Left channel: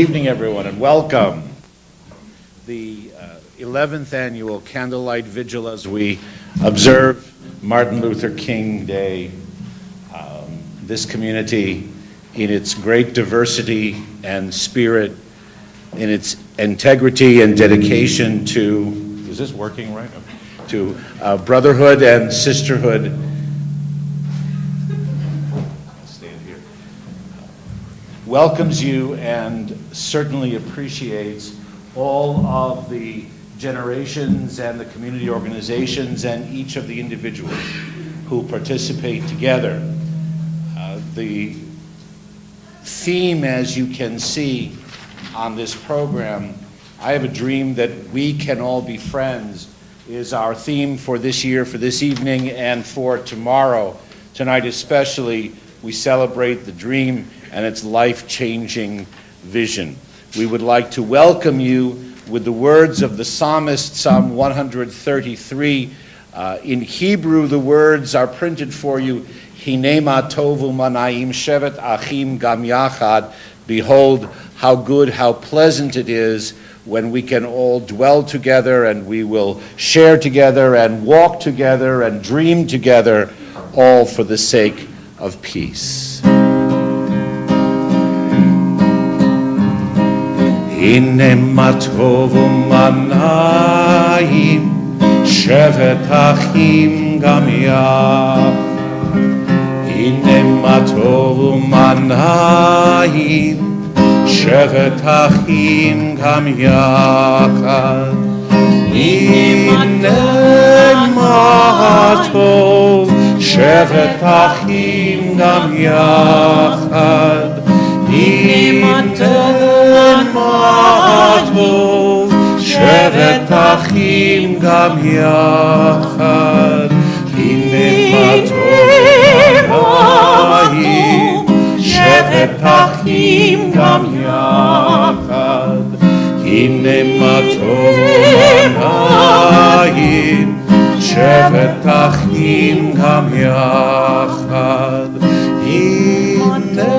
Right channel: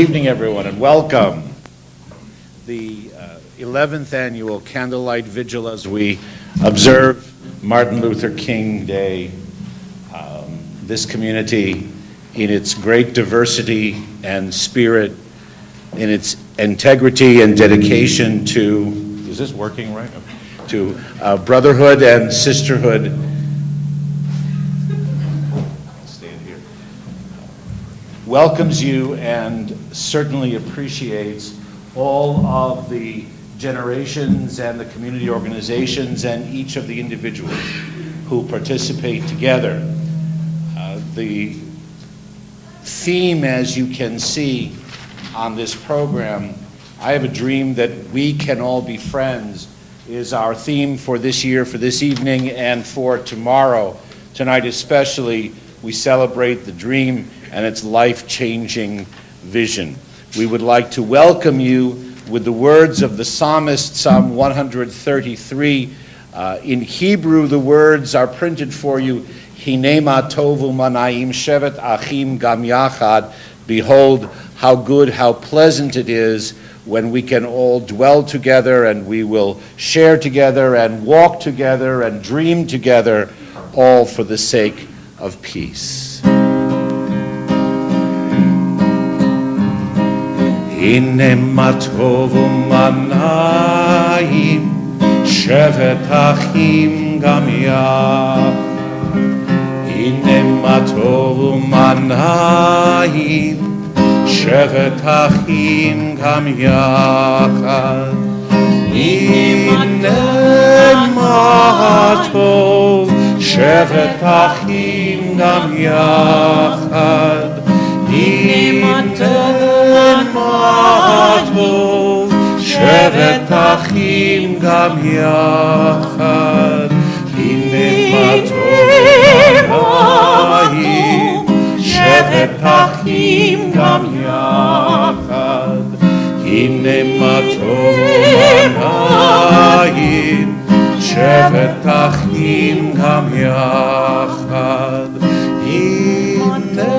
Evening, everyone, and welcome. The 11th annual Candlelight Vigil as we observe Martin Luther King Day. This community, in its great diversity and spirit, in its integrity and dedication to, is this working right? To brotherhood and sisterhood. Stand here. Welcomes you and certainly appreciates all of the generations and the community organizations and each of the individuals who participate together. The theme, as you can see on this program, I have a dream that we can all be friends, is our theme for this year, for this evening, and for tomorrow. Tonight especially, we celebrate the dream and its life-changing vision. We would like to welcome you with the words of the psalmist, Psalm 133. In Hebrew, the words are printed for you, Hinema tovu manaim shevet achim gam yachad. Behold, how good, how pleasant it is when we can all dwell together and we will share together and walk together and dream together, all for the sake of peace. Hinema tovu manaim shevet achim gam yachad. Hinema tovu manayim shevet achim gam yachad. Hinema tov shevet achim gam yachad. Hinema tov shevet achim gam yachad. Hinema tov shevet achim gam yachad. Hinema tov manayim shevet achim gam yachad. Hinema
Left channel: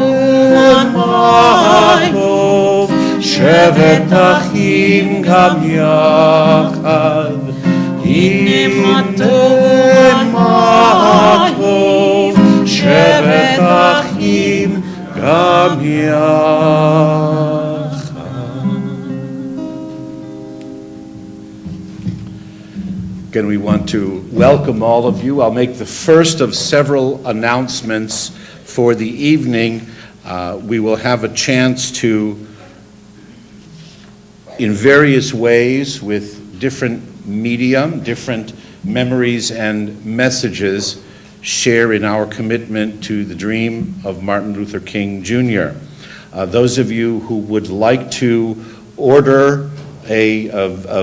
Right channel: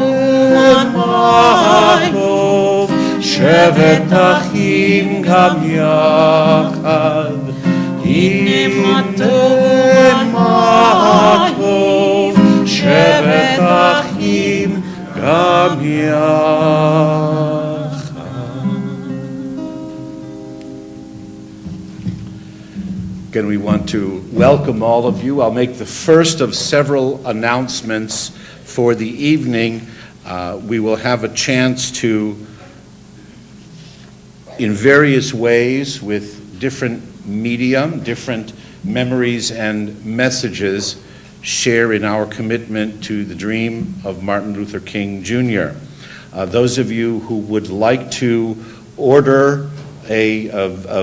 tov shevet achim gam yachad. Hinema tov shevet achim gam yachad. Again, we want to welcome all of you. I'll make the first of several announcements for the evening. We will have a chance to, in various ways, with different medium, different memories and messages, share in our commitment to the dream of Martin Luther King Jr. Those of you who would like to order a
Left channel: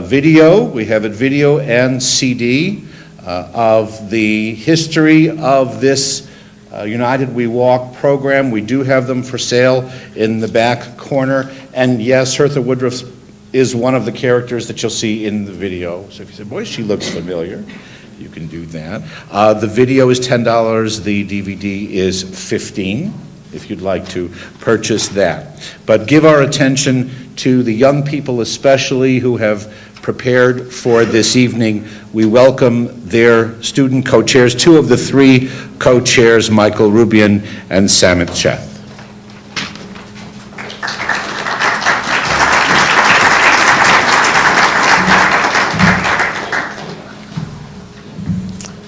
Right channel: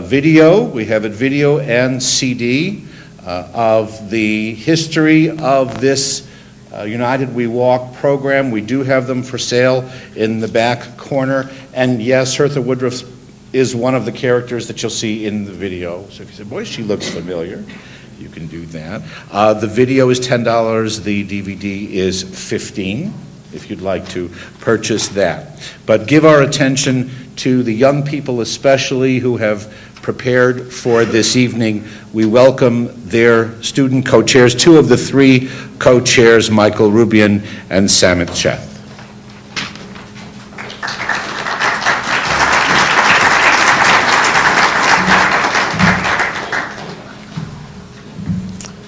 video, we have a video and CD of the history of this United We Walk program. We do have them for sale in the back corner. And yes, Hertha Woodruff is one of the characters that you'll see in the video. So if you say, boy, she looks familiar, you can do that. The video is $10, the DVD is $15, if you'd like to purchase that. But give our attention to the young people especially who have prepared for this evening. We welcome their student co-chairs, two of the three co-chairs, Michael Rubyan and Samit, Sheth.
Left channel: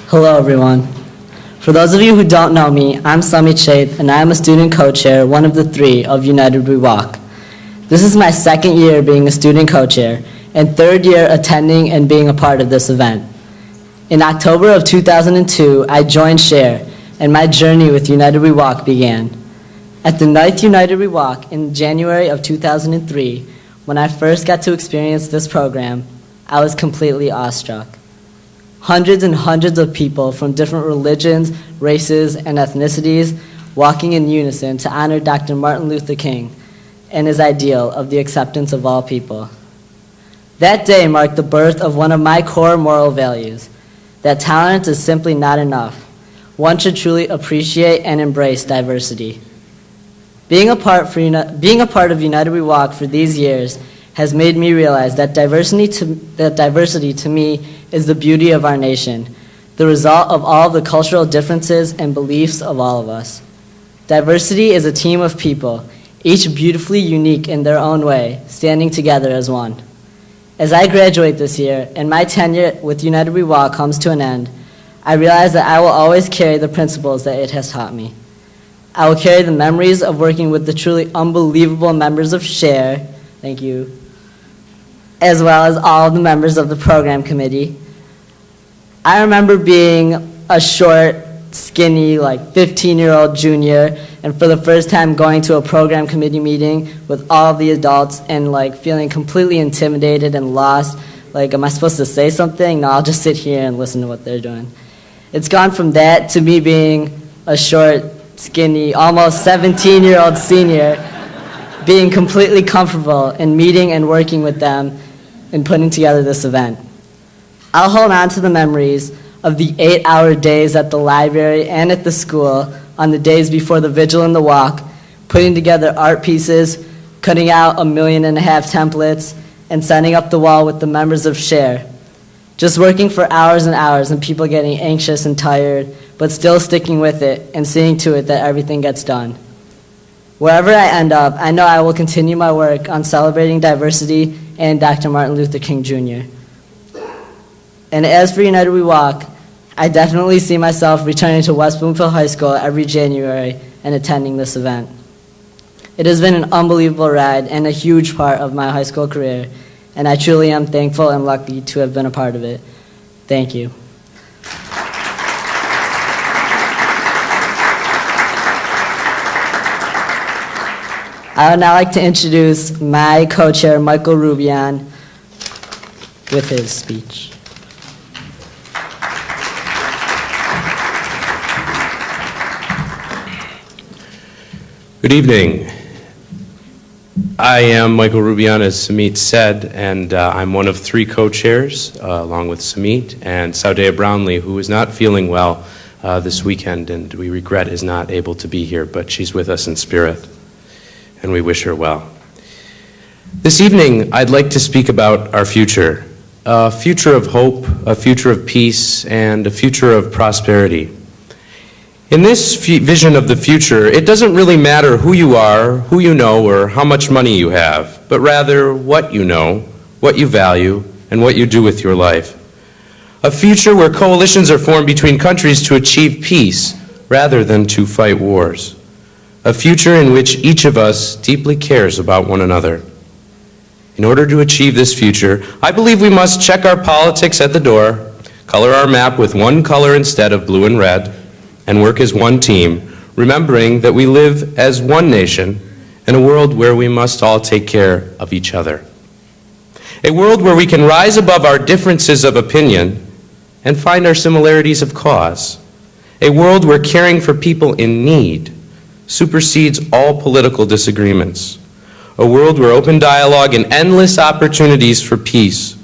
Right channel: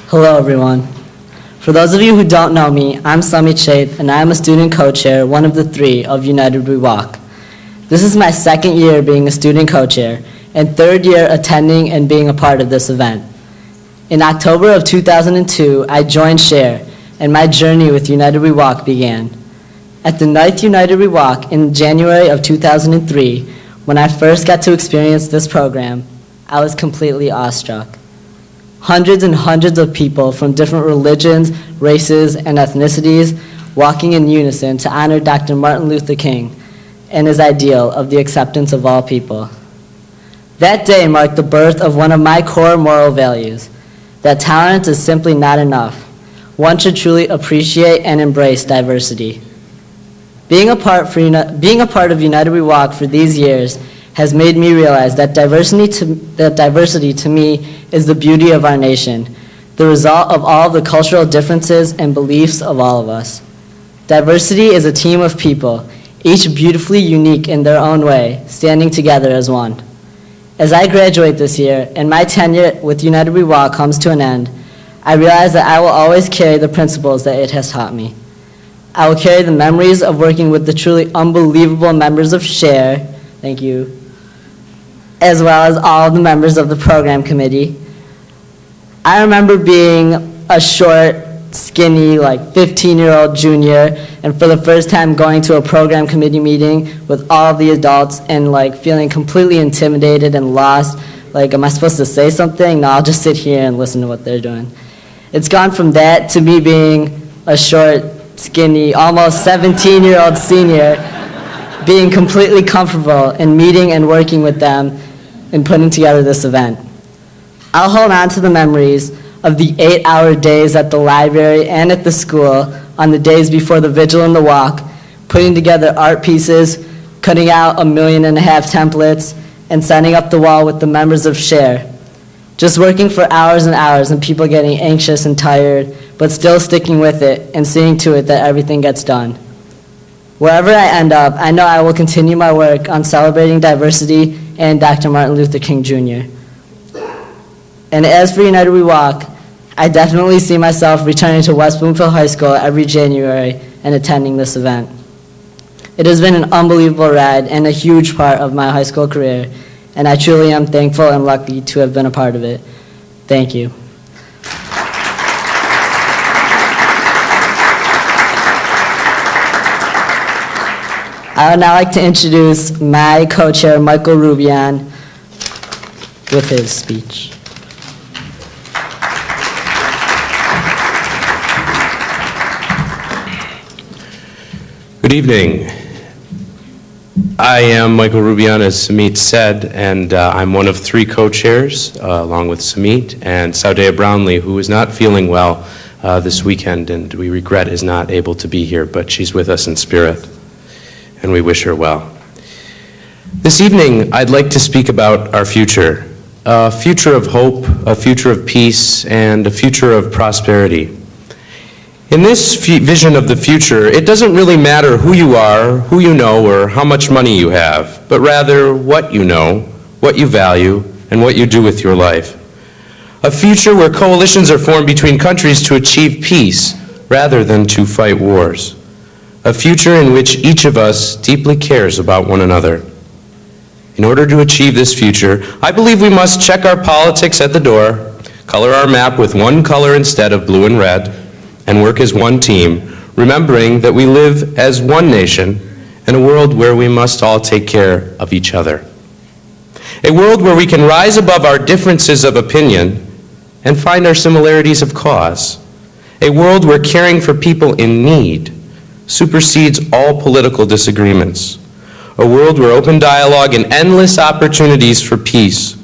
Hello, everyone. For those of you who don't know me, I'm Samit, Sheth, and I am a student co-chair, one of the three of United We Walk. This is my second year being a student co-chair and third year attending and being a part of this event. In October of 2002, I joined SHARE, and my journey with United We Walk began. At the 9th United We Walk in January of 2003, when I first got to experience this program, I was completely awestruck. Hundreds and hundreds of people from different religions, races, and ethnicities walking in unison to honor Dr. Martin Luther King and his ideal of the acceptance of all people. That day marked the birth of one of my core moral values, that tolerance is simply not enough. One should truly appreciate and embrace diversity. Being a part of United We Walk for these years has made me realize that diversity to me is the beauty of our nation, the result of all the cultural differences and beliefs of all of us. Diversity is a team of people, each beautifully unique in their own way, standing together as one. As I graduate this year and my tenure with United We Walk comes to an end, I realize that I will always carry the principles that it has taught me. I will carry the memories of working with the truly unbelievable members of SHARE, thank you, as well as all of the members of the program committee. I remember being a short, skinny, 15-year-old junior, and for the first time going to a program committee meeting with all of the adults and feeling completely intimidated and lost. Am I supposed to say something? No, I'll just sit here and listen to what they're doing. It's gone from that to me being a short, skinny, almost 17-year-old senior, being completely comfortable in meeting and working with them and putting together this event. I'll hold on to the memories of the 8-hour days at the library and at the school on the days before the vigil and the walk, putting together art pieces, cutting out 1.5 million templates, and setting up the wall with the members of SHARE. Just working for hours and hours and people getting anxious and tired, but still sticking with it and seeing to it that everything gets done. Wherever I end up, I know I will continue my work on celebrating diversity and Dr. Martin Luther King Jr. And as for United We Walk, I definitely see myself returning to West Bloomfield High School every January and attending this event. It has been an unbelievable ride and a huge part of my high school career, and I truly am thankful and lucky to have been a part of it. Thank you. I would now like to introduce my co-chair, Michael Rubyan, with his speech. Good evening. I am Michael Rubyan, as Samit said, and I'm one of 3 co-chairs, along with Samit and Sawdayah Brownlee, who is not feeling well this weekend, and we regret is not able to be here, but she's with us in spirit, and we wish her well. This evening, I'd like to speak about our future, a future of hope, a future of peace, and a future of prosperity. In this vision of the future, it doesn't really matter who you are, who you know, or how much money you have, but rather what you know, what you value, and what you do with your life. A future where coalitions are formed between countries to achieve peace rather than to fight wars. A future in which each of us deeply cares about one another. In order to achieve this future, I believe we must check our politics at the door, color our map with one color instead of blue and red, and work as one team, remembering that we live as one nation in a world where we must all take care of each other. A world where we can rise above our differences of opinion and find our similarities of cause. A world where caring for people in need supersedes all political disagreements. A world where open dialogue and endless opportunities for peace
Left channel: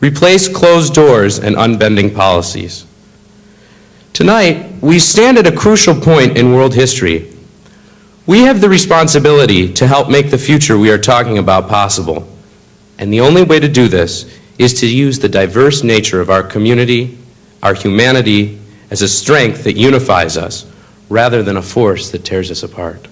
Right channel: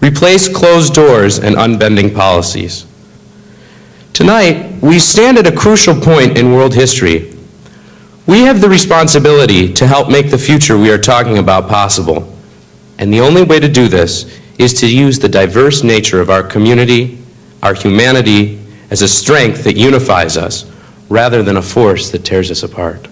replace closed doors and unbending policies. Tonight, we stand at a crucial point in world history. We have the responsibility to help make the future we are talking about possible. And the only way to do this is to use the diverse nature of our community, our humanity, as a strength that unifies us, rather than a force that tears us apart.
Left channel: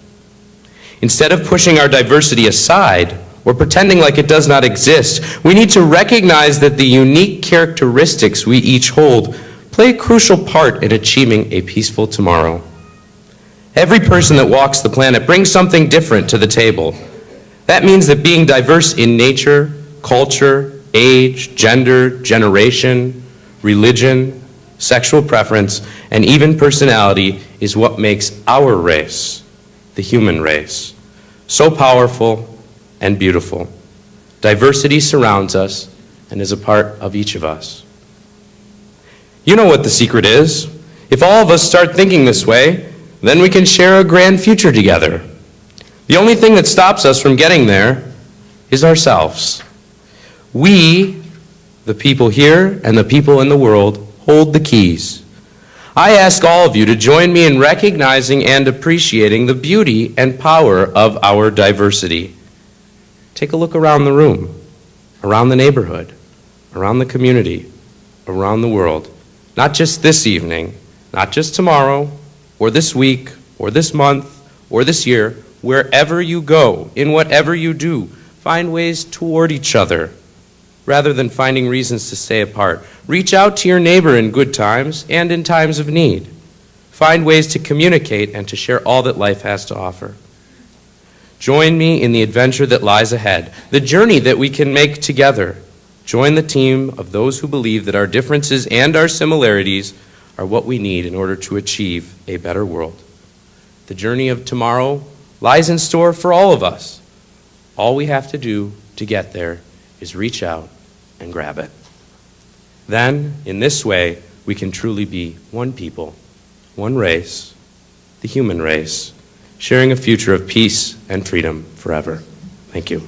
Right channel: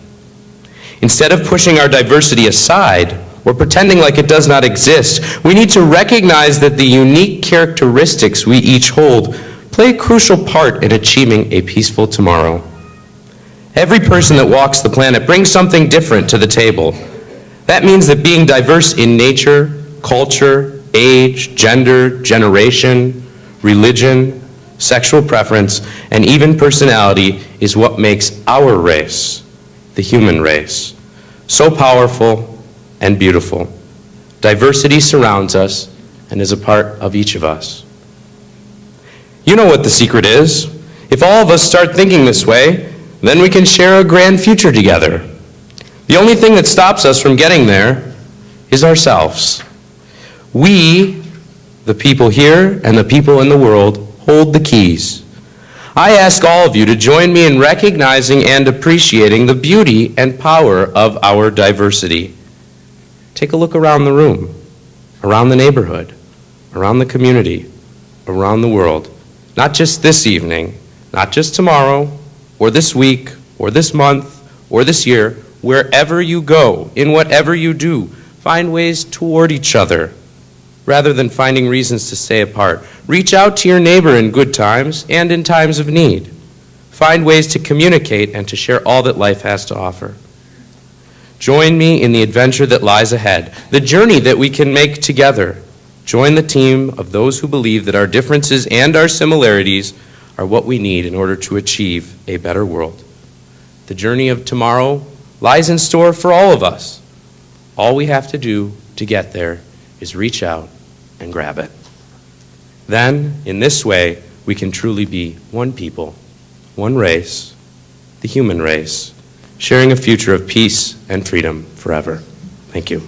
Instead of pushing our diversity aside or pretending like it does not exist, we need to recognize that the unique characteristics we each hold play a crucial part in achieving a peaceful tomorrow. Every person that walks the planet brings something different to the table. That means that being diverse in nature, culture, age, gender, generation, religion, sexual preference, and even personality is what makes our race, the human race, so powerful and beautiful. Diversity surrounds us and is a part of each of us. You know what the secret is. If all of us start thinking this way, then we can share a grand future together. The only thing that stops us from getting there is ourselves. We, the people here and the people in the world, hold the keys. I ask all of you to join me in recognizing and appreciating the beauty and power of our diversity. Take a look around the room, around the neighborhood, around the community, around the world. Not just this evening, not just tomorrow, or this week, or this month, or this year. Wherever you go, in whatever you do, find ways toward each other rather than finding reasons to stay apart. Reach out to your neighbor in good times and in times of need. Find ways to communicate and to share all that life has to offer. Join me in the adventure that lies ahead, the journey that we can make together. Join the team of those who believe that our differences and our similarities are what we need in order to achieve a better world. The journey of tomorrow lies in store for all of us. All we have to do to get there is reach out and grab it. Then, in this way, we can truly be one people, one race, the human race, sharing a future of peace and freedom forever. Thank you.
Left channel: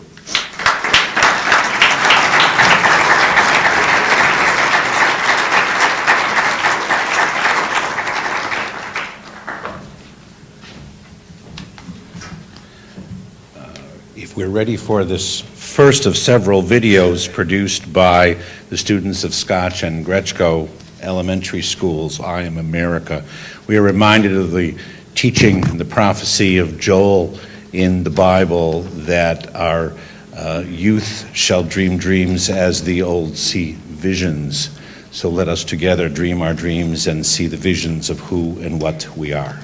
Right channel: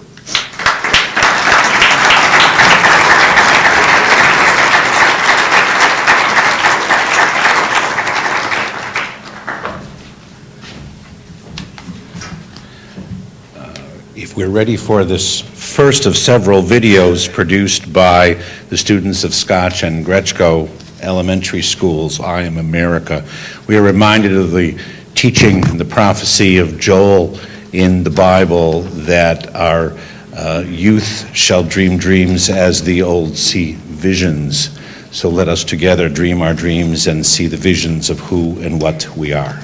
If we're ready for this first of several videos produced by the students of Scotch and Gretschko elementary schools, I Am America, we are reminded of the teaching and the prophecy of Joel in the Bible that our youth shall dream dreams as the old see visions. So let us together dream our dreams and see the visions of who and what we are.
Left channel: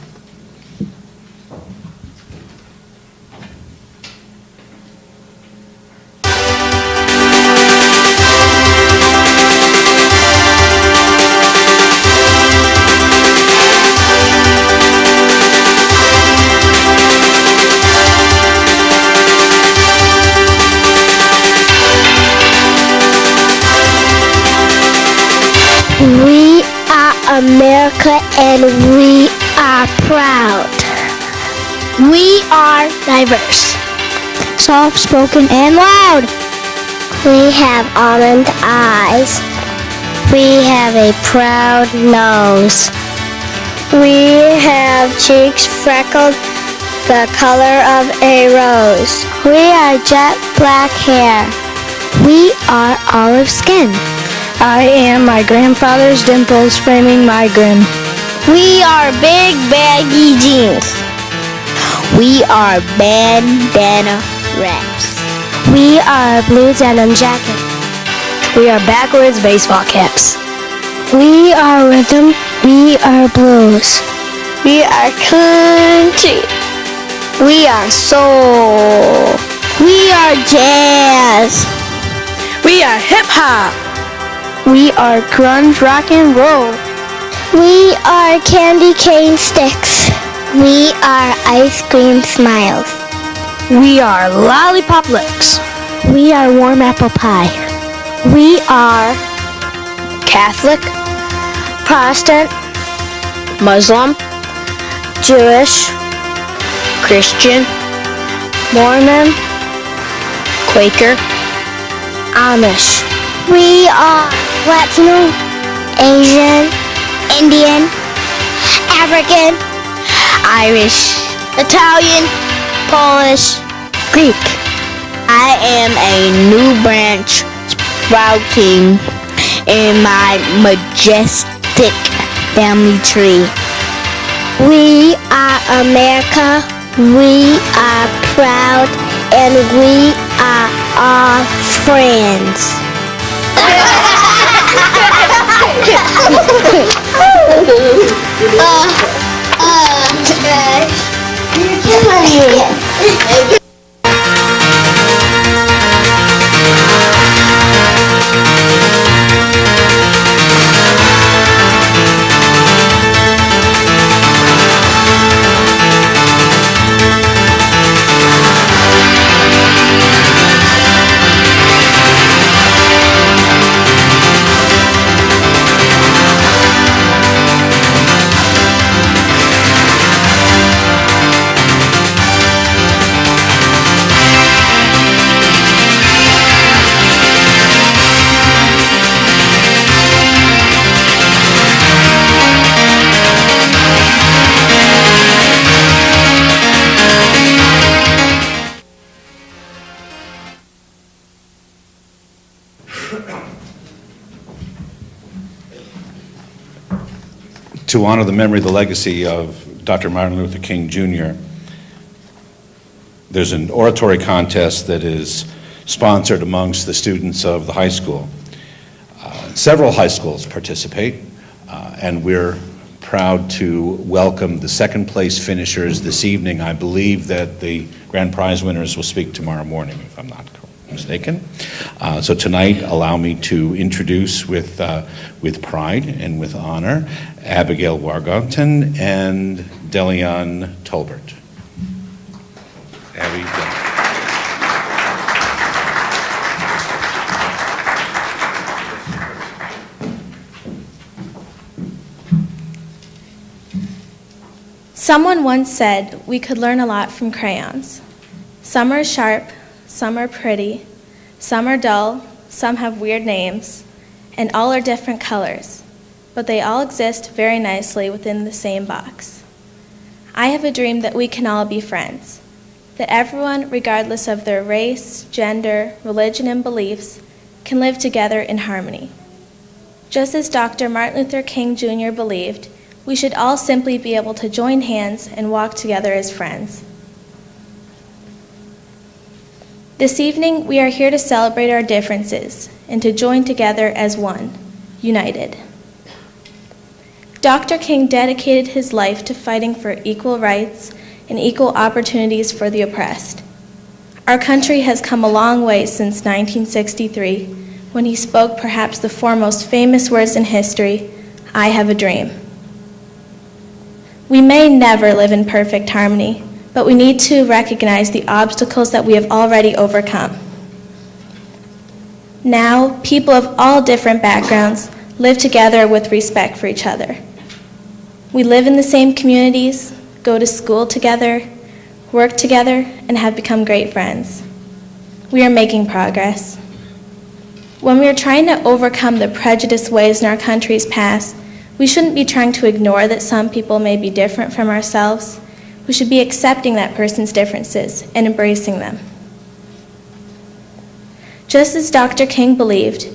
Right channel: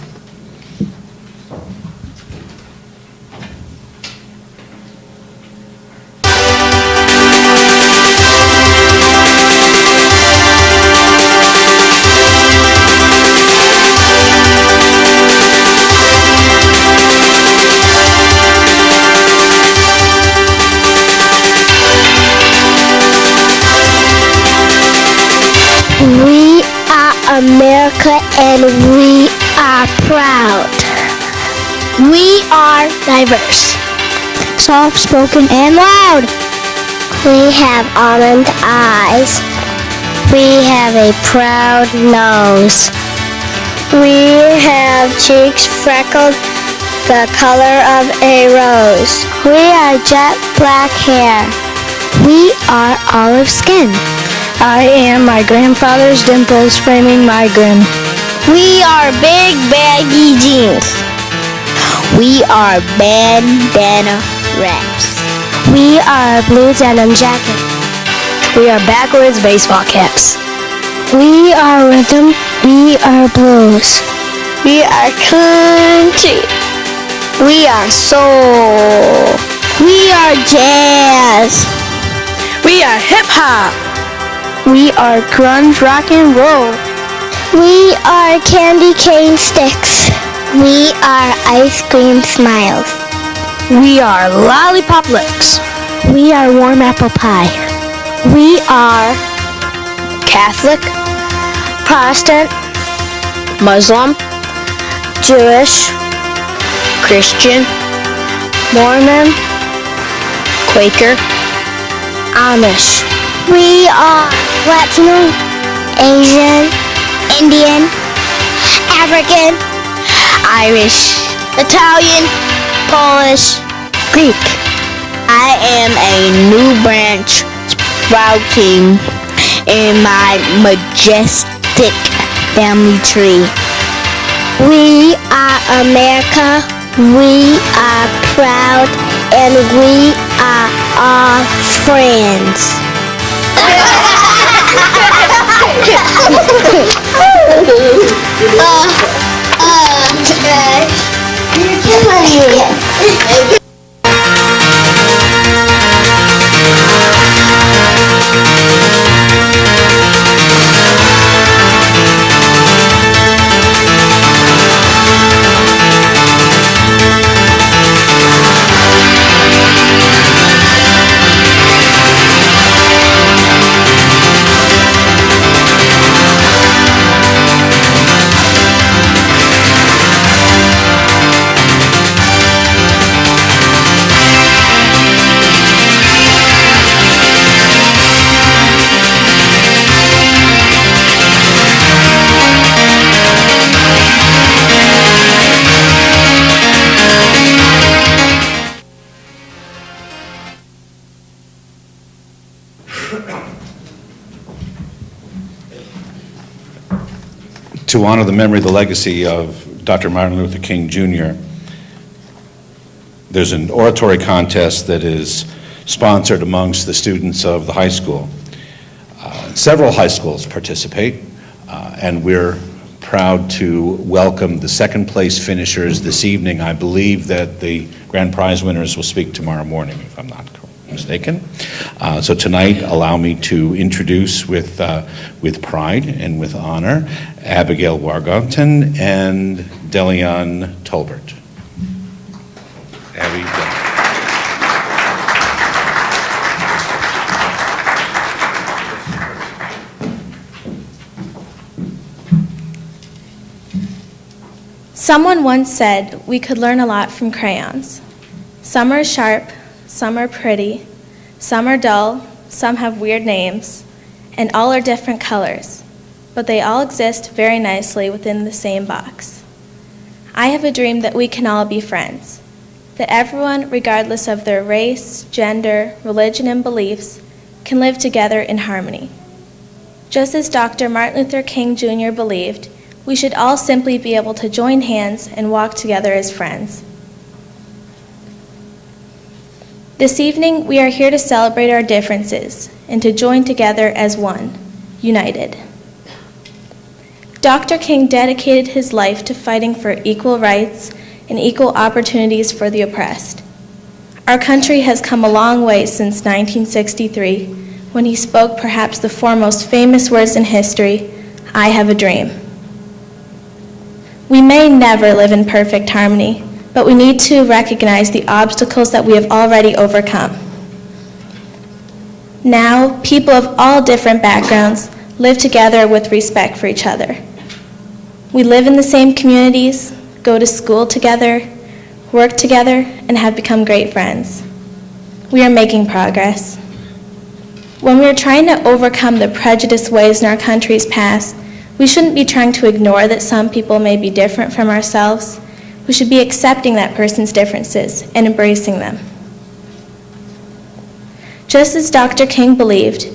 We are America and we are proud. We are diverse, soft-spoken and loud. We have almond eyes. We have a proud nose. We have cheeks freckled the color of a rose. We are jet black hair. We are olive skin. I am my grandfather's dimples framing my grin. We are big baggy jeans. We are bandana wraps. We are blue denim jacket. We are backwards baseball caps. We are rhythm. We are blues. We are country. We are soul. We are jazz. We are hip hop. We are grunge rock and roll. We are candy cane sticks. We are ice cream smiles. We are lollipop lips. We are warm apple pie. We are Catholic, Protestant, Muslim, Jewish, Christian, Mormon, Quaker, Amish. We are Latino, Asian, Indian, African, Irish, Italian, Polish, Greek. I am a new branch sprouting in my majestic family tree. We are America, we are proud, and we are all friends. To honor the memory, the legacy of Dr. Martin Luther King Jr., there's an oratory contest that is sponsored amongst the students of the high school. Several high schools participate, and we're proud to welcome the second place finishers this evening. I believe that the grand prize winners will speak tomorrow morning, if I'm not mistaken. So tonight, allow me to introduce with pride and with honor Abigail Wargonton and Delion Tolbert. Abby, Someone once said we could learn a lot from crayons. Some are sharp, some are pretty, some are dull, some have weird names, and all are different colors, but they all exist very nicely within the same box. I have a dream that we can all be friends, that everyone, regardless of their race, gender, religion, and beliefs, can live together in harmony. Just as Dr. Martin Luther King Jr. believed, we should all simply be able to join hands and walk together as friends. This evening, we are here to celebrate our differences and to join together as one, united. Dr. King dedicated his life to fighting for equal rights and equal opportunities for the oppressed. Our country has come a long way since 1963, when he spoke perhaps the foremost famous words in history, "I have a dream." We may never live in perfect harmony, but we need to recognize the obstacles that we have already overcome. Now, people of all different backgrounds live together with respect for each other. We live in the same communities, go to school together, work together, and have become great friends. We are making progress. When we are trying to overcome the prejudiced ways in our country's past, we shouldn't be trying to ignore that some people may be different from ourselves. We should be accepting that person's differences and embracing them. Just as Dr. King believed,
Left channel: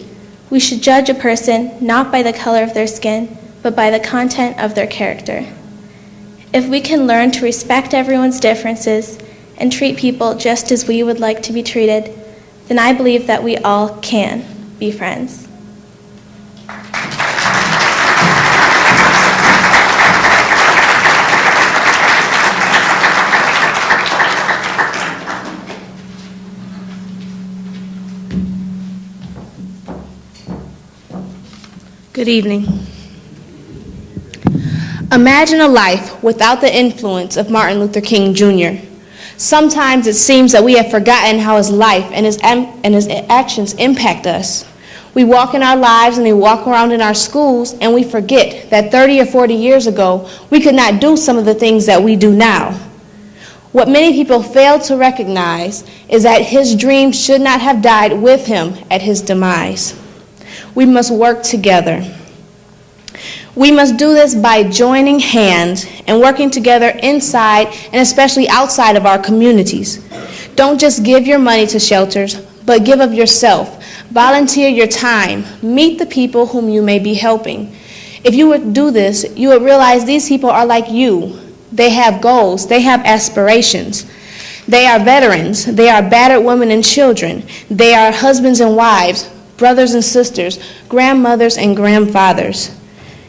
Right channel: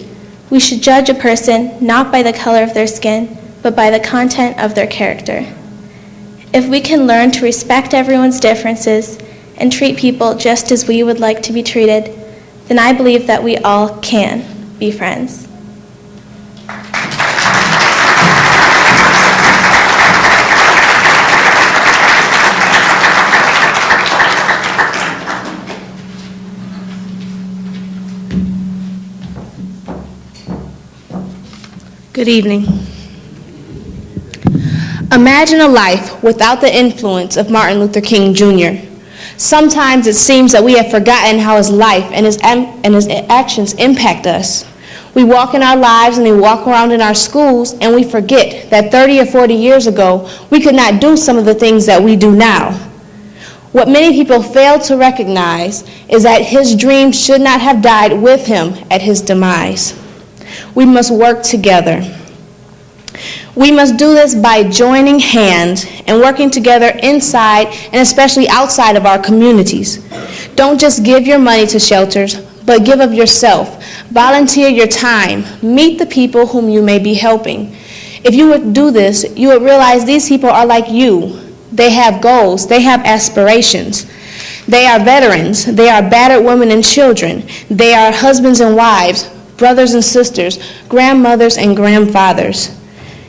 we should judge a person not by the color of their skin, but by the content of their character. If we can learn to respect everyone's differences and treat people just as we would like to be treated, then I believe that we all can be friends. Good evening. Imagine a life without the influence of Martin Luther King Jr. Sometimes it seems that we have forgotten how his life and his actions impact us. We walk in our lives and we walk around in our schools and we forget that 30 or 40 years ago, we could not do some of the things that we do now. What many people fail to recognize is that his dream should not have died with him at his demise. We must work together. We must do this by joining hands and working together inside and especially outside of our communities. Don't just give your money to shelters, but give of yourself. Volunteer your time. Meet the people whom you may be helping. If you would do this, you would realize these people are like you. They have goals. They have aspirations. They are veterans. They are battered women and children. They are husbands and wives, brothers and sisters, grandmothers and grandfathers.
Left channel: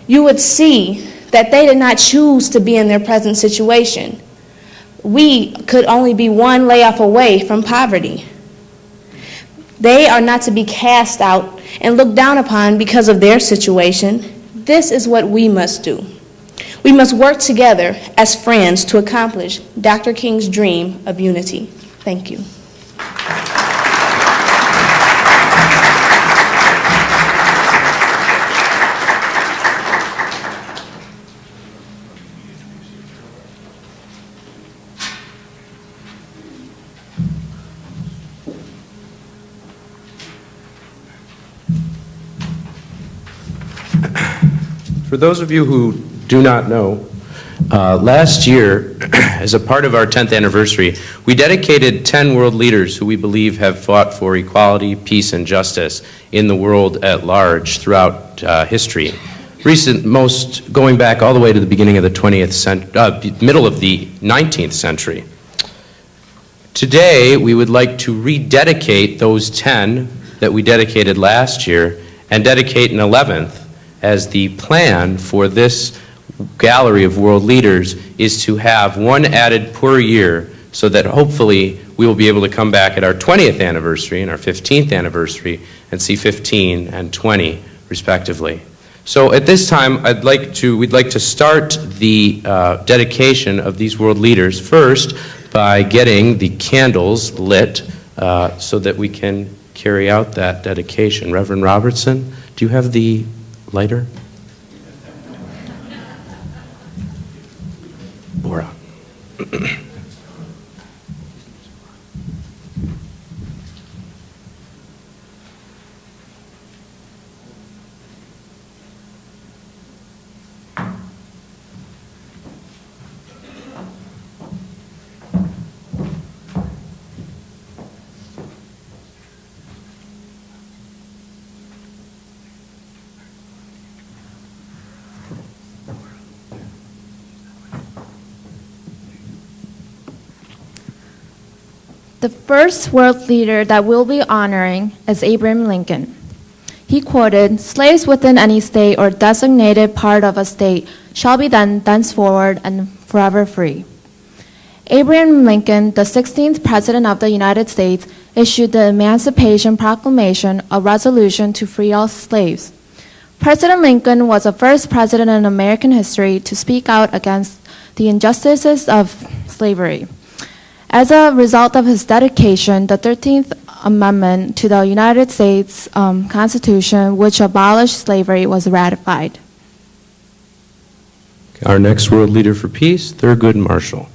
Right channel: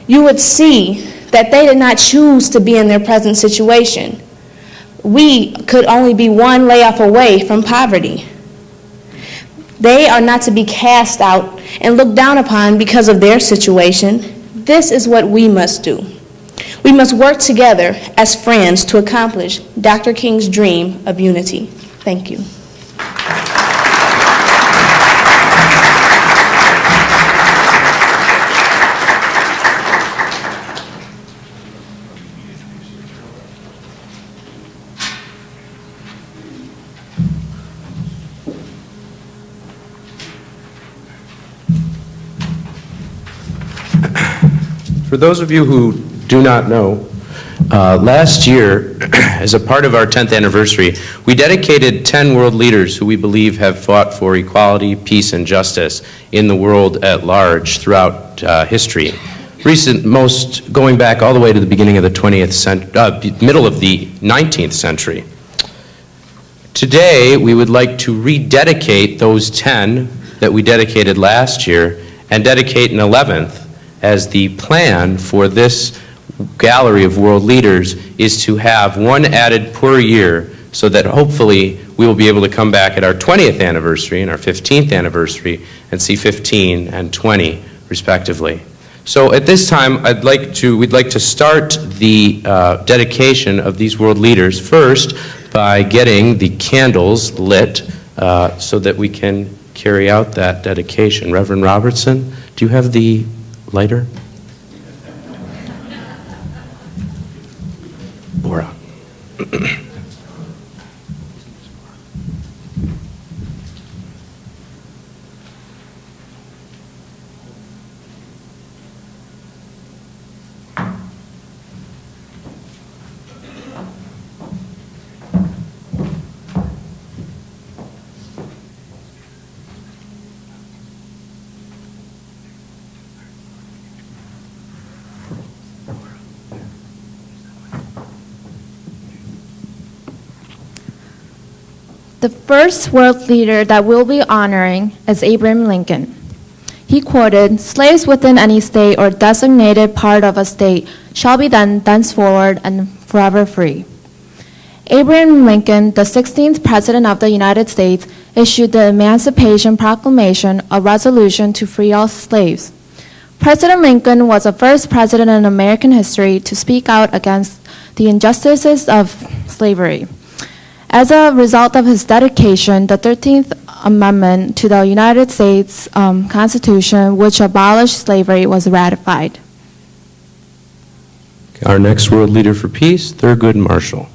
You would see that they did not choose to be in their present situation. We could only be one layoff away from poverty. They are not to be cast out and looked down upon because of their situation. This is what we must do. We must work together as friends to accomplish Dr. King's dream of unity. Thank you. For those of you who do not know, Last year, as a part of our 10th anniversary, we dedicated 10 world leaders who we believe have fought for equality, peace, and justice in the world at large throughout history. Most going back all the way to the beginning of the 20th century, middle of the 19th century. Today, we would like to rededicate those 10 that we dedicated last year and dedicate an 11th, as the plan for this gallery of world leaders is to have one added per year, so that hopefully we will be able to come back at our 20th anniversary and our 15th anniversary and see 15 and 20 respectively. So at this time, we'd like to start the dedication of these world leaders first by getting the candles lit so that we can carry out that dedication. Reverend Robertson, do you have the lighter? Bora. The first world leader that we'll be honoring is Abraham Lincoln. He quoted, "Slaves within any state or designated part of a state shall be then thenceforward and forever free." Abraham Lincoln, the 16th President of the United States, issued the Emancipation Proclamation, a resolution to free all slaves. President Lincoln was the first president in American history to speak out against the injustices of slavery. As a result of his dedication, the 13th Amendment to the United States Constitution, which abolished slavery, was ratified. Our next world leader for peace, Thurgood Marshall.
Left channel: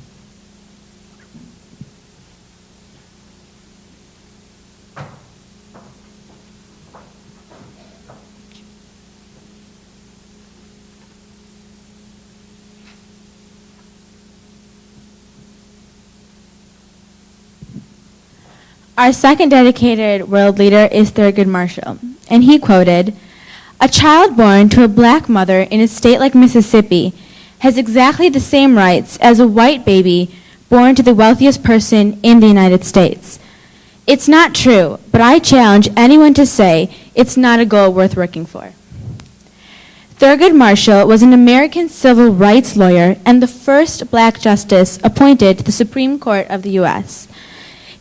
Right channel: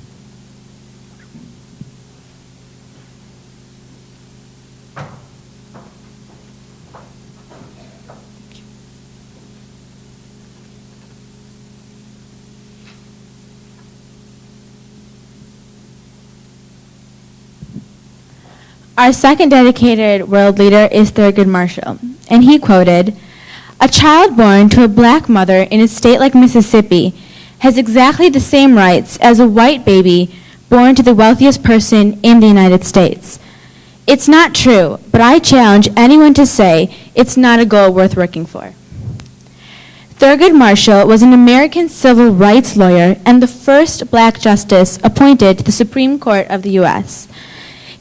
Our second dedicated world leader is Thurgood Marshall, and he quoted, "A child born to a black mother in a state like Mississippi has exactly the same rights as a white baby born to the wealthiest person in the United States. It's not true, but I challenge anyone to say it's not a goal worth working for." Thurgood Marshall was an American civil rights lawyer and the first black justice appointed to the Supreme Court of the U.S.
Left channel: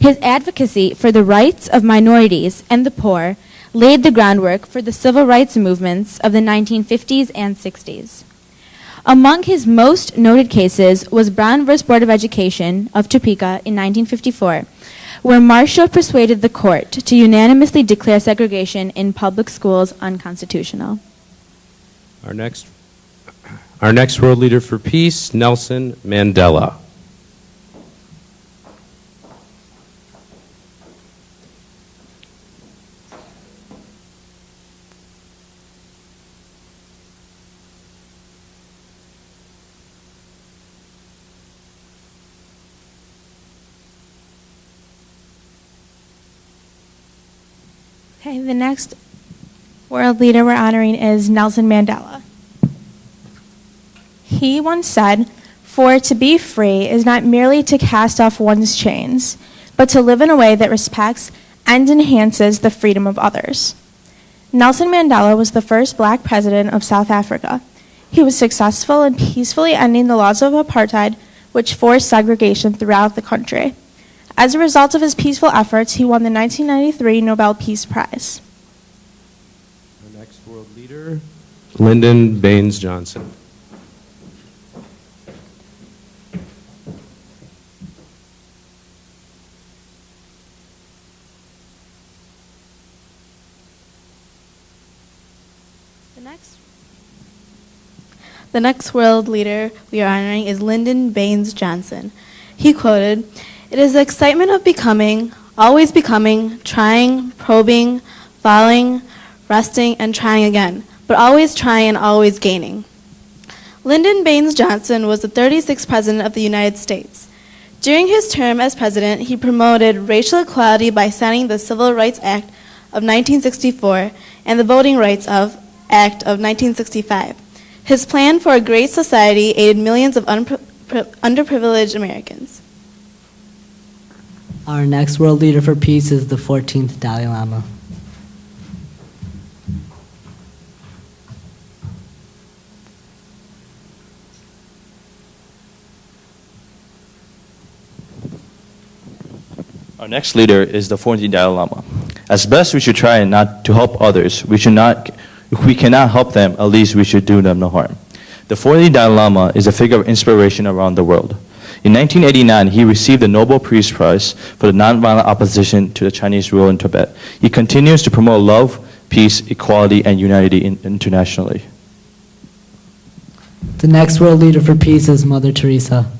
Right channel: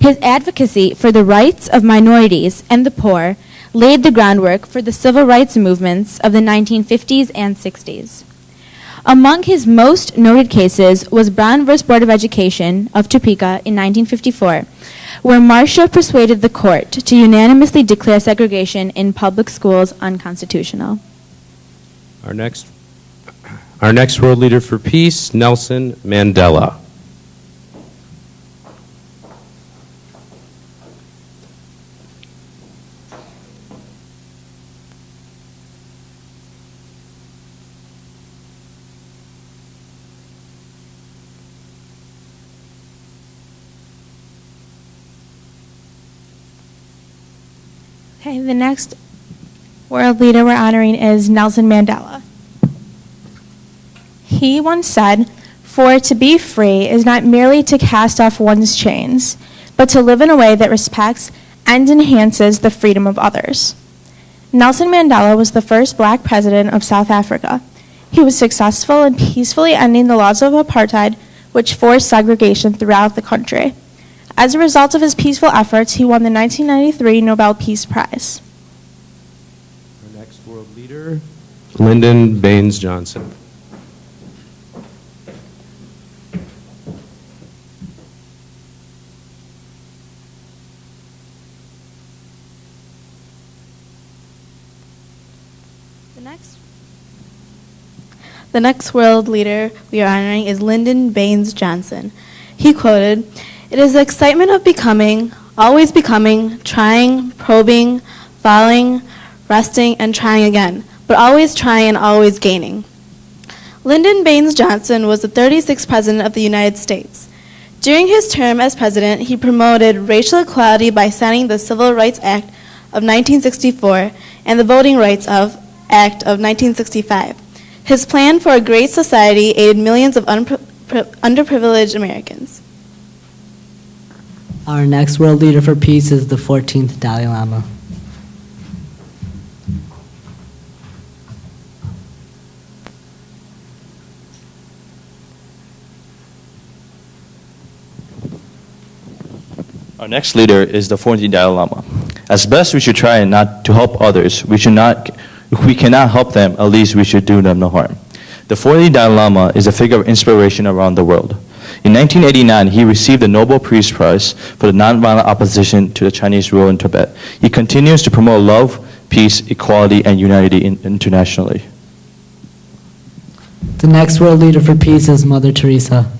His advocacy for the rights of minorities and the poor laid the groundwork for the civil rights movements of the 1950s and 60s. Among his most noted cases was Brown v. Board of Education of Topeka in 1954, where Marshall persuaded the court to unanimously declare segregation in public schools unconstitutional. Our next world leader for peace, Nelson Mandela. Okay, the next world leader we're honoring is Nelson Mandela. He once said, "For to be free is not merely to cast off one's chains, but to live in a way that respects and enhances the freedom of others." Nelson Mandela was the first black president of South Africa. He was successful in peacefully ending the laws of apartheid, which forced segregation throughout the country. As a result of his peaceful efforts, he won the 1993 Nobel Peace Prize. Our next world leader, Lyndon Baines Johnson. The next world leader we are honoring is Lyndon Baines Johnson. He quoted, "It is the excitement of becoming, always becoming, trying, probing, falling, resting, and trying again, but always trying and always gaining." Lyndon Baines Johnson was the 36th President of the United States. During his term as President, he promoted racial equality by signing the Civil Rights Act of 1964 and the Voting Rights Act of 1965. His plan for a great society aided millions of underprivileged Americans. Our next world leader for peace is the 14th Dalai Lama. Our next leader is the 14th Dalai Lama. As best we should try not to help others, if we cannot help them, at least we should do them no harm. The 14th Dalai Lama is a figure of inspiration around the world. In 1989, he received the Nobel Peace Prize for the nonviolent opposition to the Chinese rule in Tibet. He continues to promote love, peace, equality, and unity internationally. The next world leader for peace is Mother Teresa.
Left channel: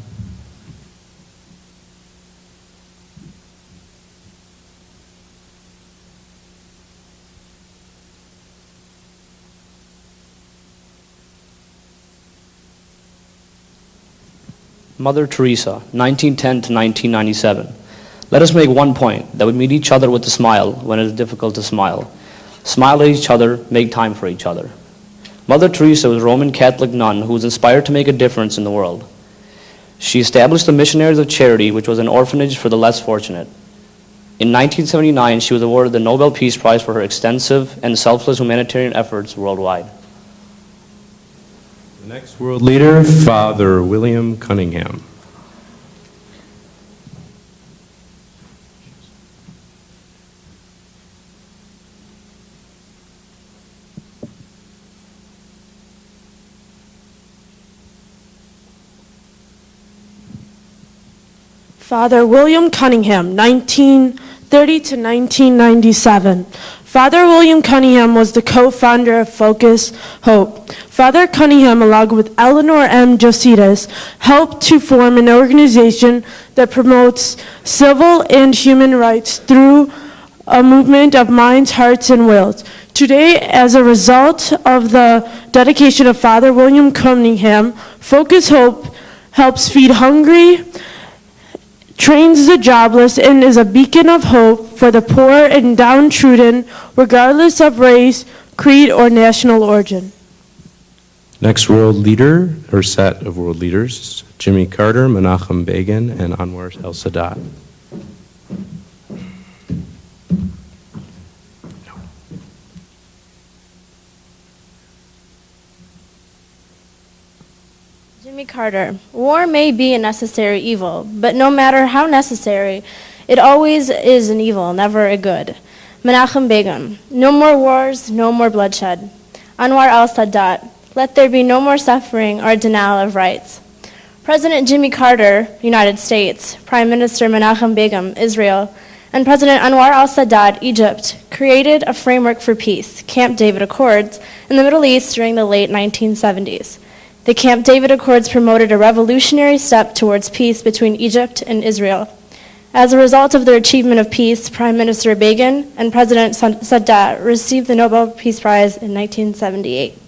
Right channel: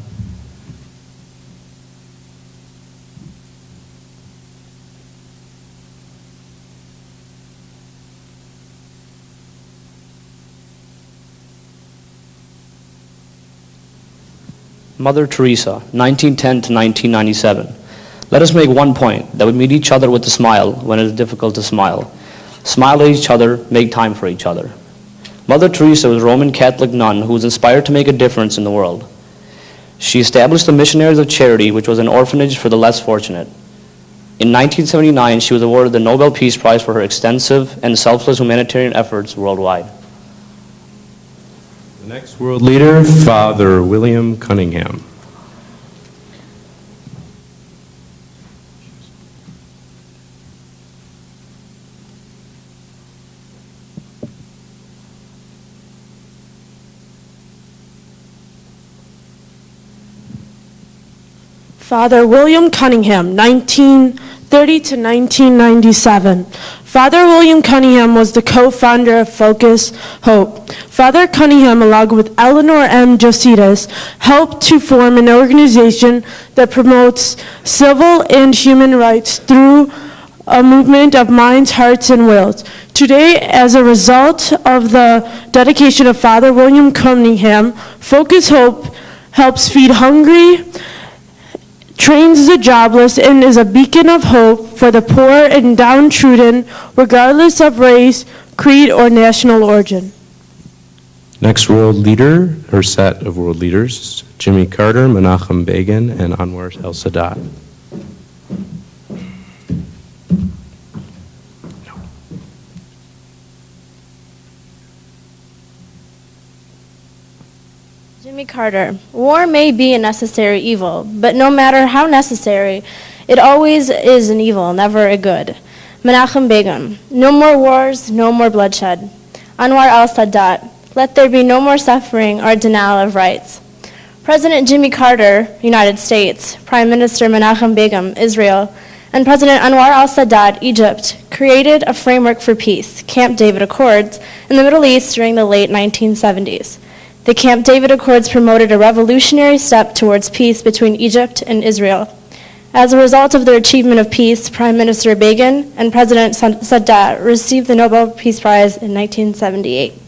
Mother Teresa, 1910 to 1997. Let us make one point, that we meet each other with a smile when it is difficult to smile. Smile at each other, make time for each other. Mother Teresa was a Roman Catholic nun who was inspired to make a difference in the world. She established the Missionaries of Charity, which was an orphanage for the less fortunate. In 1979, she was awarded the Nobel Peace Prize for her extensive and selfless humanitarian efforts worldwide. The next world leader, Father William Cunningham. Father William Cunningham, 1930 to 1997. Father William Cunningham was the co-founder of Focus Hope. Father Cunningham, along with Eleanor M. Jositas, helped to form an organization that promotes civil and human rights through a movement of minds, hearts, and wills. Today, as a result of the dedication of Father William Cunningham, Focus Hope helps feed hungry, trains the jobless, and is a beacon of hope for the poor and downtrodden, regardless of race, creed, or national origin. Next world leader, or set of world leaders, Jimmy Carter, Menachem Begin, and Anwar el-Sadat. Jimmy Carter. War may be a necessary evil, but no matter how necessary, it always is an evil, never a good. Menachem Begin. No more wars, no more bloodshed. Anwar el-Sadat. Let there be no more suffering or denial of rights. President Jimmy Carter, United States, Prime Minister Menachem Begin, Israel, and President Anwar al-Sadat, Egypt, created a framework for peace, Camp David Accords, in the Middle East during the late 1970s. The Camp David Accords promoted a revolutionary step towards peace between Egypt and Israel. As a result of their achievement of peace, Prime Minister Begin and President Sadat received the Nobel Peace Prize in 1978.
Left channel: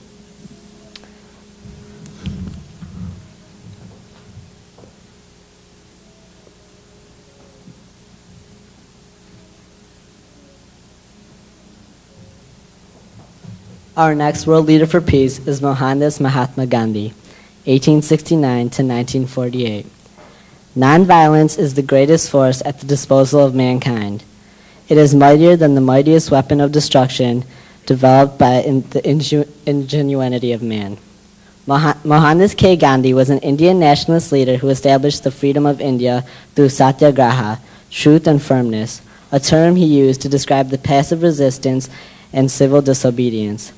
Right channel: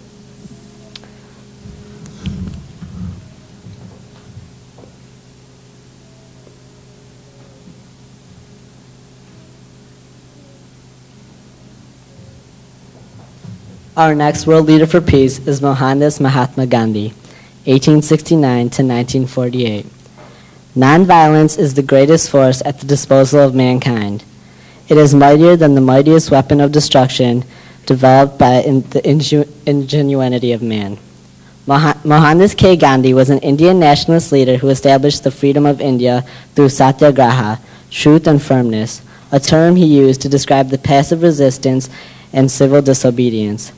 Our next world leader for peace is Mohandas Mahatma Gandhi, 1869 to 1948. Nonviolence is the greatest force at the disposal of mankind. It is mightier than the mightiest weapon of destruction developed by the ingenuity of man. Mohandas K. Gandhi was an Indian nationalist leader who established the freedom of India through satyagraha, truth and firmness, a term he used to describe the passive resistance and civil disobedience.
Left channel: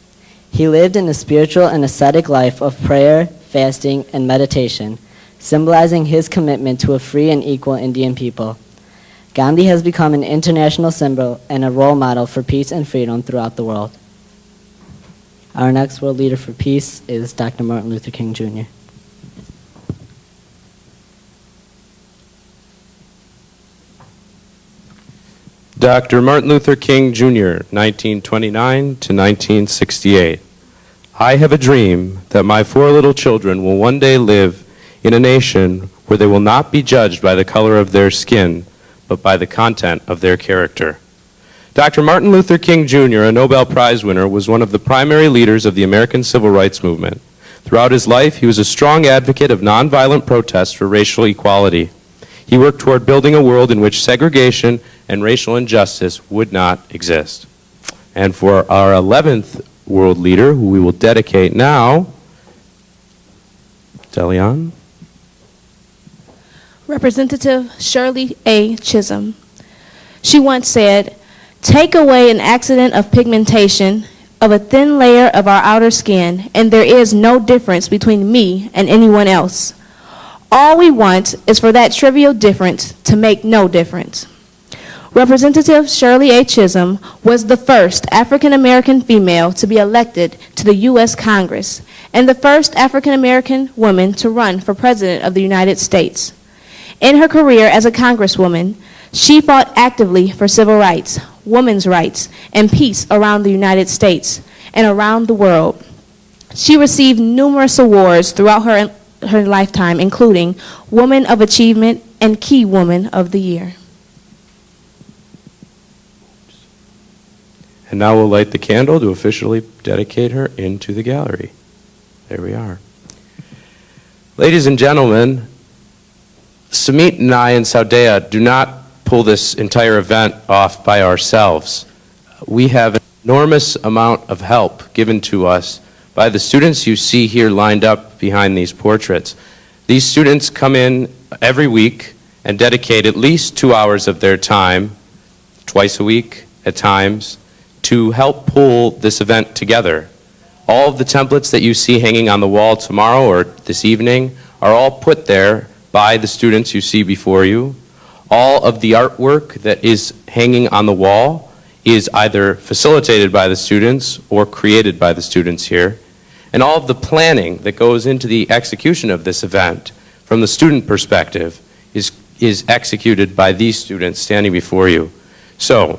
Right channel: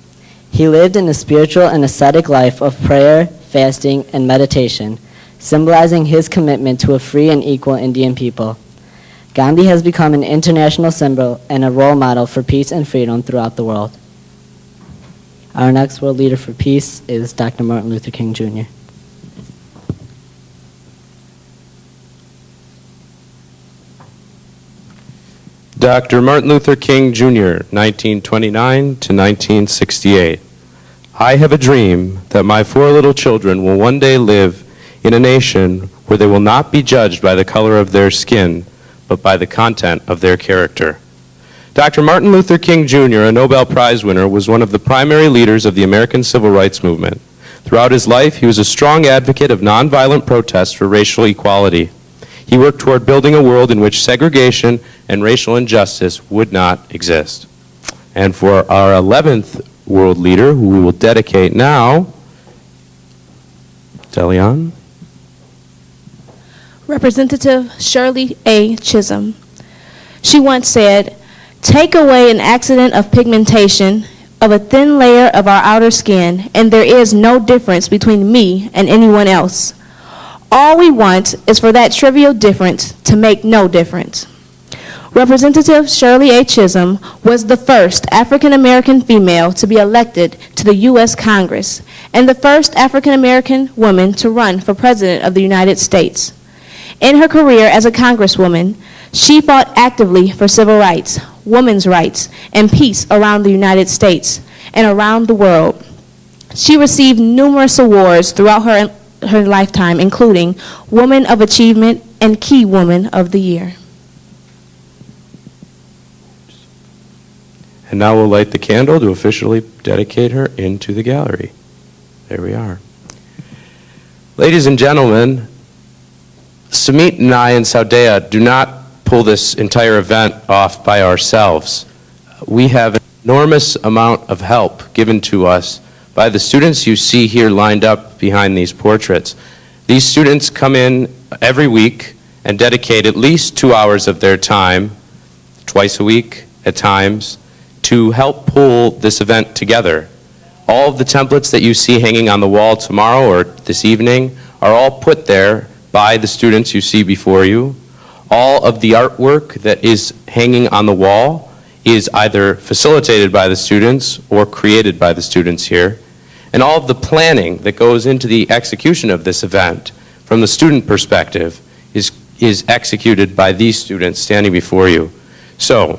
He lived in a spiritual and ascetic life of prayer, fasting, and meditation, symbolizing his commitment to a free and equal Indian people. Gandhi has become an international symbol and a role model for peace and freedom throughout the world. Our next world leader for peace is Dr. Martin Luther King Jr. Dr. Martin Luther King Jr., 1929 to 1968. I have a dream that my 4 little children will one day live in a nation where they will not be judged by the color of their skin, but by the content of their character. Dr. Martin Luther King Jr., a Nobel Prize winner, was one of the primary leaders of the American Civil Rights Movement. Throughout his life, he was a strong advocate of nonviolent protests for racial equality. He worked toward building a world in which segregation and racial injustice would not exist. And for our 11th world leader, who we will dedicate now, Delion. Representative Shirley A. Chisholm. She once said, "Take away an accident of pigmentation of a thin layer of our outer skin, and there is no difference between me and anyone else. All we want is for that trivial difference to make no difference." Representative Shirley A. Chisholm was the first African American female to be elected to the U.S. Congress and the first African American woman to run for President of the United States. In her career as a Congresswoman, she fought actively for civil rights, women's rights, and peace around the United States and around the world. She received numerous awards throughout her lifetime, including Woman of Achievement and Key Woman of the Year. And now we'll light the candle to officially dedicate her into the gallery. There we are. Ladies and gentlemen, Samit and I and Sawdayah do not pull this entire event off by ourselves. We have an enormous amount of help given to us by the students you see here lined up behind these portraits. These students come in every week and dedicate at least 2 hours of their time, twice a week at times, to help pull this event together. All of the templates that you see hanging on the wall tomorrow or this evening are all put there by the students you see before you. All of the artwork that is hanging on the wall is either facilitated by the students or created by the students here. And all of the planning that goes into the execution of this event from the student perspective is executed by these students standing before you. So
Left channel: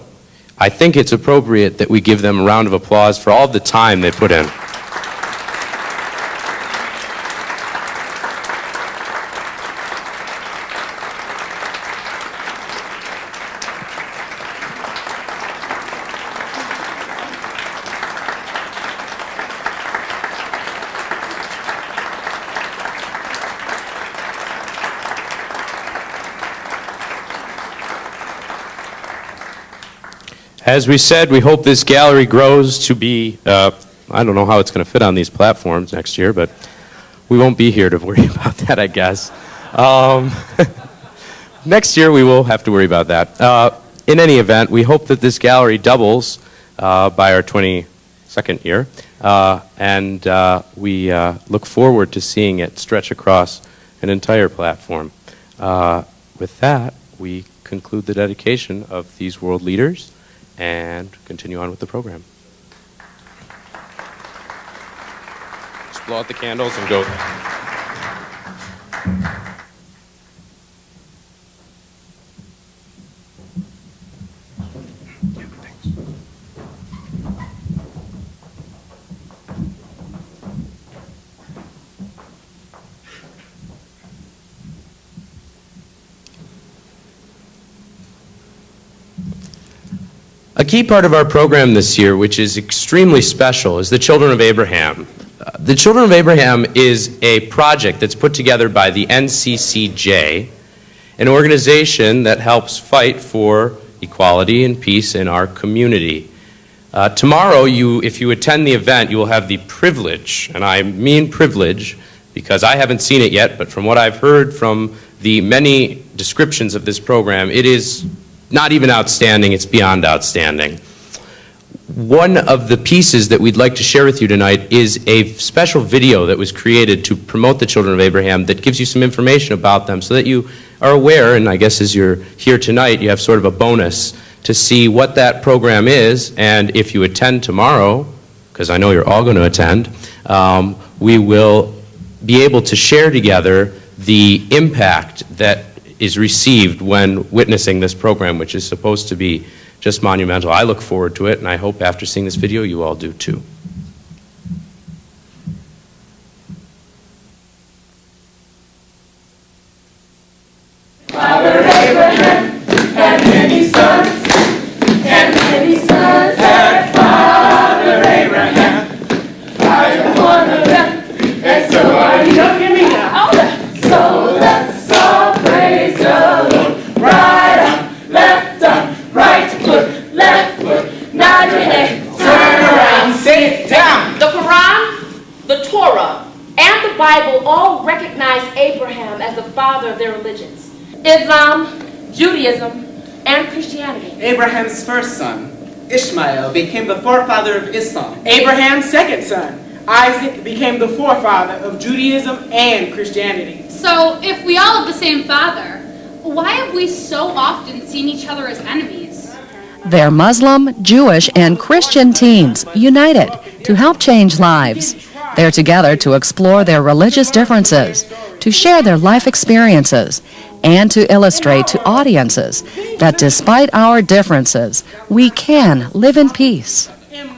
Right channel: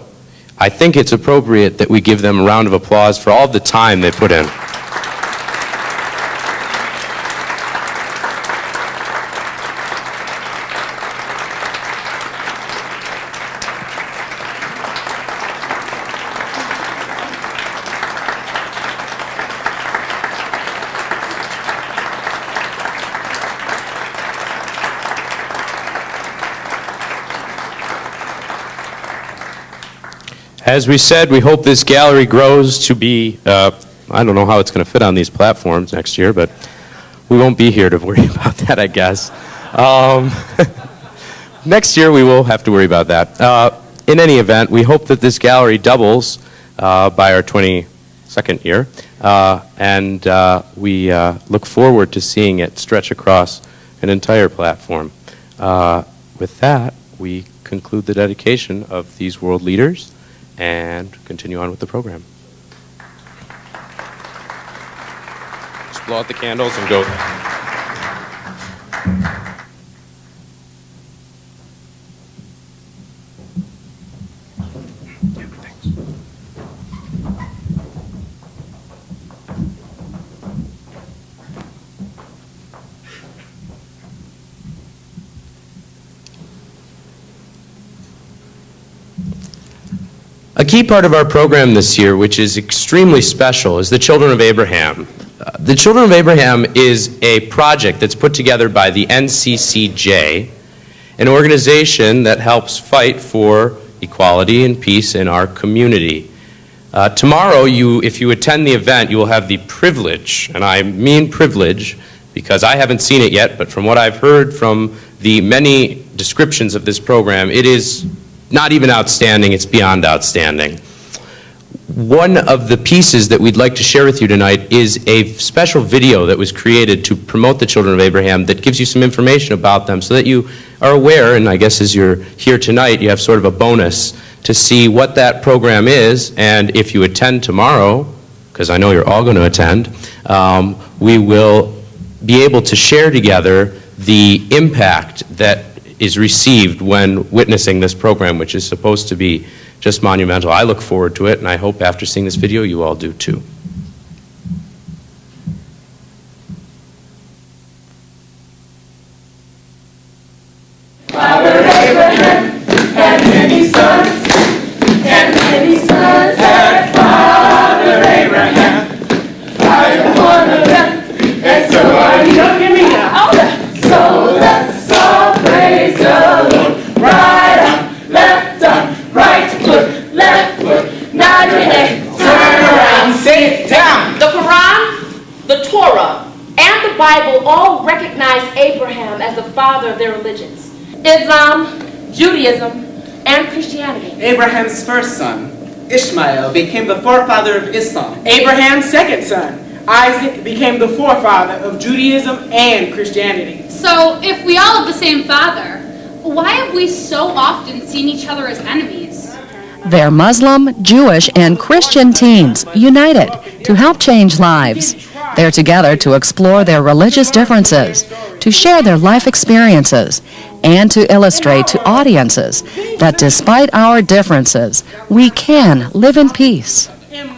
I think it's appropriate that we give them a round of applause for all of the time they put in. As we said, we hope this gallery grows to be, I don't know how it's going to fit on these platforms next year, but we won't be here to worry about that, I guess. Next year we will have to worry about that. In any event, we hope that this gallery doubles by our 22nd year, and we look forward to seeing it stretch across an entire platform. With that, we conclude the dedication of these world leaders and continue on with the program. Just blow out the candles and go. A key part of our program this year, which is extremely special, is the Children of Abraham. The Children of Abraham is a project that's put together by the NCCJ, an organization that helps fight for equality and peace in our community. Tomorrow, if you attend the event, you will have the privilege, and I mean privilege, because I haven't seen it yet, but from what I've heard from the many descriptions of this program, it is not even outstanding, it's beyond outstanding. One of the pieces that we'd like to share with you tonight is a special video that was created to promote the Children of Abraham that gives you some information about them so that you are aware, and I guess as you're here tonight, you have sort of a bonus to see what that program is, and if you attend tomorrow, because I know you're all going to attend, we will be able to share together the impact that is received when witnessing this program, which is supposed to be just monumental. I look forward to it, and I hope after seeing this video you all do too. Say it down. The Quran, the Torah, and the Bible all recognize Abraham as the father of their religions. Islam, Judaism, and Christianity. Abraham's first son, Ishmael, became the forefather of Islam. Abraham's second son, Isaac, became the forefather of Judaism and Christianity. So, if we all have the same father, why have we so often seen each other as enemies? They're Muslim, Jewish, and Christian teens united to help change lives. They're together to explore their religious differences, to share their life experiences, and to illustrate to audiences that despite our differences, we can live in peace.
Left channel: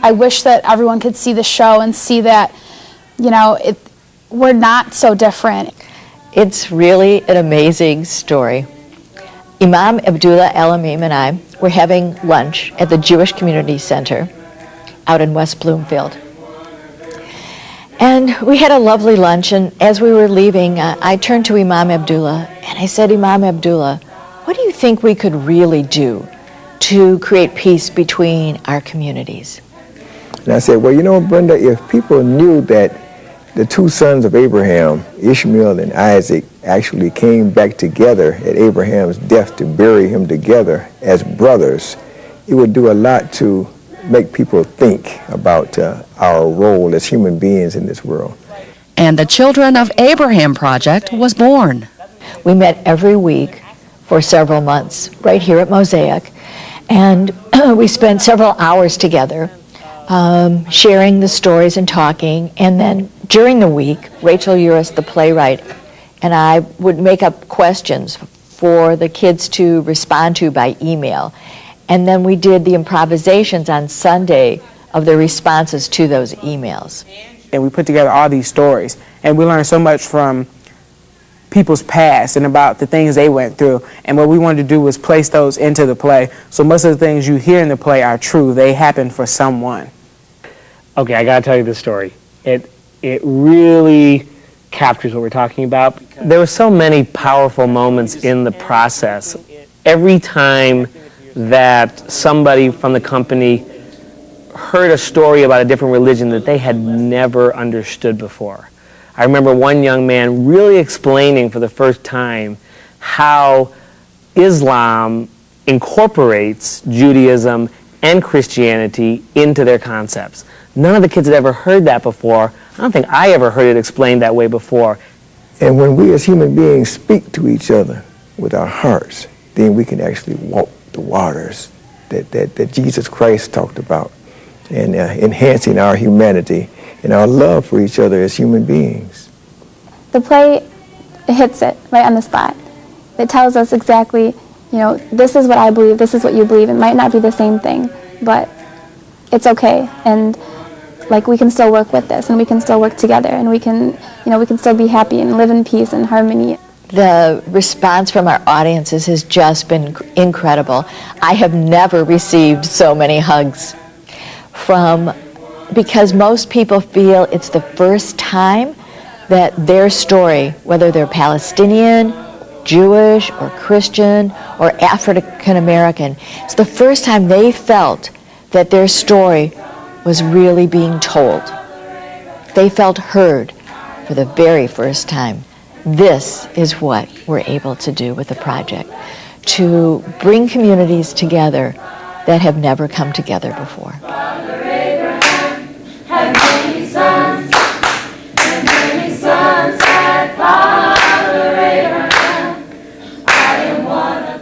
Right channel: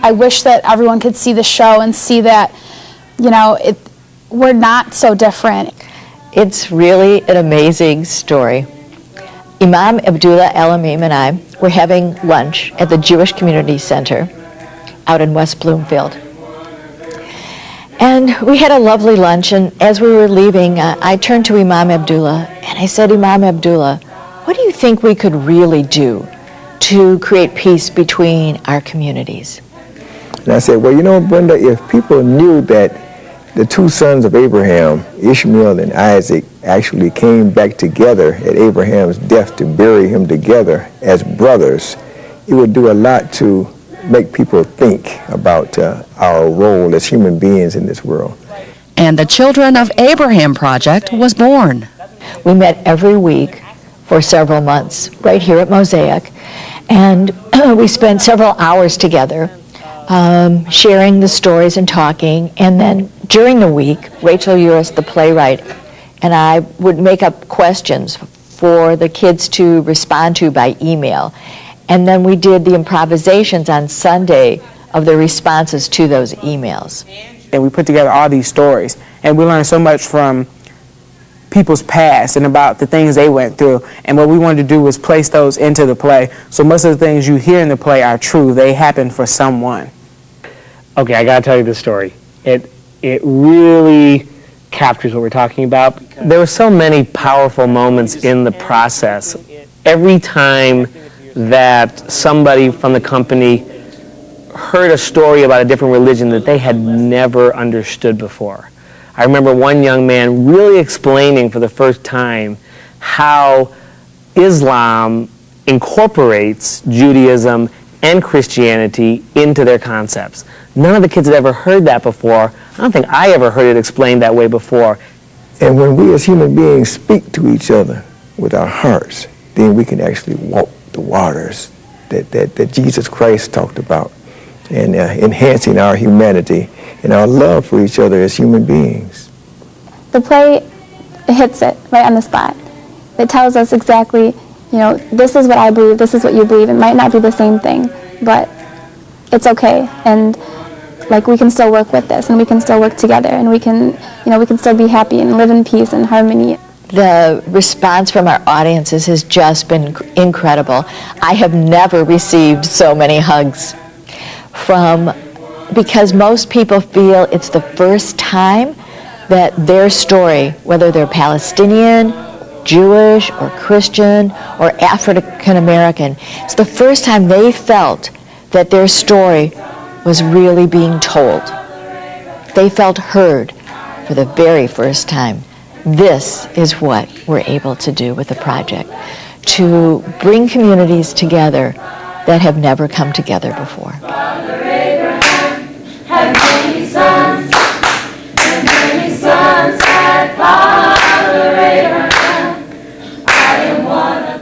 I wish that everyone could see the show and see that, we're not so different. It's really an amazing story. Imam Abdullah Al-Amim and I were having lunch at the Jewish Community Center out in West Bloomfield. And we had a lovely lunch, and as we were leaving, I turned to Imam Abdullah and I said, Imam Abdullah, what do you think we could really do to create peace between our communities? And I said, well, Brenda, if people knew that the two sons of Abraham, Ishmael and Isaac, actually came back together at Abraham's death to bury him together as brothers, it would do a lot to make people think about our role as human beings in this world. And the Children of Abraham Project was born. We met every week for several months right here at Mosaic, and we spent several hours together sharing the stories and talking. And then during the week, Rachel Uris, the playwright, and I would make up questions for the kids to respond to by email. And then we did the improvisations on Sunday of the responses to those emails. And we put together all these stories, and we learned so much from people's past and about the things they went through. And what we wanted to do was place those into the play. So most of the things you hear in the play are true. They happened for someone. Okay, I gotta tell you this story. It really captures what we're talking about. There were so many powerful moments in the process. Every time that somebody from the company heard a story about a different religion that they had never understood before. I remember one young man really explaining for the first time how Islam incorporates Judaism and Christianity into their concepts. None of the kids had ever heard that before. I don't think I ever heard it explained that way before. And when we as human beings speak to each other with our hearts, then we can actually walk the waters that Jesus Christ talked about, and enhancing our humanity and our love for each other as human beings. The play hits it right on the spot. It tells us exactly, this is what I believe, this is what you believe. It might not be the same thing, but it's okay. And we can still work with this, and we can still work together, and we can still be happy and live in peace and harmony. The response from our audiences has just been incredible. I have never received so many hugs because most people feel it's the first time that their story, whether they're Palestinian, Jewish, or Christian, or African American, it's the first time they felt that their story was really being told. They felt heard for the very first time. This is what we're able to do with the project, to bring communities together that have never come together before. Father Abraham had many sons, and many sons had Father Abraham. I am one of them.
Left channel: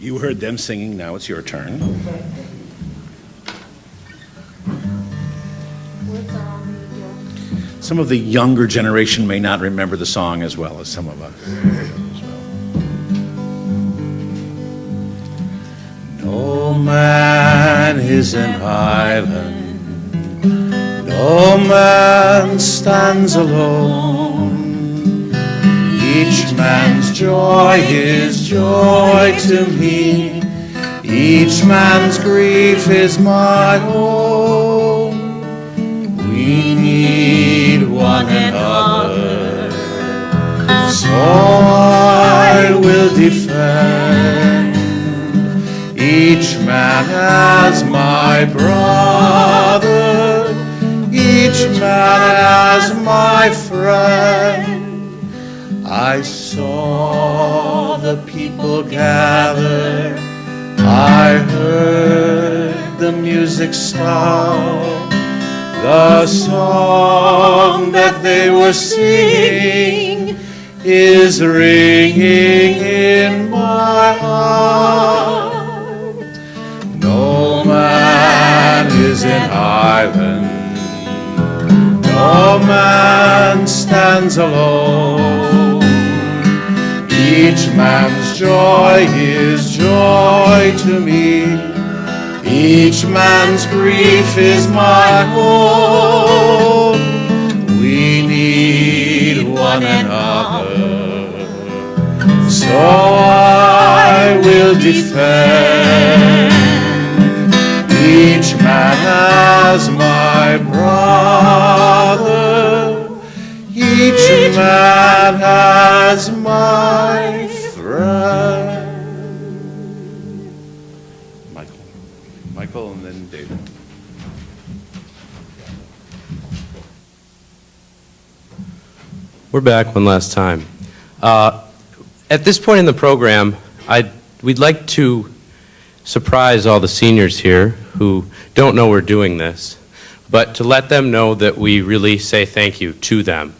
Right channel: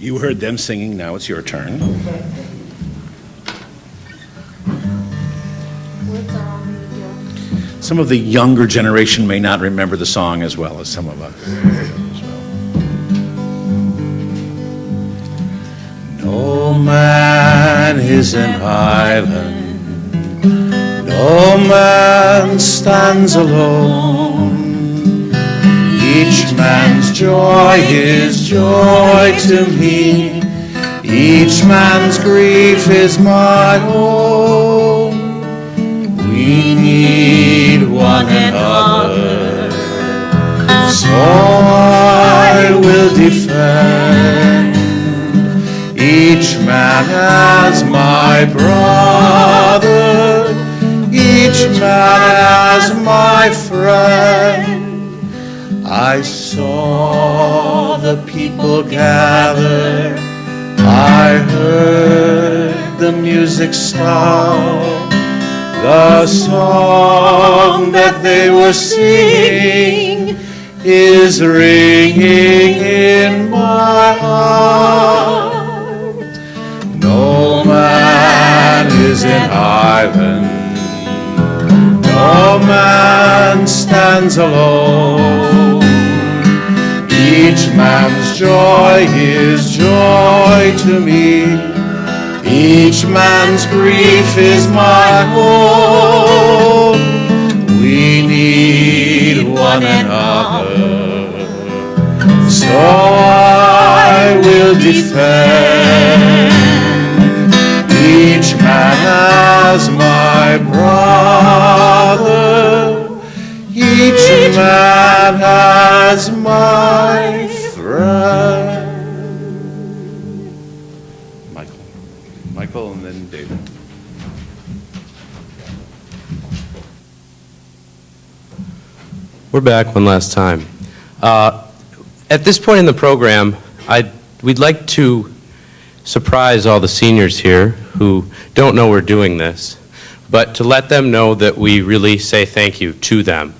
You heard them singing, now it's your turn. some of the younger generation may not remember the song as well as some of us. No man is an island, no man stands alone. Each man's joy is joy to me, each man's grief is my own. We need one another, so I will defend each man as my brother, each man as my friend. I saw the people gather, I heard the music start, the song that they were singing is ringing in my heart. No man is an island, no man stands alone. Each man's joy is joy to me, each man's grief is my own. We need one another, so I will defend each man as my brother, each man as my friend. Michael and then David. We're back one last time. At this point in the program, we'd like to surprise all the seniors here who don't know we're doing this, but to let them know that we really say thank you to them.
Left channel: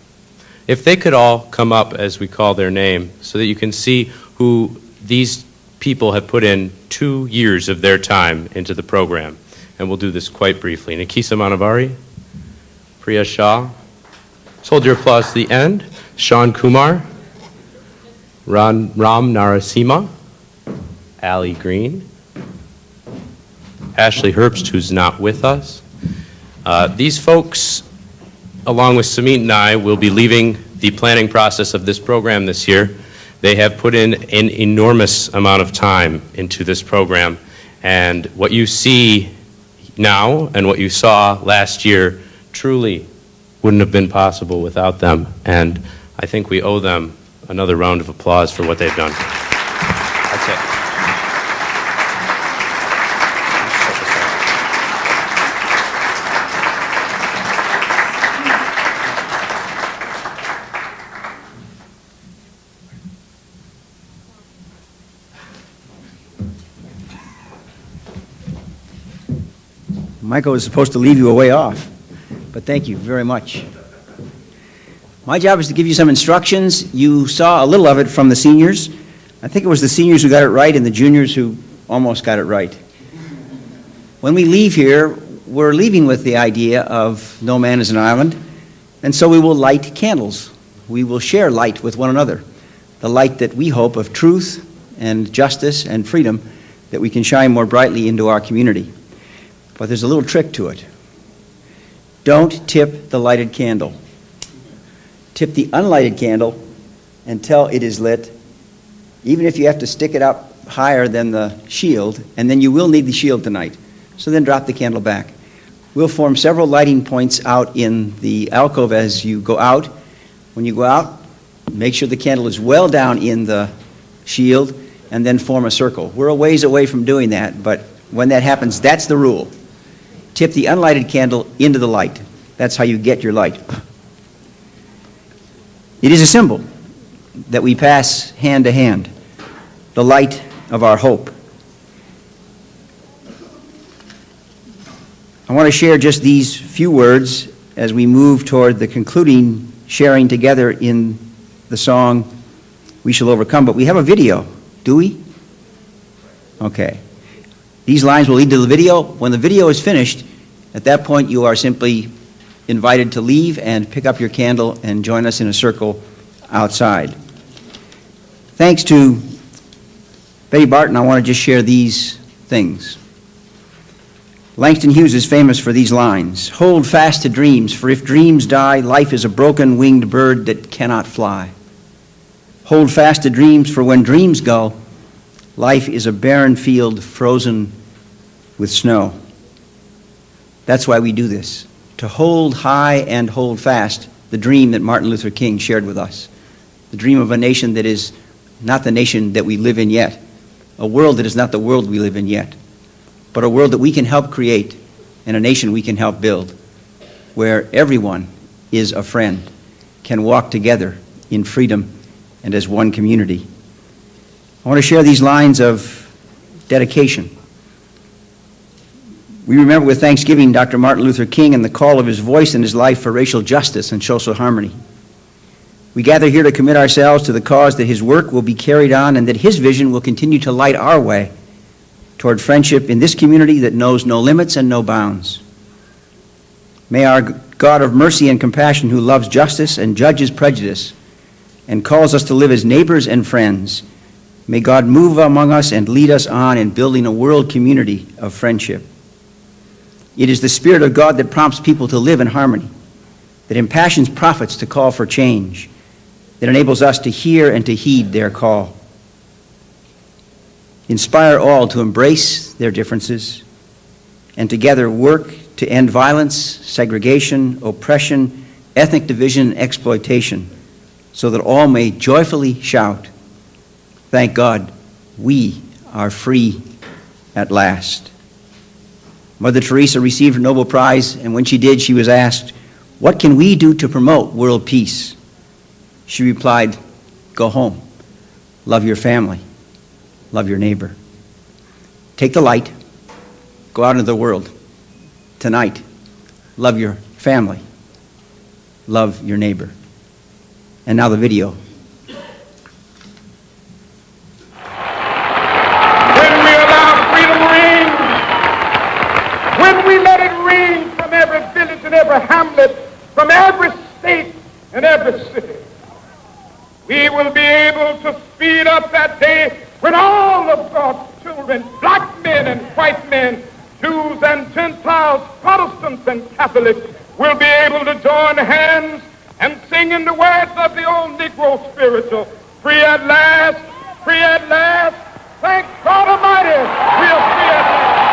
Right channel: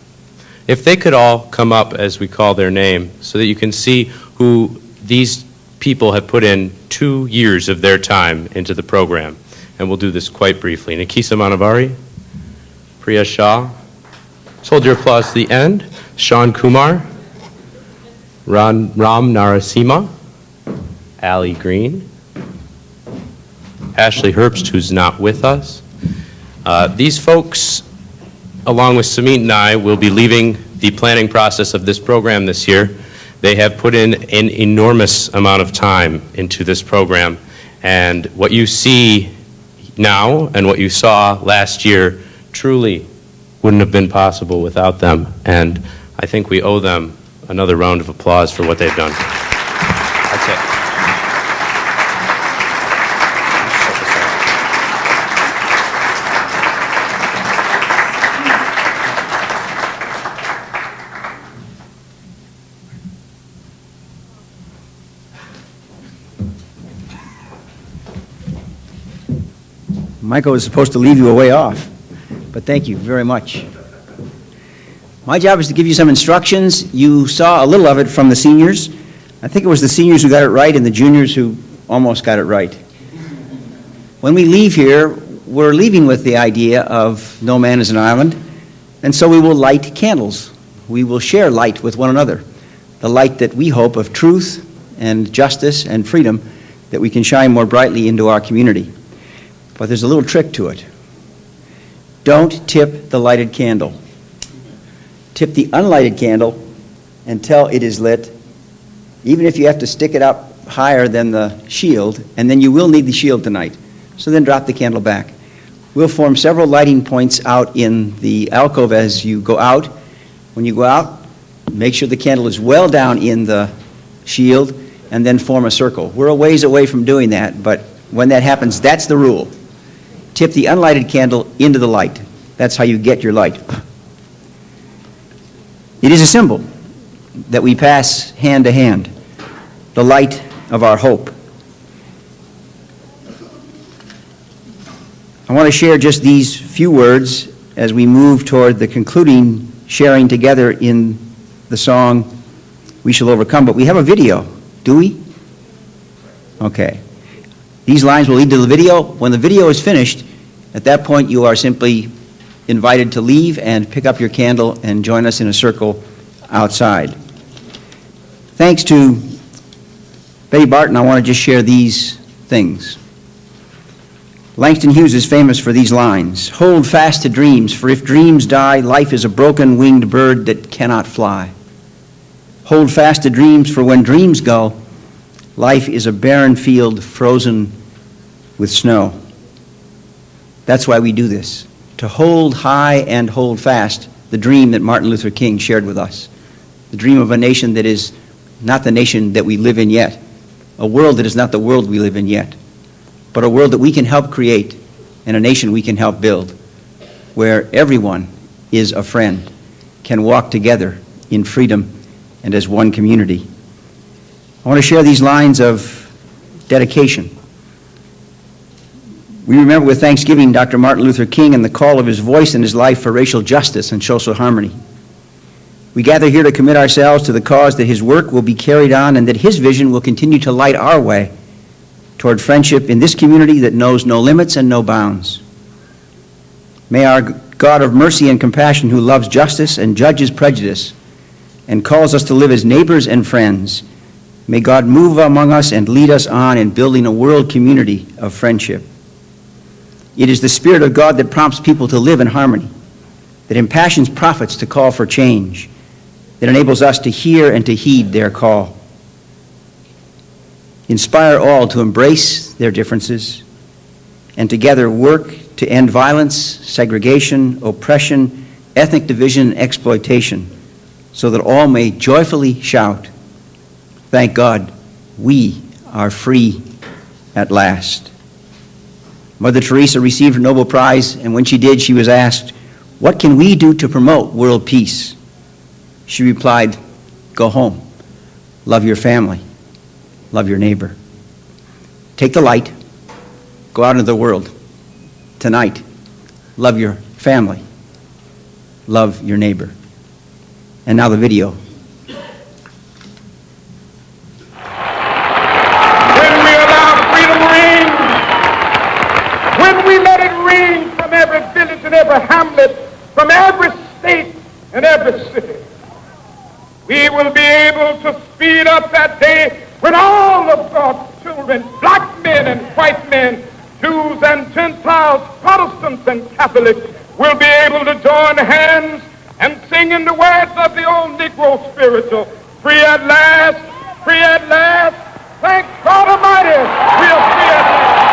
If they could all come up as we call their name so that you can see who these people have put in 2 years of their time into the program. And we'll do this quite briefly. Nikisa Manavari, Priya Shah, let's hold your applause to the end. Sean Kumar, Ram Narasimha, Ali Green, Ashley Herbst, who's not with us. These folks, along with Samit and I, will be leaving the planning process of this program this year. They have put in an enormous amount of time into this program, and what you see now and what you saw last year truly wouldn't have been possible without them, and I think we owe them another round of applause for what they've done. That's it. Michael was supposed to leave you a way off, but thank you very much. My job is to give you some instructions. You saw a little of it from the seniors. I think it was the seniors who got it right and the juniors who almost got it right. When we leave here, we're leaving with the idea of no man is an island, and so we will light candles. We will share light with one another, the light that we hope of truth and justice and freedom that we can shine more brightly into our community. But there's a little trick to it. Don't tip the lighted candle. Tip the unlighted candle until it is lit, even if you have to stick it up higher than the shield, and then you will need the shield tonight. So then drop the candle back. We'll form several lighting points out in the alcove as you go out. When you go out, make sure the candle is well down in the shield, and then form a circle. We're a ways away from doing that, but when that happens, that's the rule. Tip the unlighted candle into the light. That's how you get your light. It is a symbol that we pass hand to hand, the light of our hope. I want to share just these few words as we move toward the concluding sharing together in the song, We Shall Overcome. But we have a video, do we? Okay. These lines will lead to the video. When the video is finished, at that point you are simply invited to leave and pick up your candle and join us in a circle outside. Thanks to Betty Barton, I want to just share these things. Langston Hughes is famous for these lines: "Hold fast to dreams, for if dreams die, life is a broken winged bird that cannot fly. Hold fast to dreams, for when dreams go, life is a barren field frozen with snow." That's why we do this, to hold high and hold fast the dream that Martin Luther King shared with us, the dream of a nation that is not the nation that we live in yet, a world that is not the world we live in yet, but a world that we can help create and a nation we can help build, where everyone is a friend, can walk together in freedom and as one community. I want to share these lines of dedication. We remember with thanksgiving Dr. Martin Luther King and the call of his voice and his life for racial justice and social harmony. We gather here to commit ourselves to the cause that his work will be carried on and that his vision will continue to light our way toward friendship in this community that knows no limits and no bounds. May our God of mercy and compassion, who loves justice and judges prejudice and calls us to live as neighbors and friends, may God move among us and lead us on in building a world community of friendship. It is the Spirit of God that prompts people to live in harmony, that impassions prophets to call for change, that enables us to hear and to heed their call. Inspire all to embrace their differences and together work to end violence, segregation, oppression, ethnic division, and exploitation, so that all may joyfully shout, "Thank God, we are free at last." Mother Teresa received her Nobel Prize, and when she did, she was asked, "What can we do to promote world peace?" She replied, "Go home, love your family, love your neighbor. Take the light, go out into the world. Tonight, love your family, love your neighbor." And now the video. When we allow freedom ring, when we let it ring from every village and every hamlet, from every state and every city, we will be able to speed up that day when all of God's children, black men and white men, Jews and Gentiles, Protestants and Catholics, will be able to join hands and sing in the words of the old Negro spiritual, "Free at last, free at last, thank God Almighty, we are free at last."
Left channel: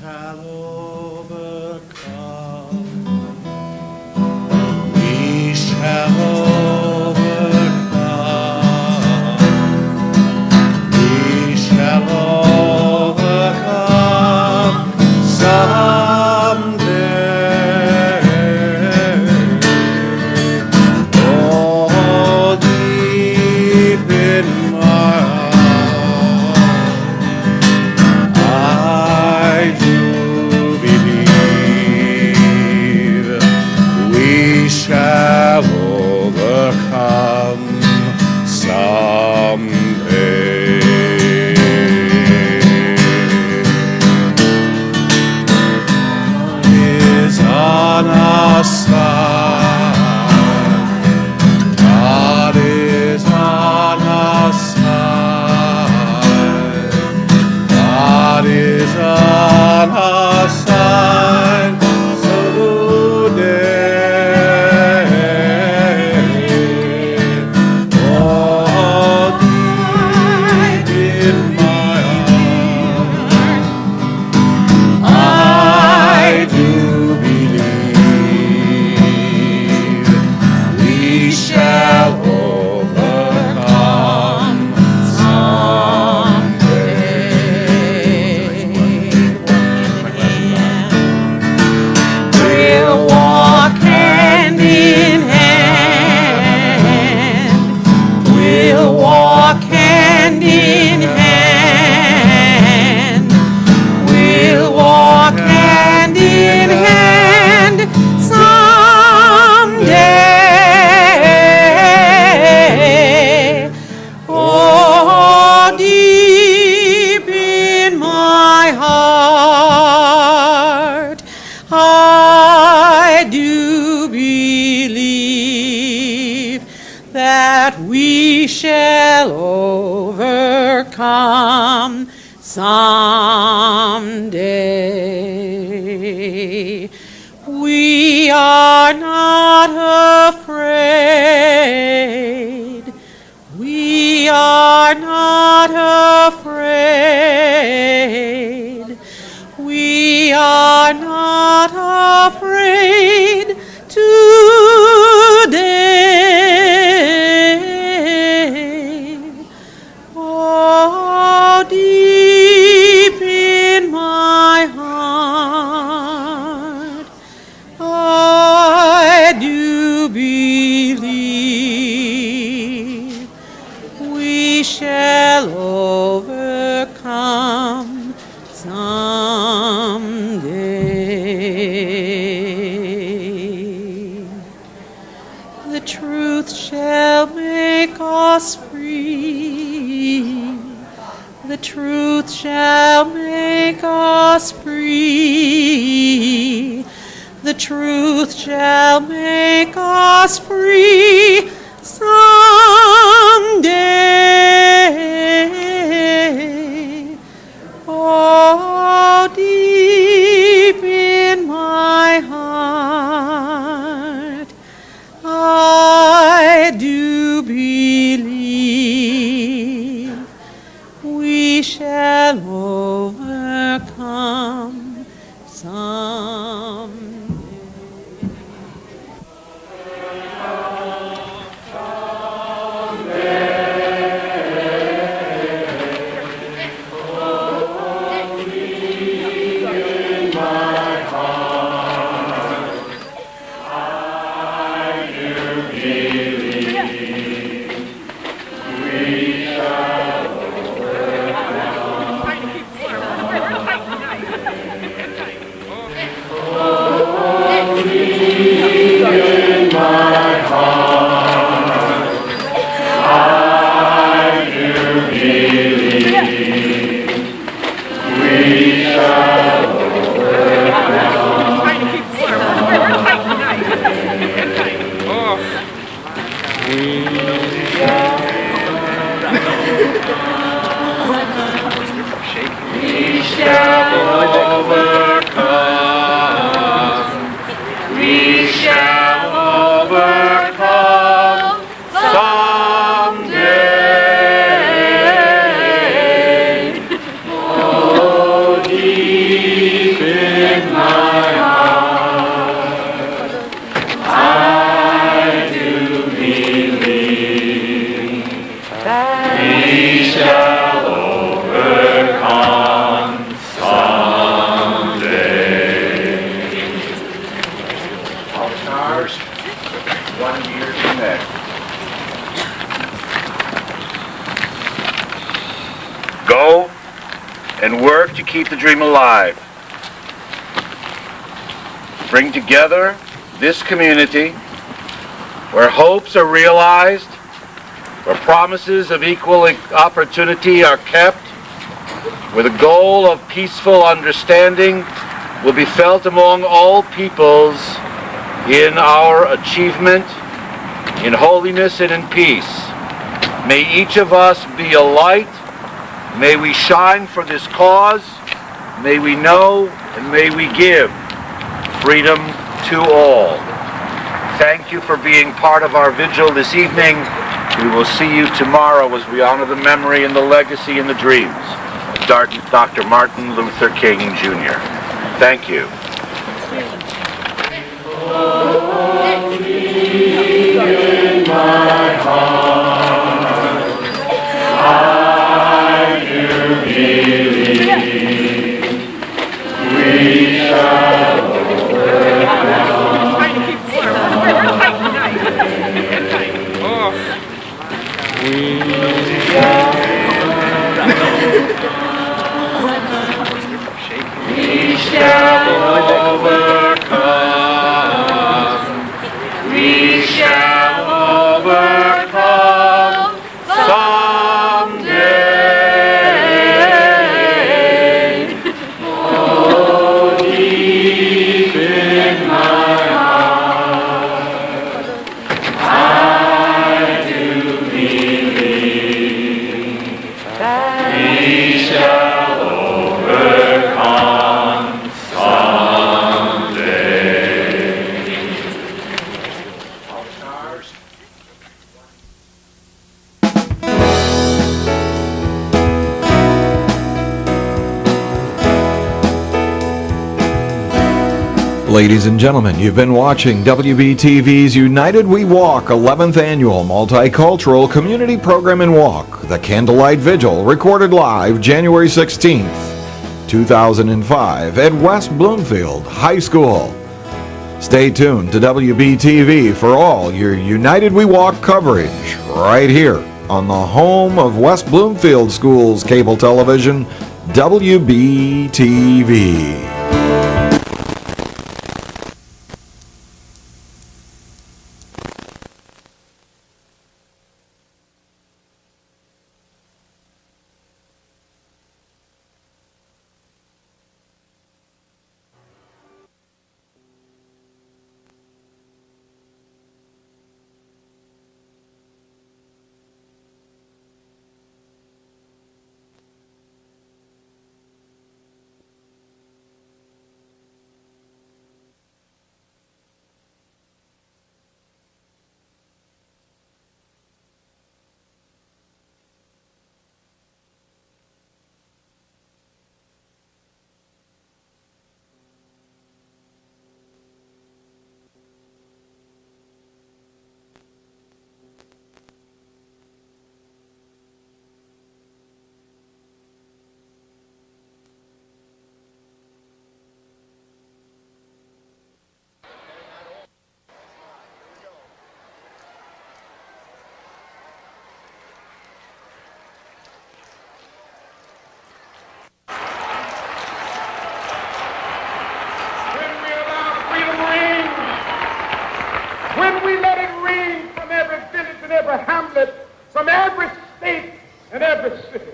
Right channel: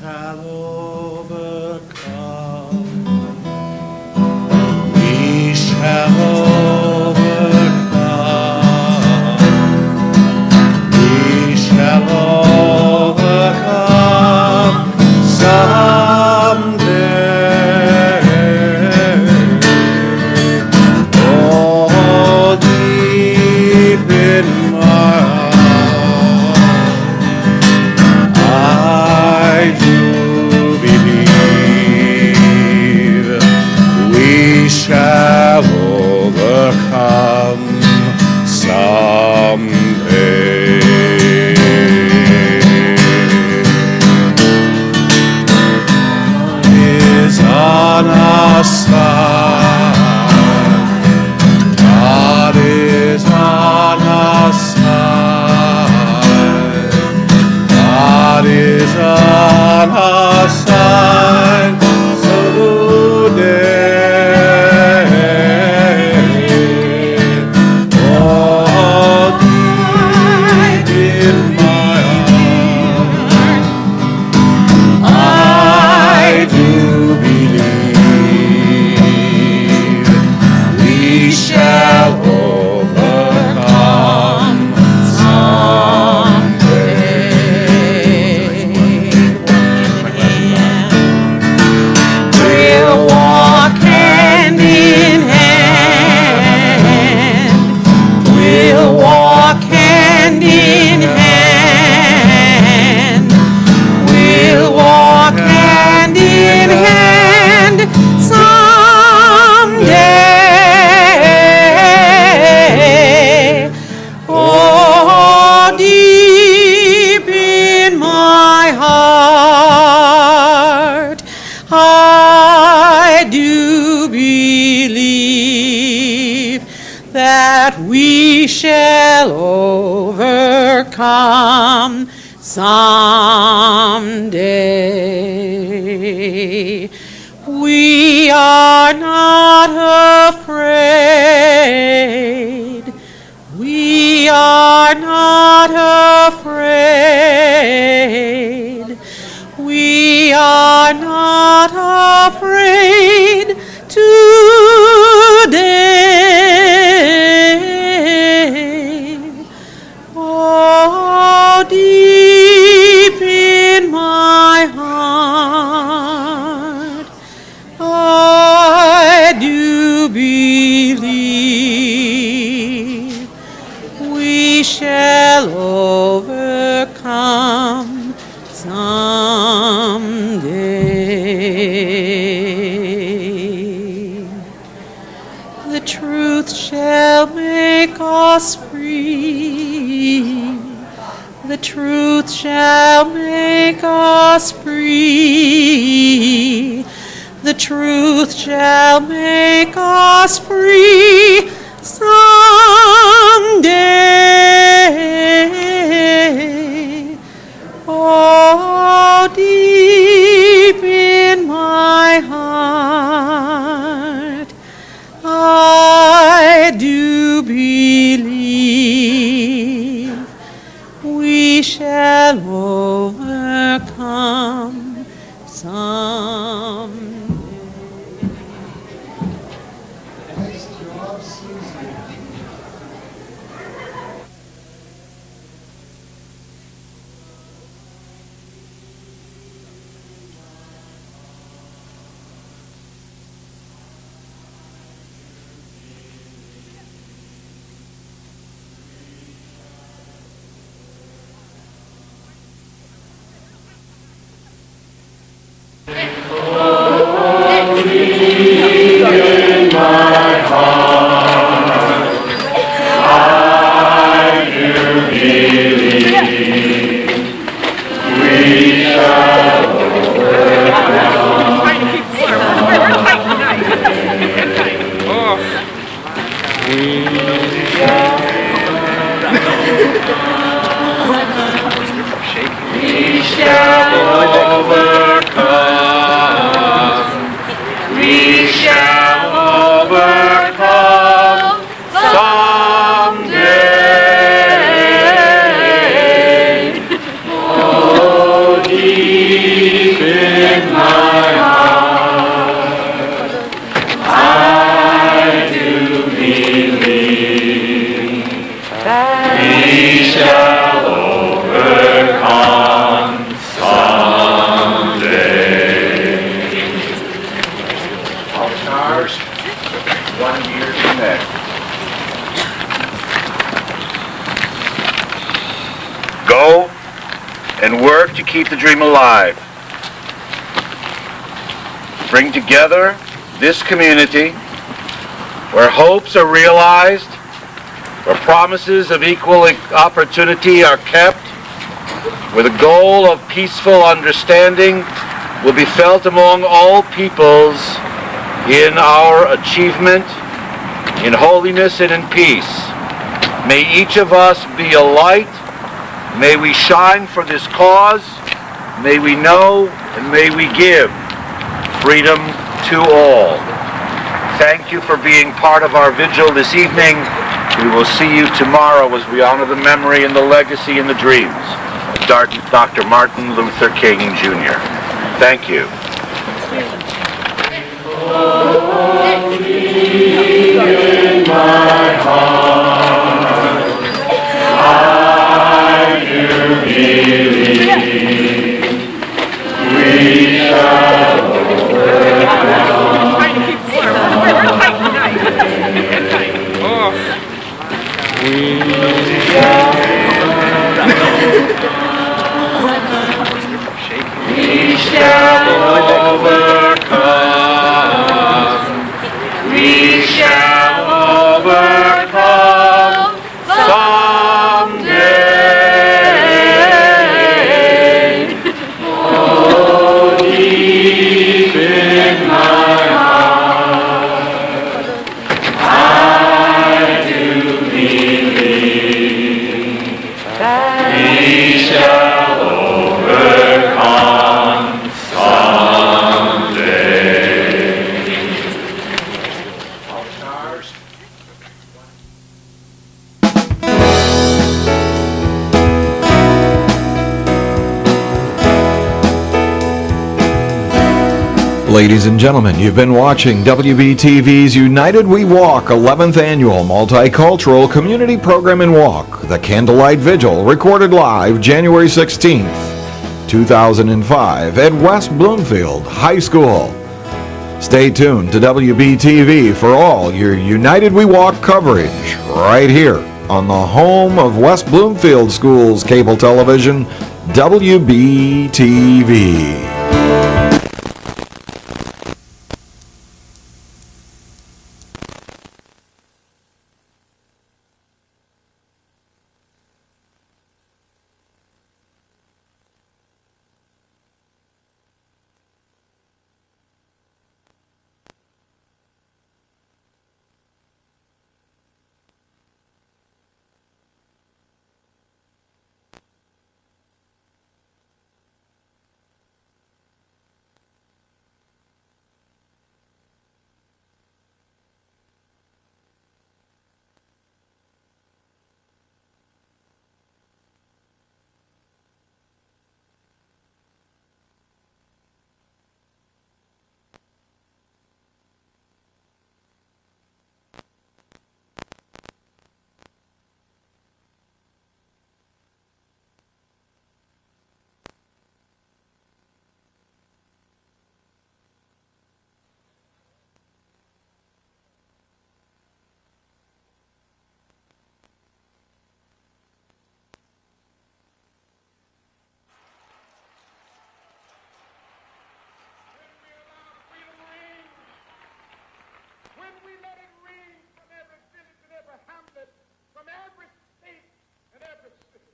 shall overcome. We shall overcome. We shall overcome someday. Oh, deep in my heart, I do believe we shall overcome someday. God is on our side. God is on our side. God is on our side today. Oh, deep in my heart, I do believe we shall overcome We'll walk hand in hand. We'll walk hand in hand. We'll walk hand in hand someday. Oh, deep in my heart, I do believe that we shall overcome someday. We are not afraid. We are not afraid. We are not afraid today. Oh, deep in my heart, I do believe we shall overcome someday. The truth shall make us free. The truth shall make us free. The truth shall make us free someday. Oh, deep in my heart, I do believe we shall overcome someday. We shall overcome. We shall overcome someday. Oh, deep Ours, 1 year to next. Go and work to keep the dream alive. Bring together this community where hopes are realized, where promises of equal opportunity are kept, where the goal of peaceful understanding will be felt among all peoples in our achievement, in holiness and in peace. May each of us be a light. May we shine for this cause. May we know and may we give freedom to all. Thank you for being part of our vigil this evening. We will see you tomorrow as we honor the memory and the legacy and the dreams of Dr. Martin Luther King Jr. Thank you. In my heart, I do believe we shall we shall overcome. We shall overcome someday. Oh, deep in my heart, I do believe we shall overcome someday. Ladies and gentlemen, you've been watching WBTV's United We Walk 11th Annual Multicultural Community Program and Walk, the Candlelight Vigil, recorded live January 16th, 2005 at West Bloomfield High School. Stay tuned to WBTV for all your United We Walk coverage right here on the home of West Bloomfield Schools Cable Television, WBTV. When we let it ring from every village and every hamlet, from every state and every city,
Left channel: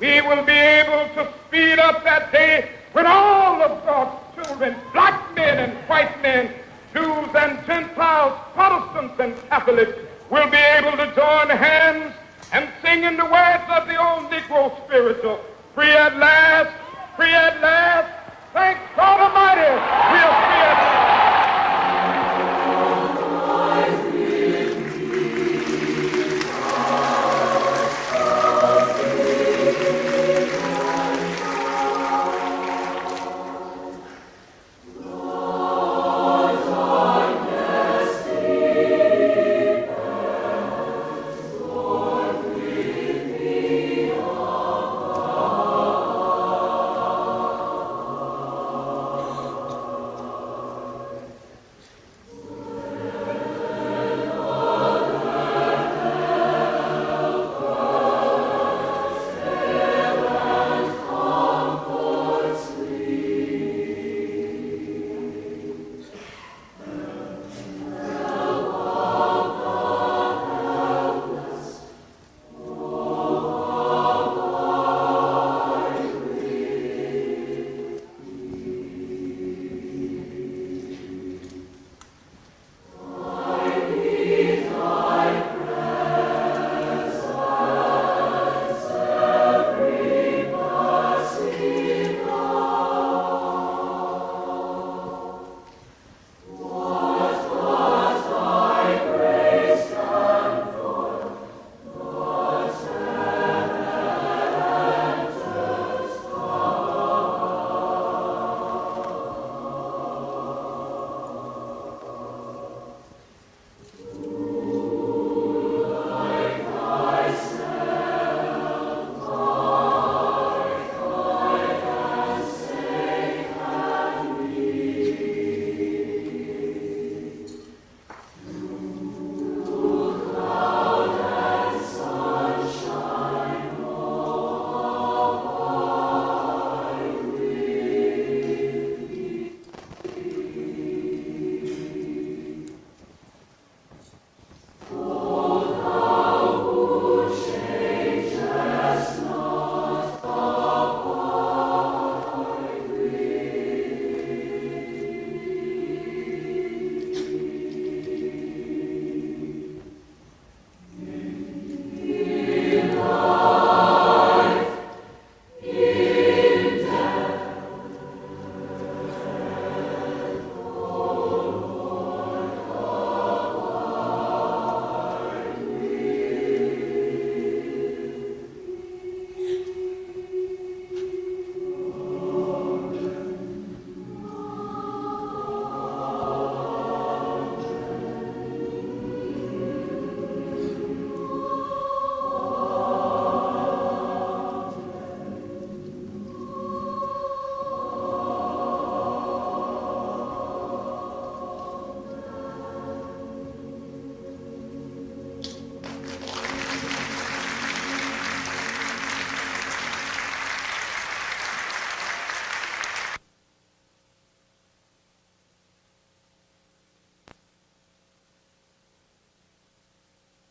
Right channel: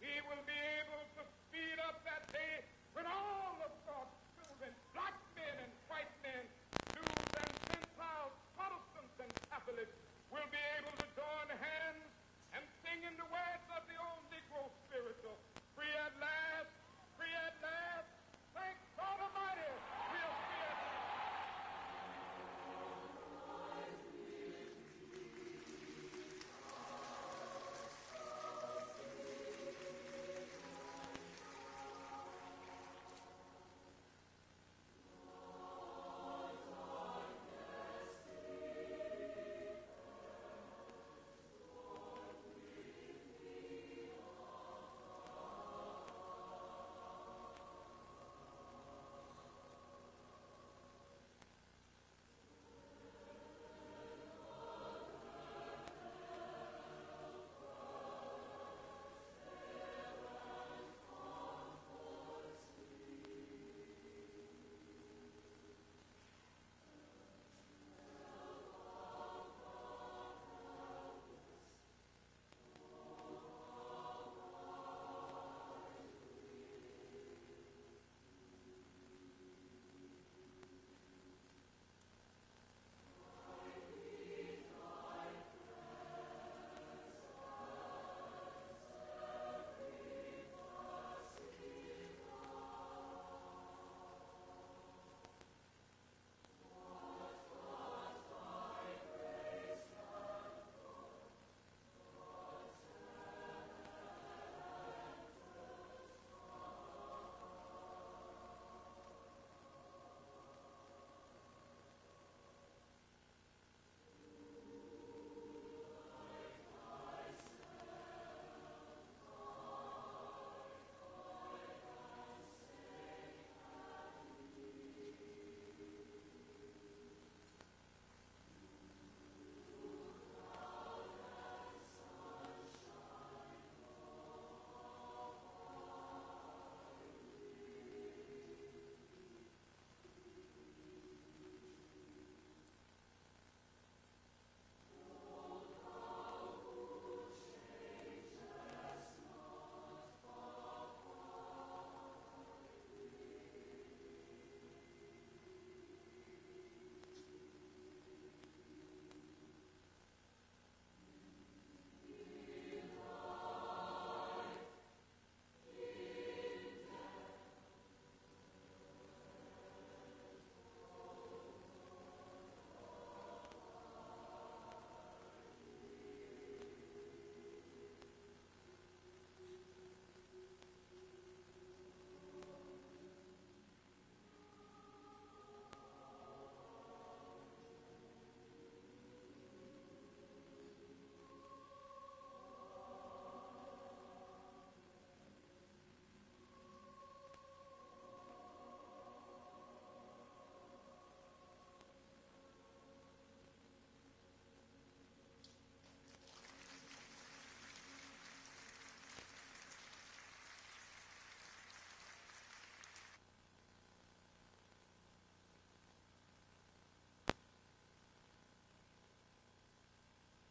we will be able to speed up that day when all of God's children, black men and white men, Jews and Gentiles, Protestants and Catholics, will be able to join hands and sing in the words of the old Negro spiritual, free at last, thank God Almighty, we are free at last.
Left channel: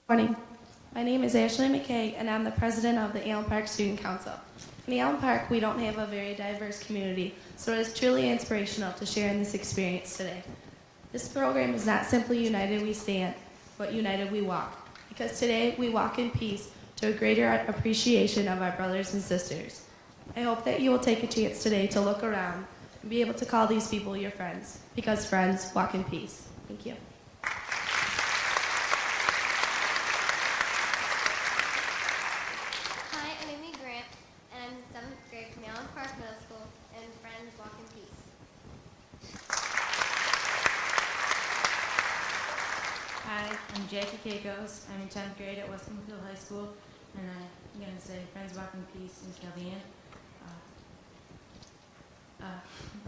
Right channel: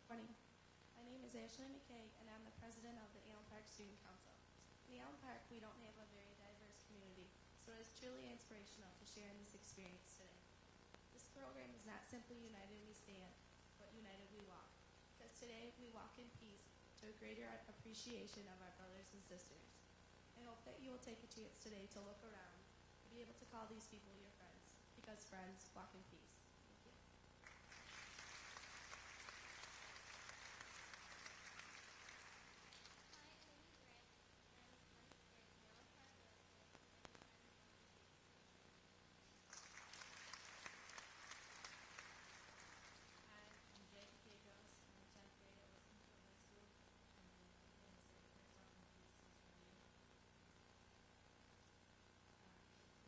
Morning. My name is Ashley McKay, and I'm the president of the Allen Park Student Council. In Allen Park, we don't have a very diverse community, so it is truly inspirational to share in this experience today. This program is not simply United We Stand, but United We Walk, because today we walk in peace to a greater appreciation of our brothers and sisters. I hope that you will take a chance today to look around and be able to call these people your friends, because friends walk in peace. Thank you. Hi, I'm Amy Grant, and I'm in 7th grade from Allen Park Middle School, and friends walk in peace. Hi, I'm Jackie Keikos. I'm in 10th grade at Bloomfield High School, and I'm going to say friends walk in peace in Kellyanne.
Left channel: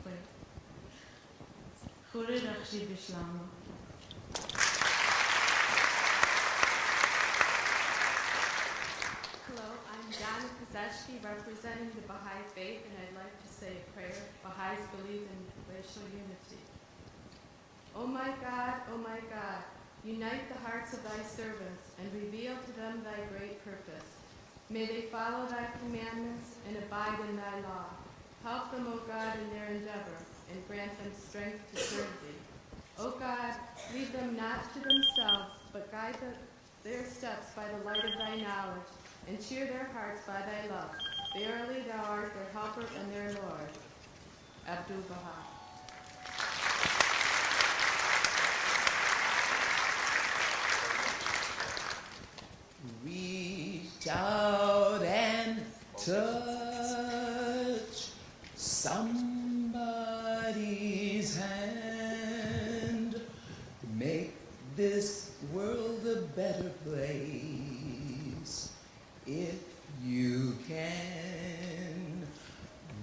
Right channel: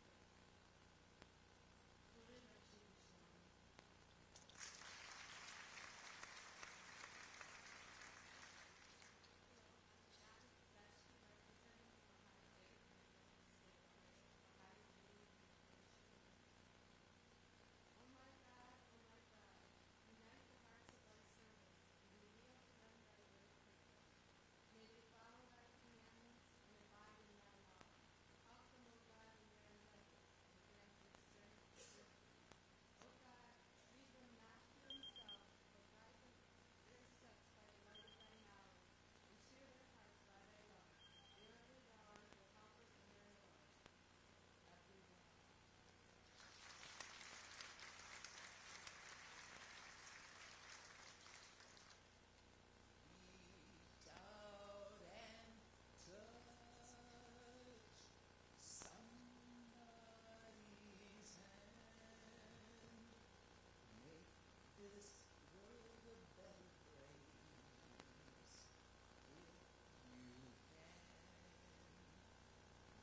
Wait. Kure Rakshi Bishlama. Hello, I'm Donna Kozeshki, representing the Baha'i faith, and I'd like to say a prayer. Baha'is believe in racial unity. Oh my God, unite the hearts of thy servants and reveal to them thy great purpose. May they follow thy commandments and abide in thy law. Help them, O God, in their endeavor, and grant them strength to serve thee. O God, lead them not to themselves, but guide their steps by the light of thy knowledge, and cheer their hearts by thy love. Verily thou art their helper and their Lord. Abdul Baha. Reach out and touch somebody's hand. Make this world a better place if you can.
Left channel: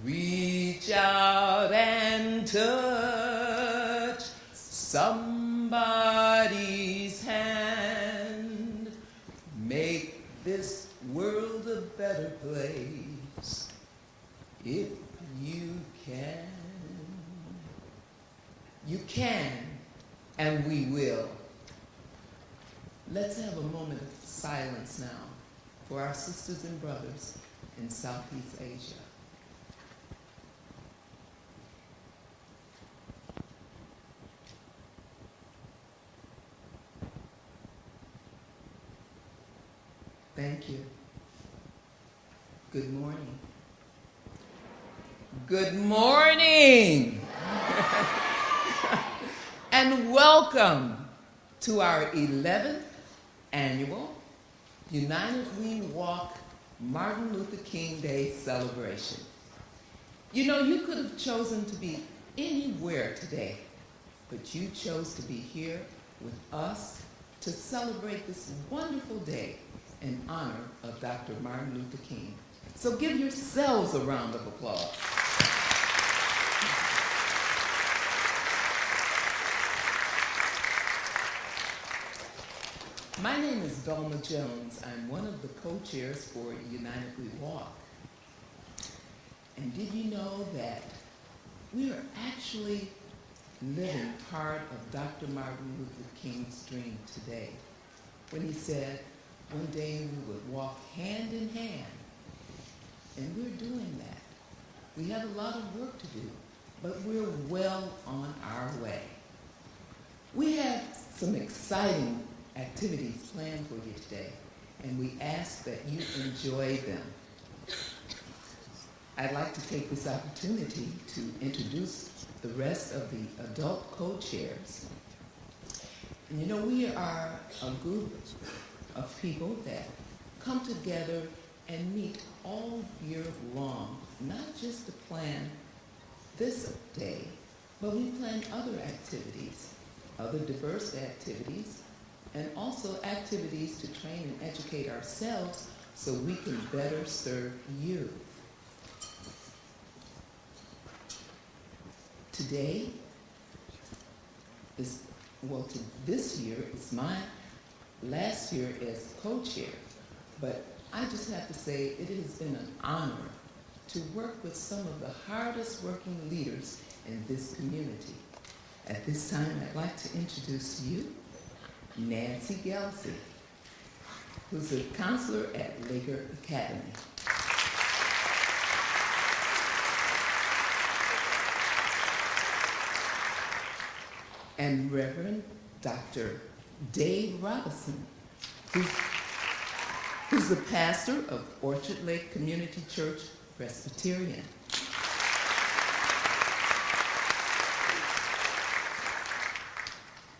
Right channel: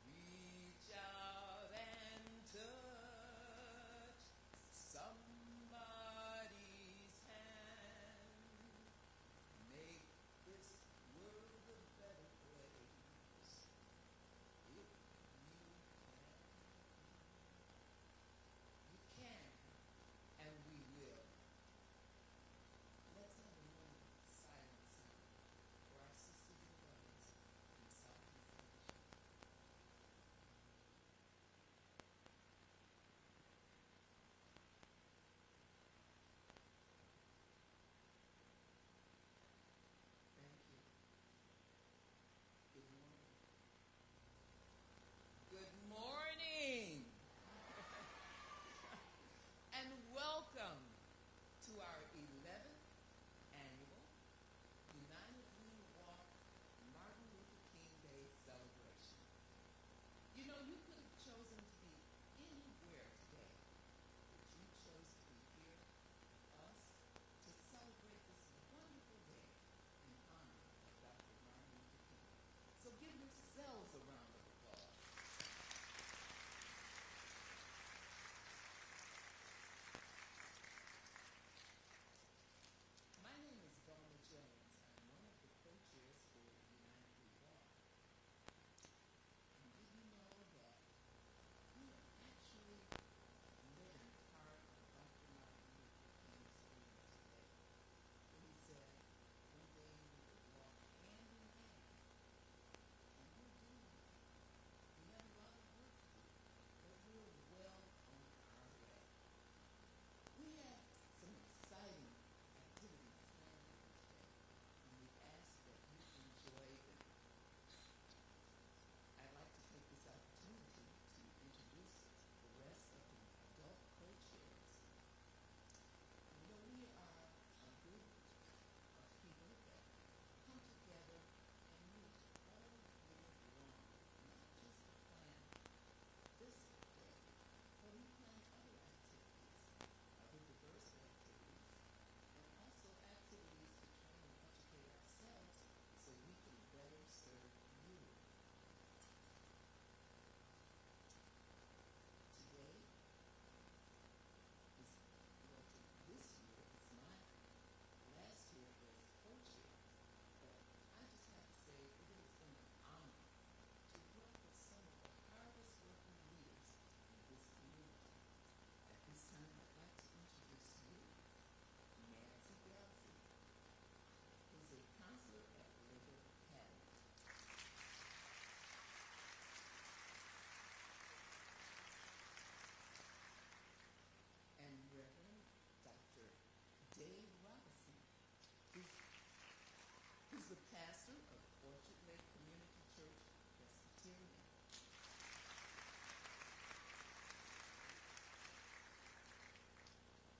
Reach out and touch somebody's hand. Make this world a better place if you can. You can, and we will. Let's have a moment of silence now for our sisters and brothers in Southeast Asia. Thank you. Good morning. Good morning! And welcome to our 11th annual United We Walk Martin Luther King Day celebration. You know, you could have chosen to be anywhere today, but you chose to be here with us to celebrate this wonderful day in honor of Dr. Martin Luther King. So give yourselves a round of applause. My name is Velma Jones. I'm one of the co-chairs for United We Walk. And did you know that we are actually living part of Dr. Martin Luther King's dream today when he said, one day we would walk hand in hand. And we're doing that. We have a lot of work to do, but we're well on our way. We have some exciting activities planned for you today, and we ask that you enjoy them. I'd like to take this opportunity to introduce the rest of the adult co-chairs. And you know, we are a group of people that come together and meet all year long, not just to plan this day, but we plan other activities, other diverse activities, and also activities to train and educate ourselves so we can better serve you. Today is, well, this year is my last year as co-chair, but I just have to say it has been an honor to work with some of the hardest working leaders in this community. At this time, I'd like to introduce to you Nanci Gelsey. who's a counselor at Laker Academy. And Reverend Dr. Dave Roberston, who's the pastor of Orchard Lake Community Church Presbyterian.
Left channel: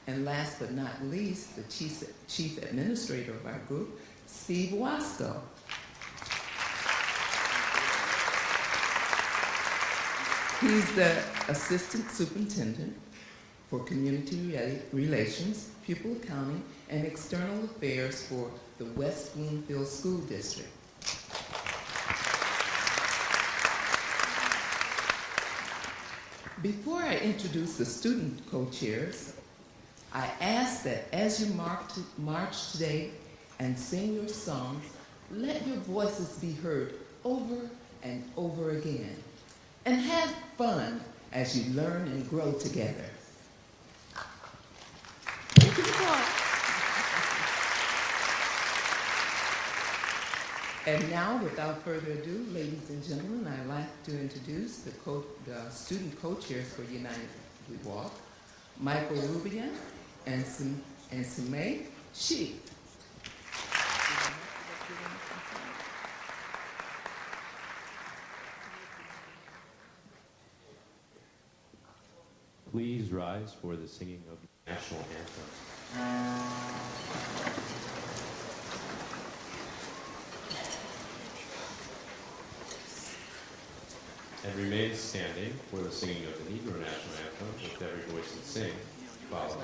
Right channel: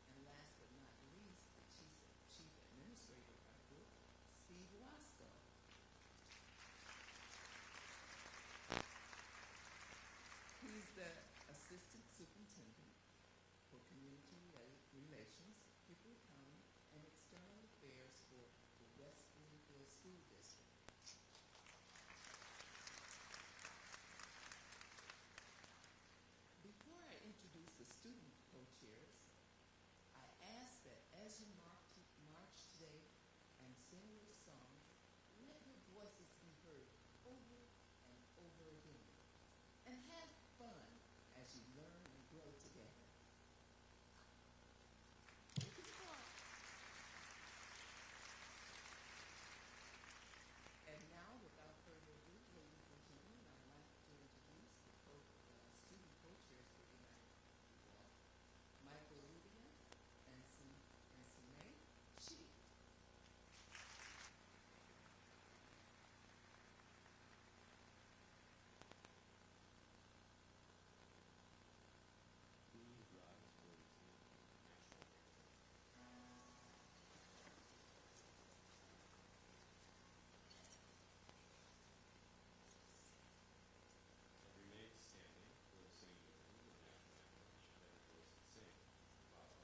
And last but not least, the chief administrator of our group, Steve Wasko. He's the assistant superintendent for community relations, pupil accounting, and external affairs for the West Bloomfield School District. Before I introduce the student co-chairs, I ask that as you march today and sing your songs, let your voices be heard over and over again, and have fun as you learn and grow together. And now, without further ado, ladies and gentlemen, I'd like to introduce the student co-chairs for United We Walk, Michael Rubyan and Samit, Sheth. Please rise for the singing of the national anthem. And remain standing for the singing of the Negro national anthem with every voice and sing. Follow.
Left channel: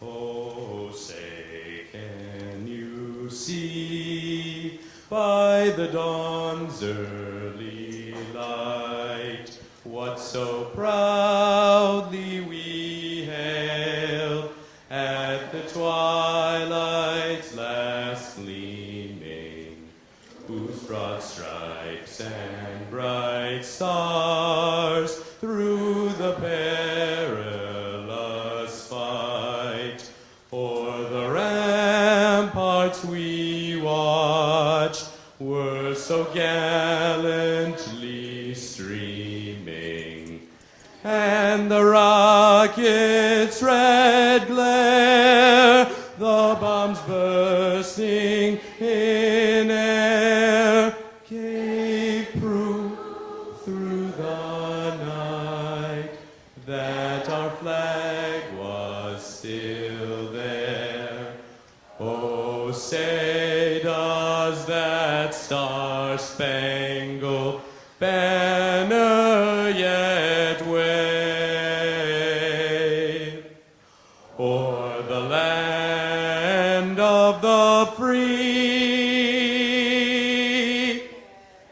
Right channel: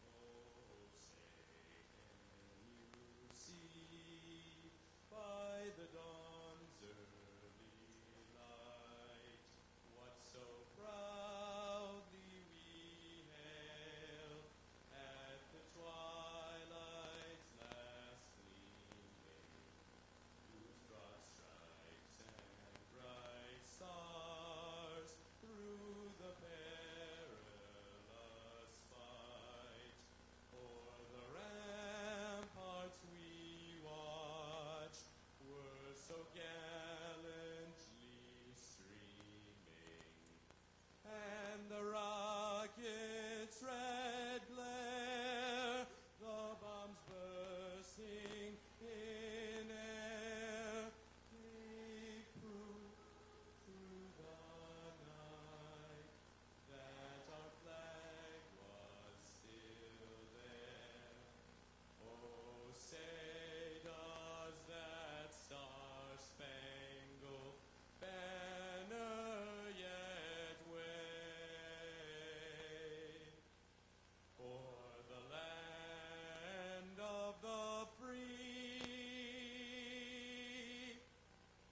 Oh, say, can you see by the dawn's early light what so proudly we hailed at the twilight's last gleaming, whose broad stripes and bright stars through the perilous fight o'er the ramparts we watched were so gallantly streaming, and the rocket's red glare, the bombs bursting in air, gave proof through the night that our flag was still there. Oh, say does that star-spangled banner yet wave o'er the land of the free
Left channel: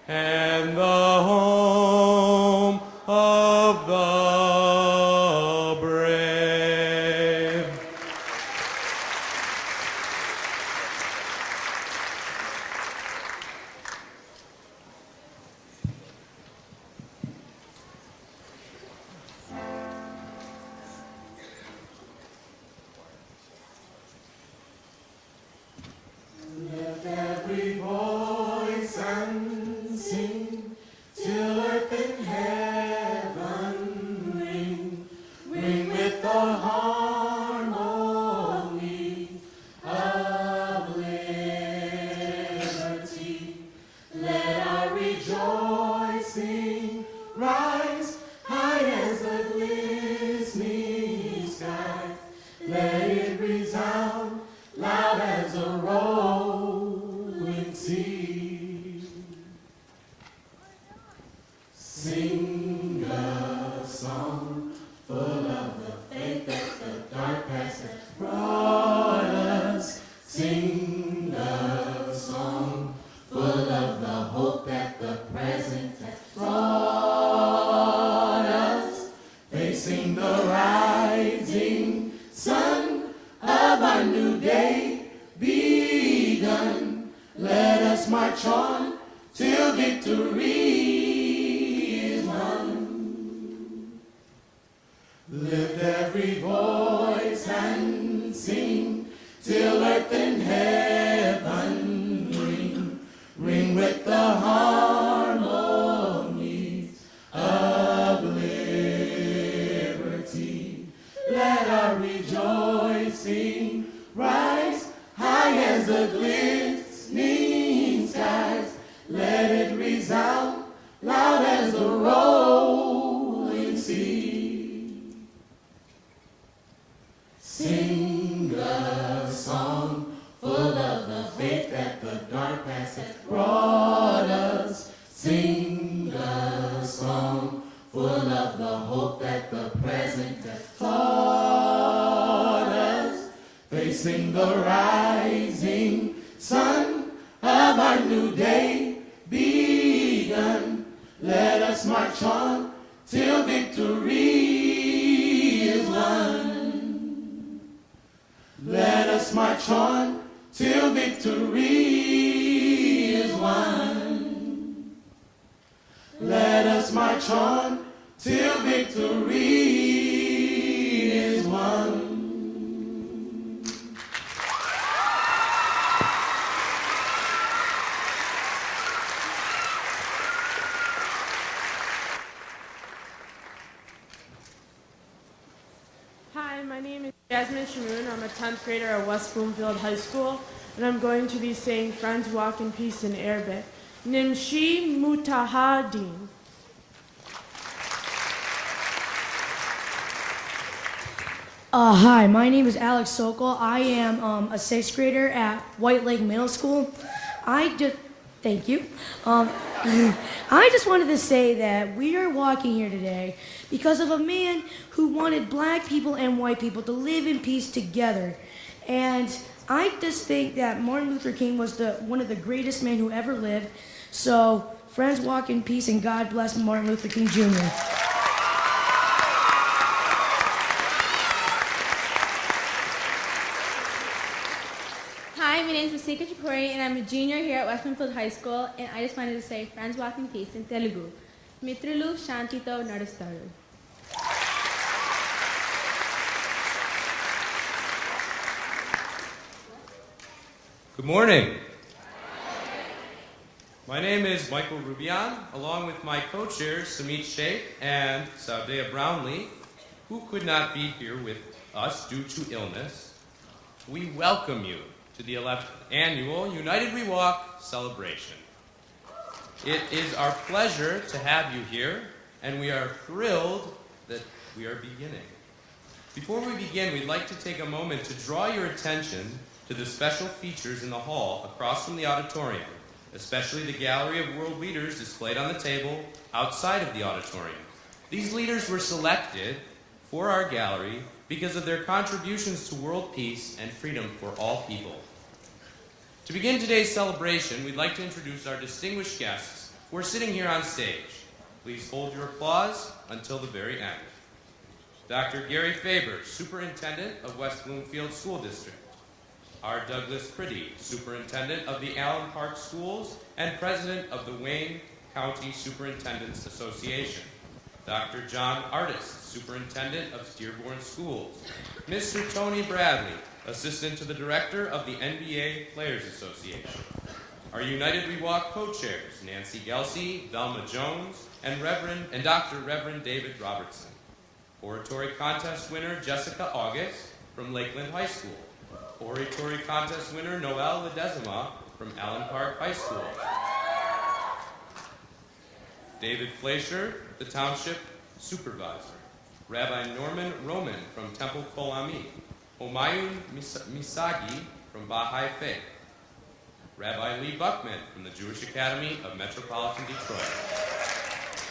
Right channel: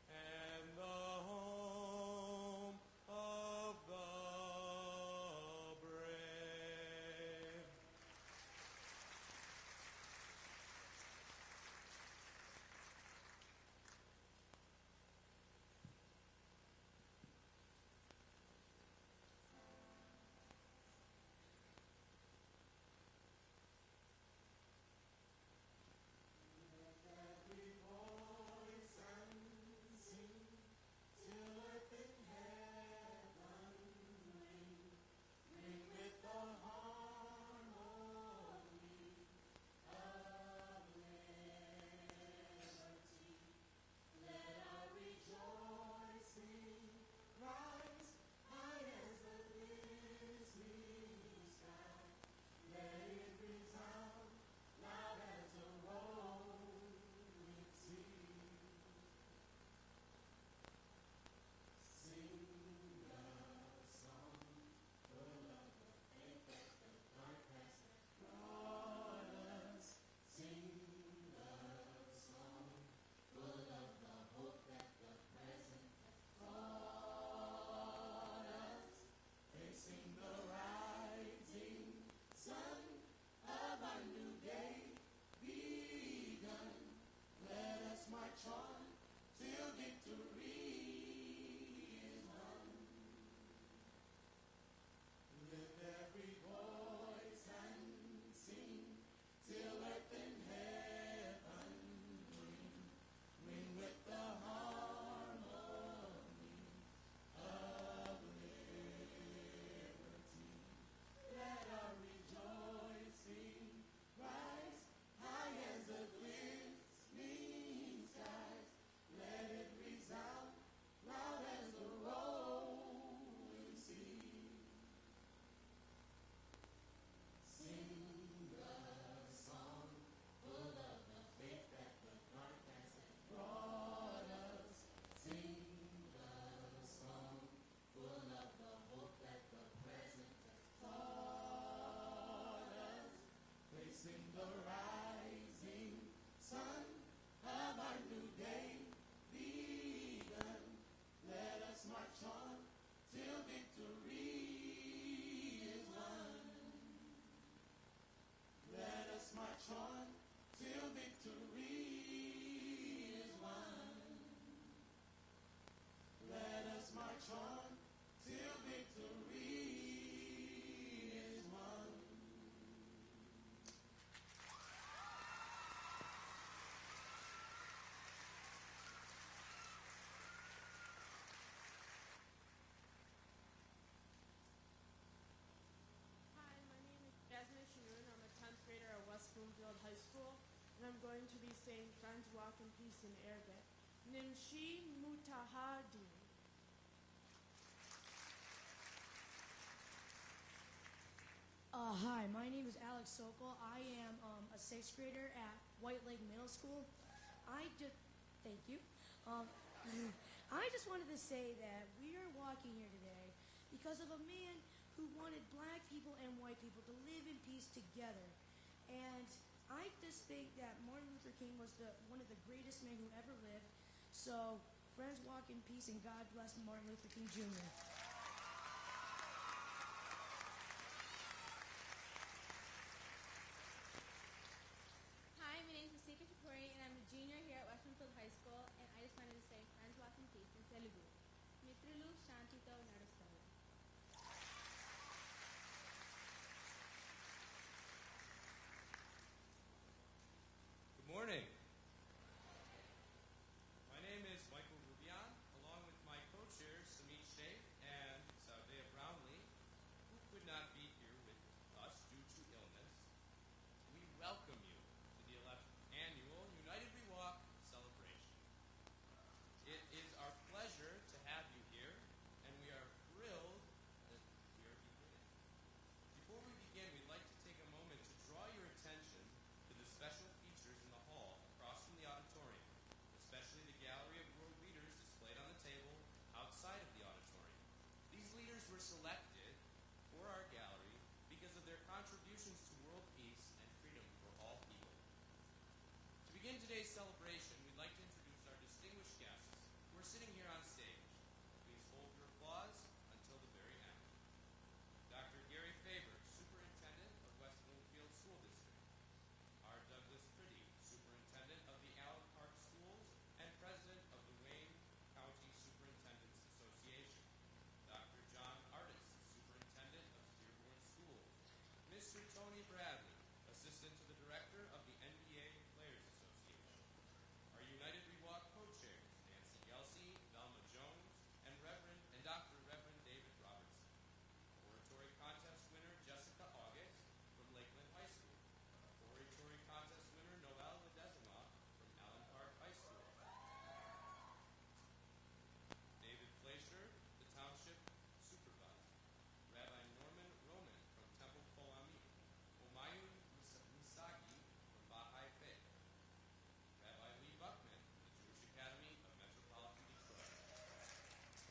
and the home of the brave? Lift every voice and sing till earth and heaven ring, ring with the harmony of liberty. Let our rejoicing rise high as the glistening skies. Let it resound loud as a rolling sea. Sing a song full of the faith that the dark past has brought us. Sing a song full of the hope that the present has brought us. Facing the rising sun of our new day begun, let us march on till victory is won. Lift every voice and sing facing the rising sun of our new day begun. Let us march on till victory is won. Let us march on till victory is won. Let us march on till victory is won. Hi, my name is Jasmine Shamoon. I'm a 10th grader at West Bloomfield High School, and I'm going to be saying Friends Walk in Peace in Arabic. Nimshi Mutahadin. Hi, my name is Alex Sokol. I am a 6th grader at White Lake Middle School. Thank you. I just wanted to say that we are walking here today because of a man who wanted black people and white people to live in peace together. And I just think that Martin Luther King was one of the greatest men who ever lived. So, friends, walk in peace, and God bless Martin Luther King Jr. Hi, my name is Masika Chapuri, and I'm a junior here at West Bloomfield High School, and I just wanted to say Friends Walk in Peace in Telugu. Mitrulu Shantito Nadastaru. Good morning. My name is Michael Rubyan, along with my co-chairs Samit, Sheth and Sawdayah Brownlee, who could not be here with us due to illness. We welcome you to the 11th Annual United We Walk celebration. It is our pleasure to have you here, and we are thrilled that we are beginning. Before we begin, we'd like to take a moment to draw your attention to the special features in the hall across from the auditorium, especially the gallery of world leaders displayed on the table outside of the auditorium. These leaders were selected for our gallery because of their contributions to world peace and freedom for all people. To begin today's celebration, we'd like to introduce our distinguished guests who are sitting here on stage. Please hold your applause until the very end. Dr. Gary Faber, Superintendent of West Bloomfield School District. R. Douglas Priddy, Superintendent of the Allen Park Schools and President of the Wayne County Superintendents Association. Dr. John Artist, Superintendent of Dearborn Schools. Mr. Tony Bradley, Assistant to the Director of the NBA Players Association. Our United We Walk co-chairs, Nanci Gelsey, Velma Jones, and Dr. Reverend David Robertson. Oratory contest winner, Jessica August from Lakeland High School. Oratory contest winner, Noel Ledesma from Allen Park High School. David Fleischer, the Township Supervisor. Rabbi Norman Roman from Temple Kol Ami. Omayun Misagi from Baha'i Faith. Rabbi Lee Buckman from the Jewish Academy of Metropolitan Detroit.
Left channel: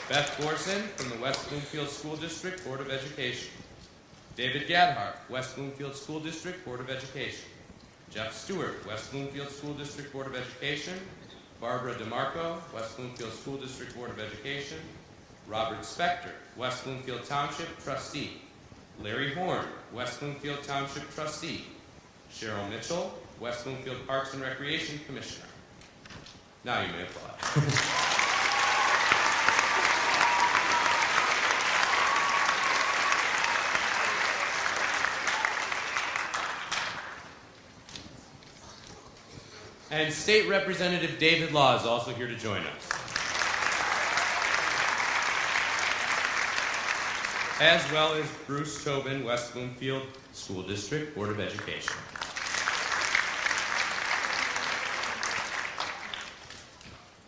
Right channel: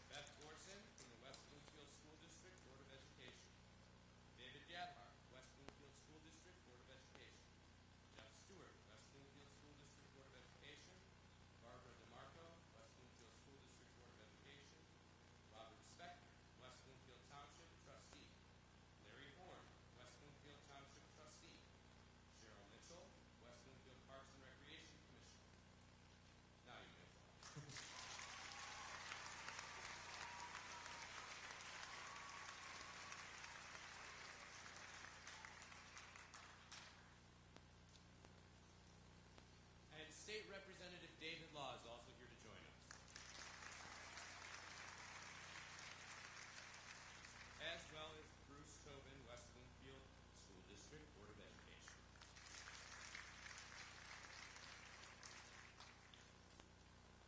Beth Gorson from the West Bloomfield School District Board of Education. David Gadhart, West Bloomfield School District Board of Education. Jeff Stewart, West Bloomfield School District Board of Education. Barbara DeMarco, West Bloomfield School District Board of Education. Robert Spector, West Bloomfield Township Trustee. Larry Horn, West Bloomfield Township Trustee. Cheryl Mitchell, West Bloomfield Parks and Recreation Commissioner. Now you may applaud. And State Representative David Law is also here to join us. As well as Bruce Tobin, West Bloomfield School District Board of Education.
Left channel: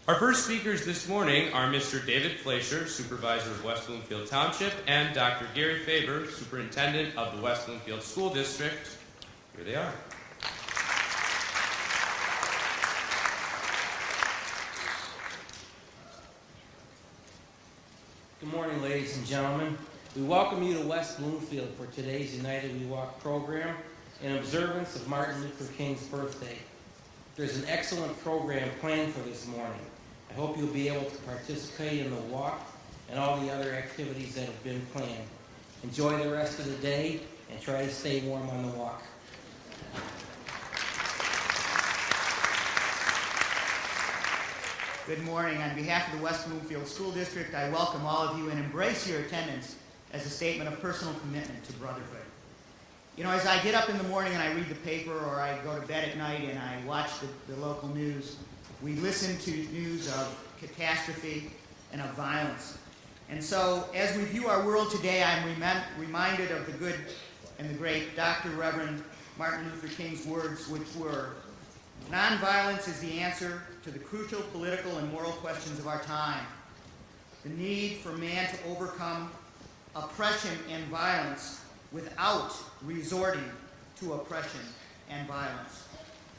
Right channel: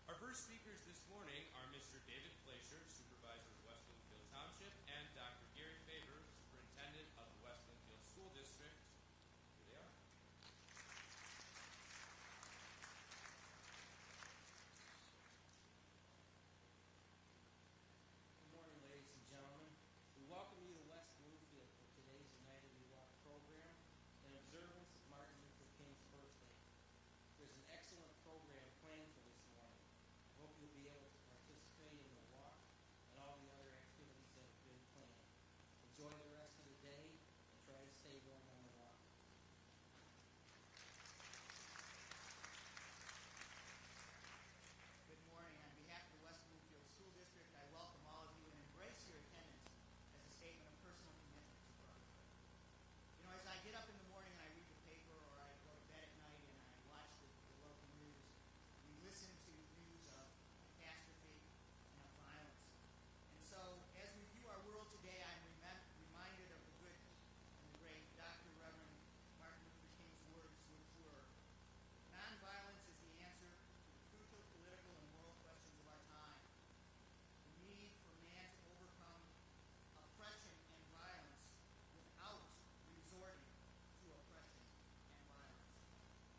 Our first speakers this morning are Mr. David Fleischer, Supervisor of West Bloomfield Township, and Dr. Gary Faber, Superintendent of the West Bloomfield School District. Here they are. Good morning, ladies and gentlemen. We welcome you to West Bloomfield for today's United We Walk program. in observance of Martin Luther King's birthday. There's an excellent program planned for this morning. I hope you'll be able to participate in the walk and all the other activities that have been planned. Enjoy the rest of the day and try to stay warm on the walk. Good morning. On behalf of the West Bloomfield School District, I welcome all of you and embrace your attendance as a statement of personal commitment to brotherhood. You know, as I get up in the morning and I read the paper, or I go to bed at night and I watch the local news, we listen to news of catastrophe and of violence. And so, as we view our world today, I'm reminded of the good and the great Dr. Reverend Martin Luther King's words, which were, "Nonviolence is the answer to the crucial political and moral questions of our time. The need for man to overcome oppression and violence without resorting to oppression and violence.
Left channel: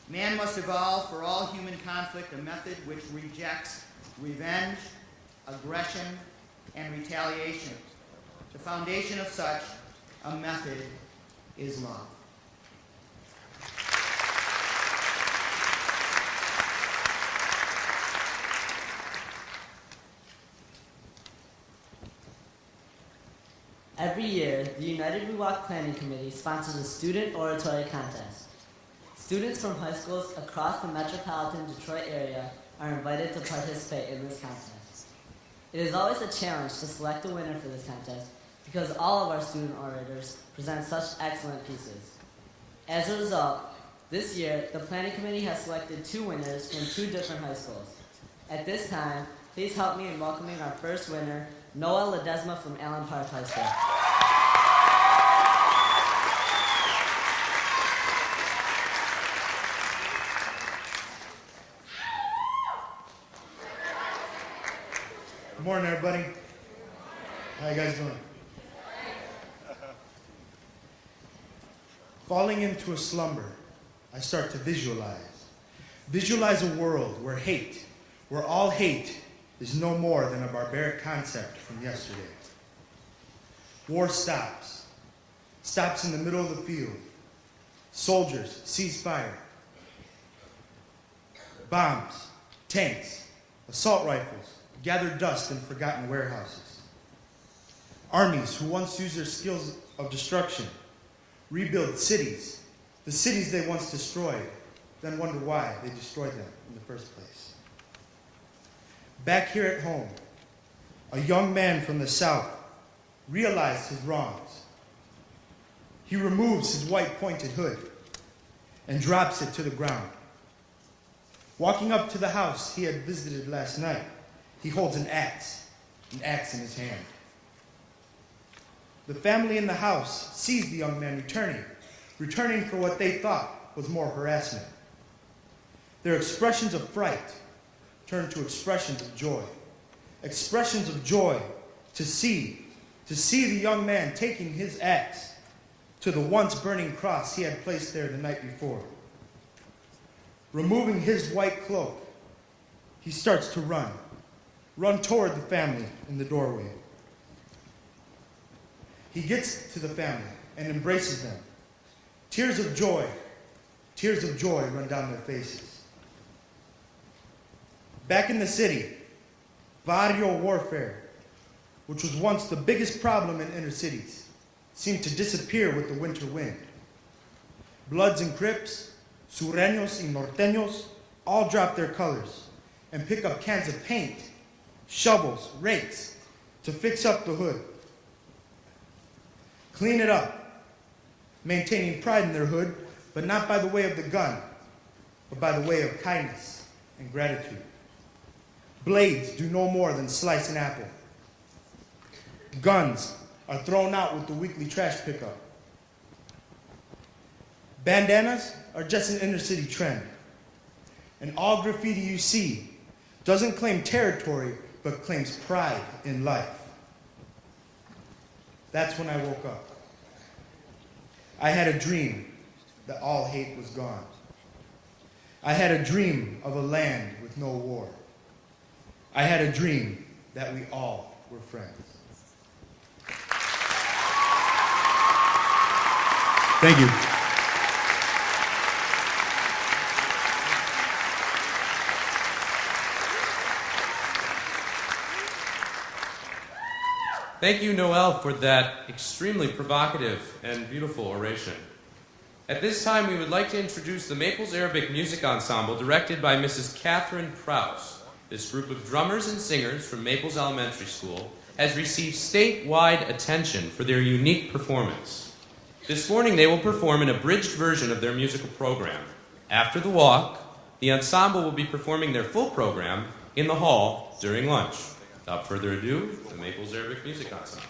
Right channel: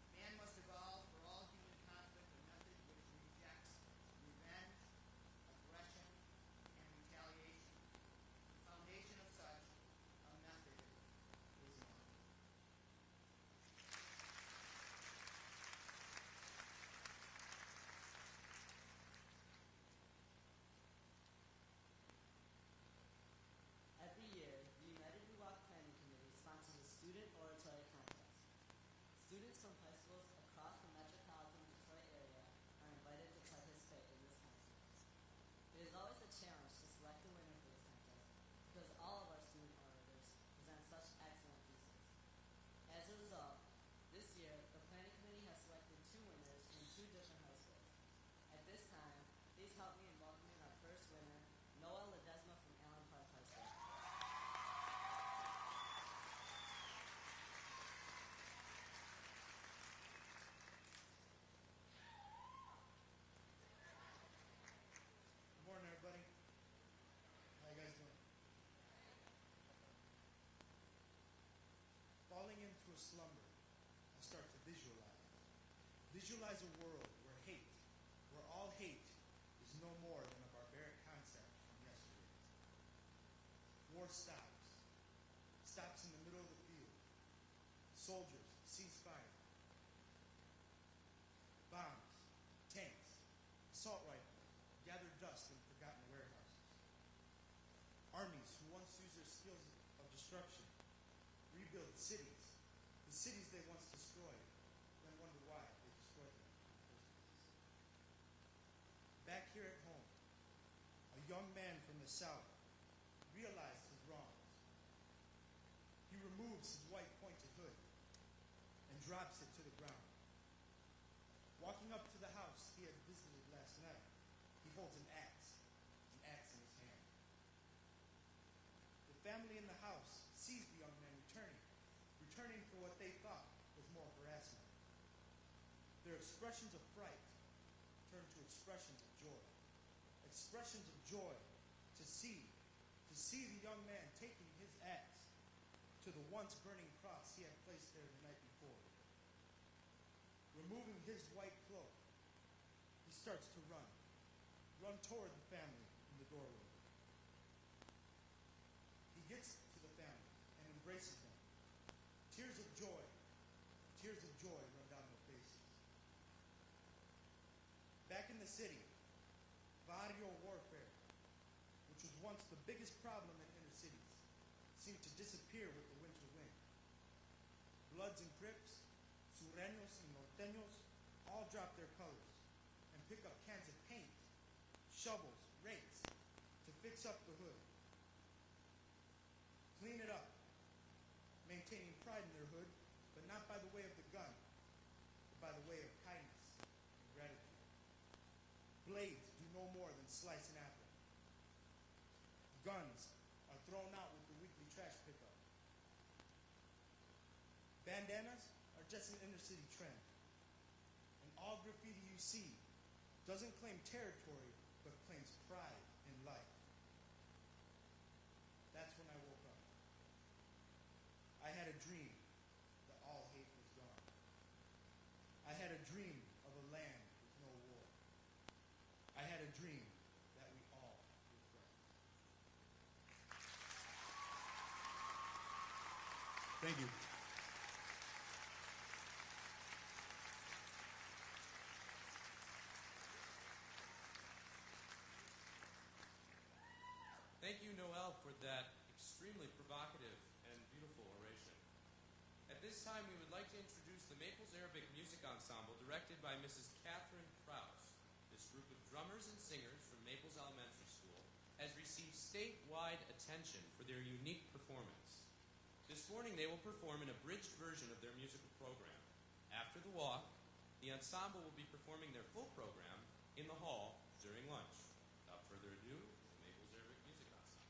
Man must evolve for all human conflict a method which rejects revenge, aggression, and retaliation. The foundation of such a method is love." Every year, the United We Walk Planning Committee sponsors a student oratory contest. Students from high schools across the metropolitan Detroit area are invited to participate in this contest. It is always a challenge to select a winner for this contest because all of our student orators present such excellent pieces. As a result, this year, the Planning Committee has selected 2 winners from 2 different high schools. At this time, please help me in welcoming our first winner, Noah Ledesma from Allen Park High School. Good morning, everybody. How you guys doing? Falling into a slumber, I start to visualize. Visualize a world where all hate is no more than a barbaric concept from yesterday. War stops in the middle of the field. Soldiers cease fire. Bombs, tanks, assault rifles gather dust in forgotten warehouses. Armies who once used their skills of destruction rebuild cities, the cities they once destroyed, then wonder why they destroyed them in the first place. Back here at home, a young man from the South realized his wrongs. He removes his white pointed hood and drops it to the ground. Walking up to the house he had visited last night, he holds an axe in his hand. The family in the house sees the young man returning for what they thought was more harassment. Their expressions of fright turn to expressions of joy. Expressions of joy to see the young man taking his axe to the once burning cross he had placed there the night before. Removing his white cloak, he starts to run toward the family in the doorway. He gets to the family and embraces them. Tears of joy run down their faces. Back in the city, barrio warfare, which was once the biggest problem in inner cities, seemed to disappear with the winter wind. Bloods and Crips, Sureños y Norteños all drop their colors and pick up cans of paint, shovels, rakes to fix up the hood. Clean it up, maintaining pride in their hood, but not by the way of the gun, but by the way of kindness and gratitude. Blades do no more than slice an apple. Guns are thrown out with the weekly trash pickup. Bandanas are just an inner city trend. And all graffiti you see doesn't claim territory, but claims pride in life. That's when I woke up. I had a dream that all hate was gone. I had a dream of a land with no war. I had a dream that we all were friends. Thank you. Thank you, Noel, for that extremely provocative and beautiful oration. At this time, we would like to introduce the Maples Arabic Music Ensemble, directed by Mrs. Catherine Prowse. This group of drummers and singers from Maples Elementary School has received statewide attention for their unique performance. This morning, they will perform an abridged version of their musical program. After the walk, the ensemble will be performing their full program in the hall during lunch. Without further ado, the Maples Arabic Music Ensemble.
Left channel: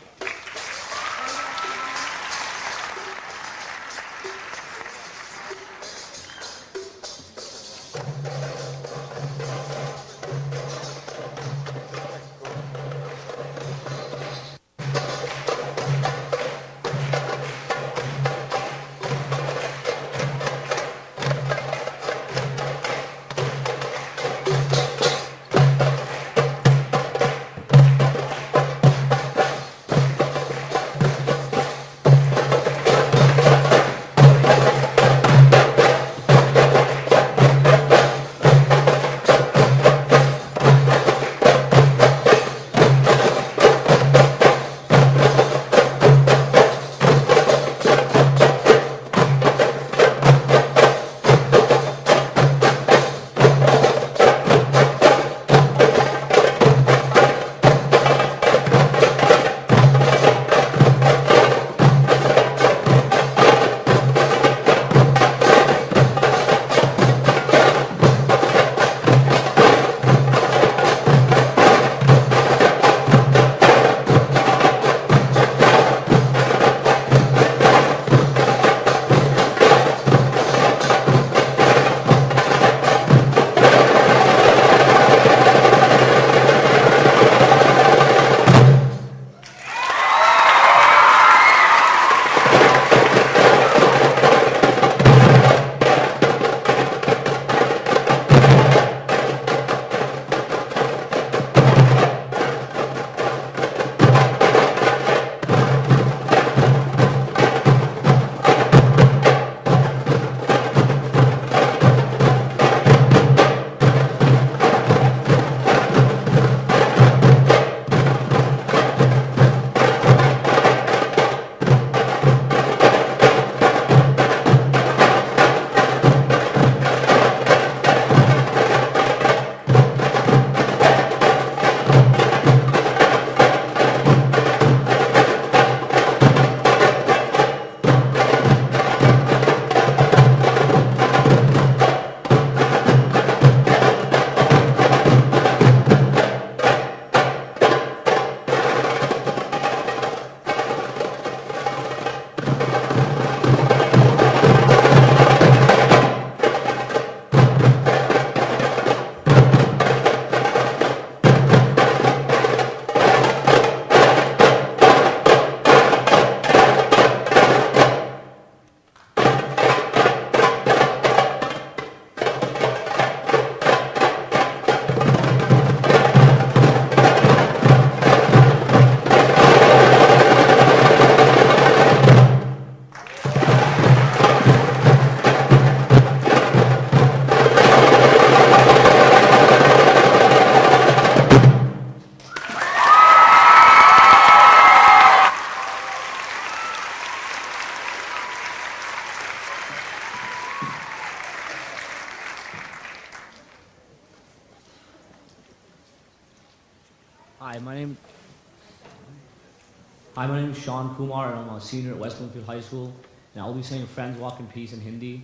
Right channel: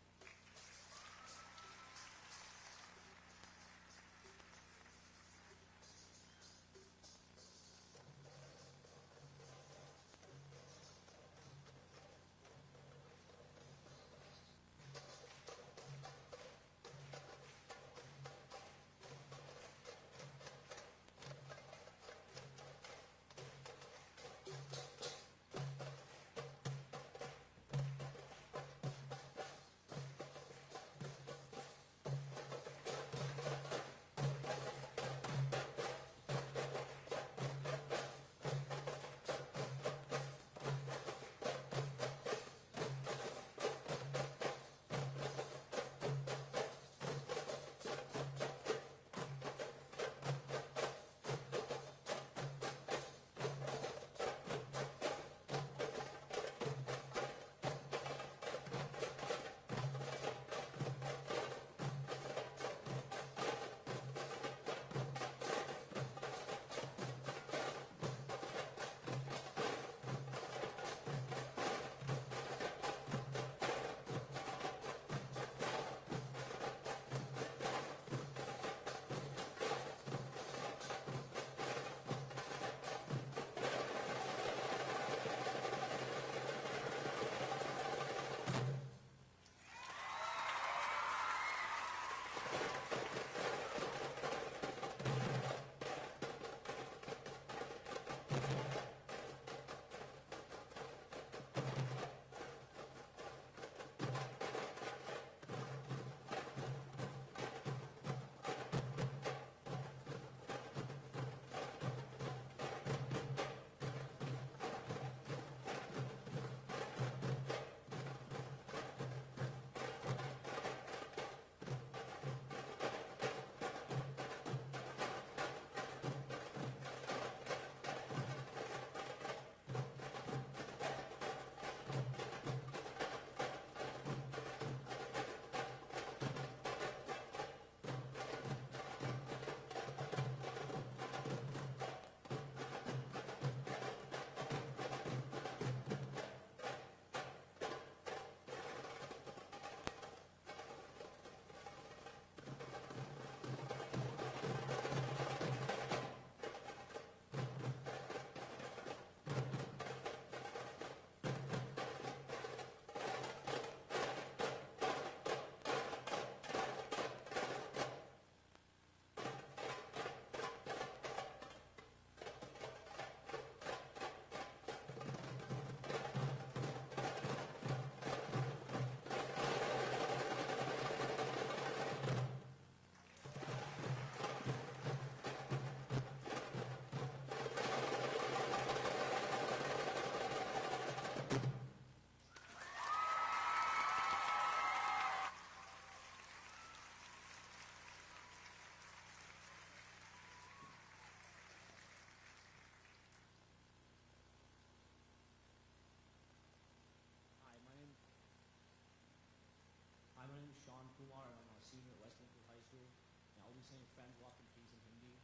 Hi, my name is Sean Kumar, and I'm a senior at West Bloomfield High School, and I'll be saying "Friends Walk in Peace" in Hindi.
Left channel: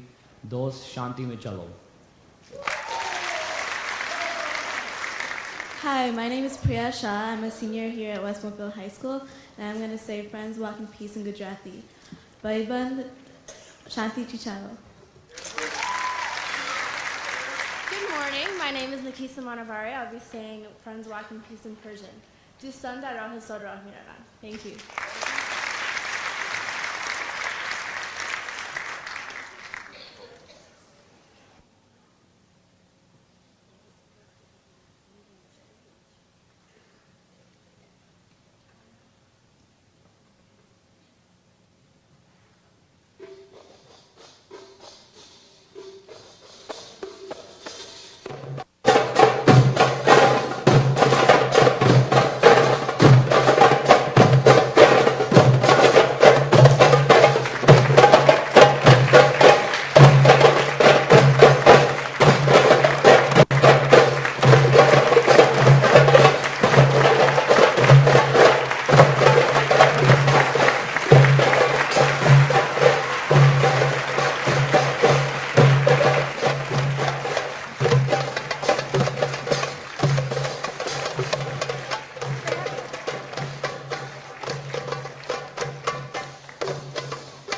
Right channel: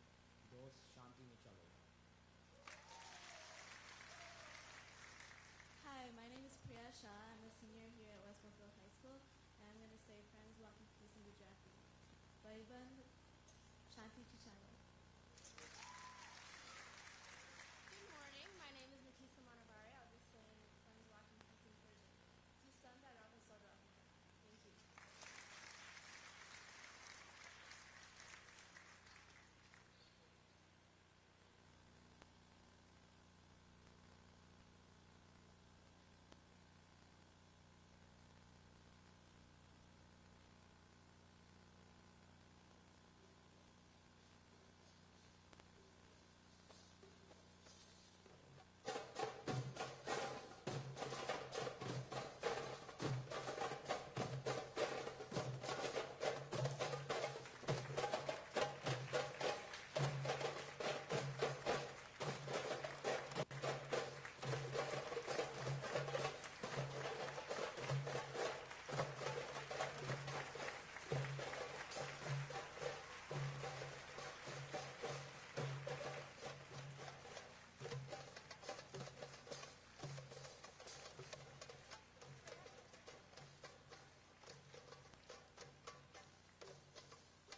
Dost Shanti mein chalo. Hi, my name is Priya Shah. I'm a senior here at West Bloomfield High School, and I'm going to say "Friends Walk in Peace" in Gujarati. Bhaiband Shanti Chichalo. Good morning. My name is Nikisa Manavari. I'll be saying "Friends Walk in Peace" in Persian. Dustan dar rah sod rah miravan. Thank you.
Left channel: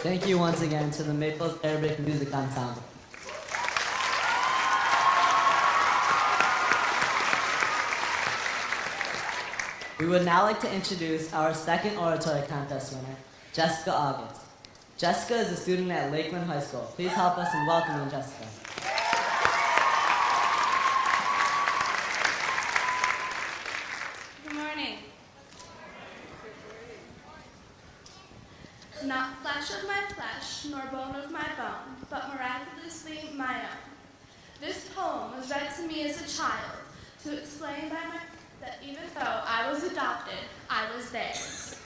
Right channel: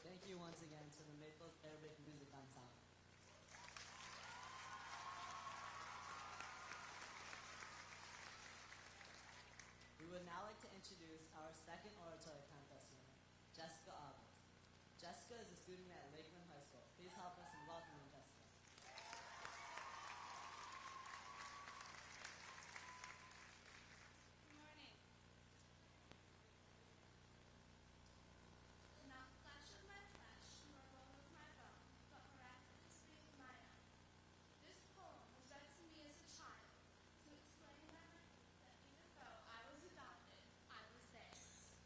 Thank you once again to the Maples Arabic Music Ensemble. We would now like to introduce our second oratory contest winner, Jessica August. Jessica is a student at Lakeland High School. Please help us in welcoming Jessica. Good morning. Not flesh of my flesh, nor bone of my bone, but miraculously my own. This poem was read to me as a child to explain that even though I was adopted, I was theirs.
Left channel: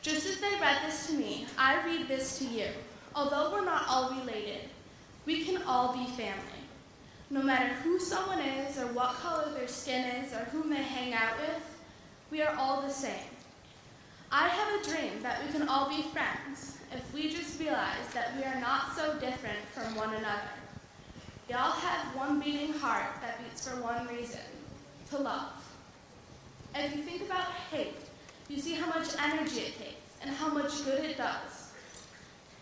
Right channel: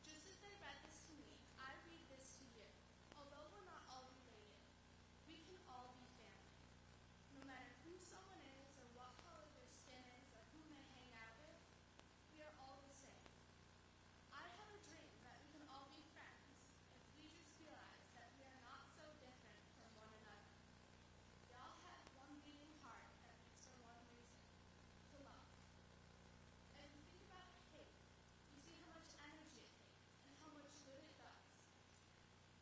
Just as they read this to me, I read this to you. Although we're not all related, we can all be family. No matter who someone is, or what color their skin is, or whom they hang out with, we are all the same. I have a dream that we can all be friends if we just realize that we are not so different from one another. We all have one beating heart that beats for one reason, to love. If you think about hate, you see how much energy it takes and how much good it does.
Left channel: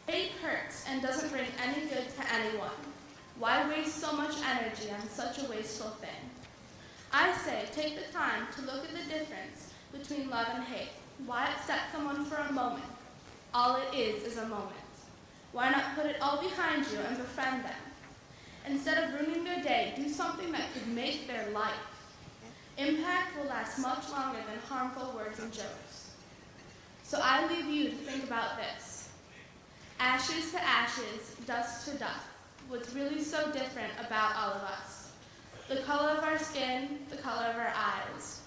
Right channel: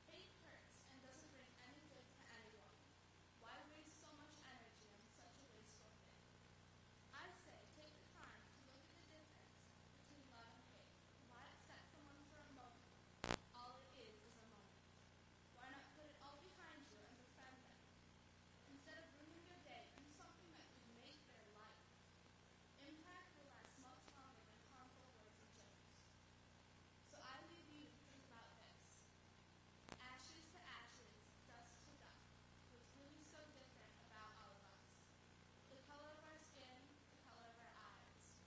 Hate hurts and doesn't bring any good to anyone. Why waste so much energy on such a wasteful thing? I say take the time to look at the difference between love and hate. Why upset someone for a moment? All it is a moment. Why not put it all behind you and befriend them? Instead of ruining their day, do something that could make their life. Impact will last much longer than harmful words and jokes. So I leave you to think about this. Ashes to ashes, dust to dust. What's really so different about all of us? The color of our skin, the color of our eyes.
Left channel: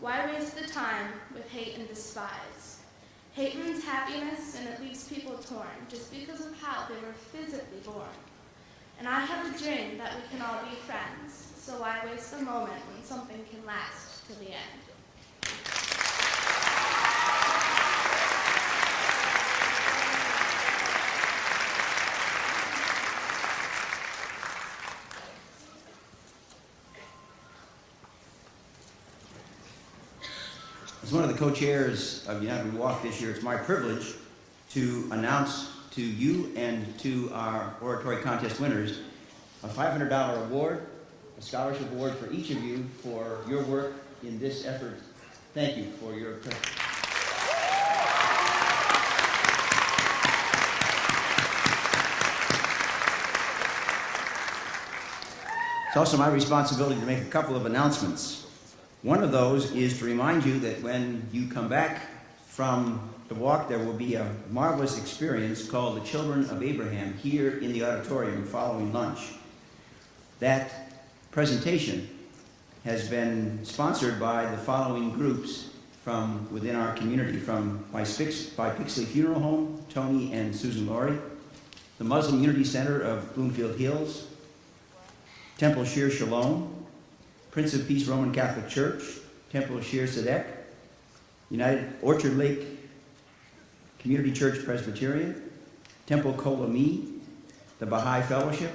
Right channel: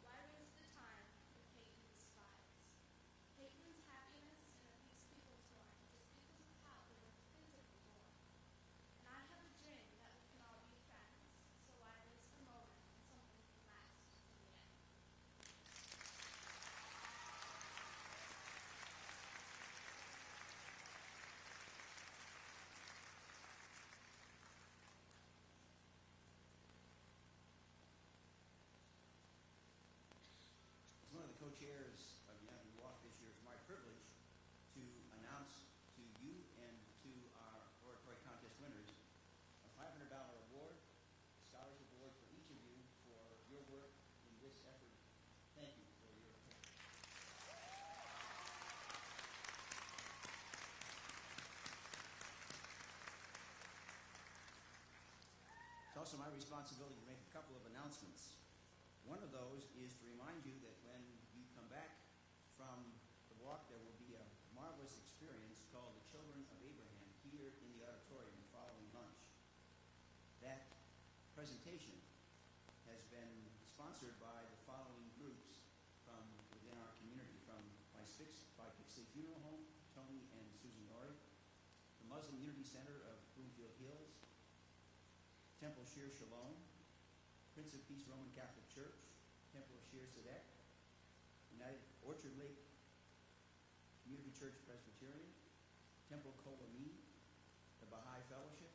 Why waste the time with hate and despise? Hate ruins happiness and it leaves people torn just because of how they were physically born. And I have a dream that we can all be friends, so why waste a moment when something can last to the end? As one of the co-chairs of United We Walk this year, it's my privilege to announce to you and to our oratory contest winners a $500 award, a scholarship award for each of you for your work in this effort. Thank you for your presence. It's also my responsibility to make a couple of announcements. One of those is to remind you that when you come back from the walk, there will be a marvelous experience called the Children of Abraham here in the auditorium following lunch. That presentation has been sponsored by the following groups from within our community, from by Pixley Funeral Home, Tony and Susan Laurie, the Muslim Unity Center of Bloomfield Hills, Temple Shir Shalom, Prince of Peace Roman Catholic Church, Temple Shir Sadek, United Orchard Lake Community Church Presbyterian, Temple Kolami, the Baha'i Fellowship,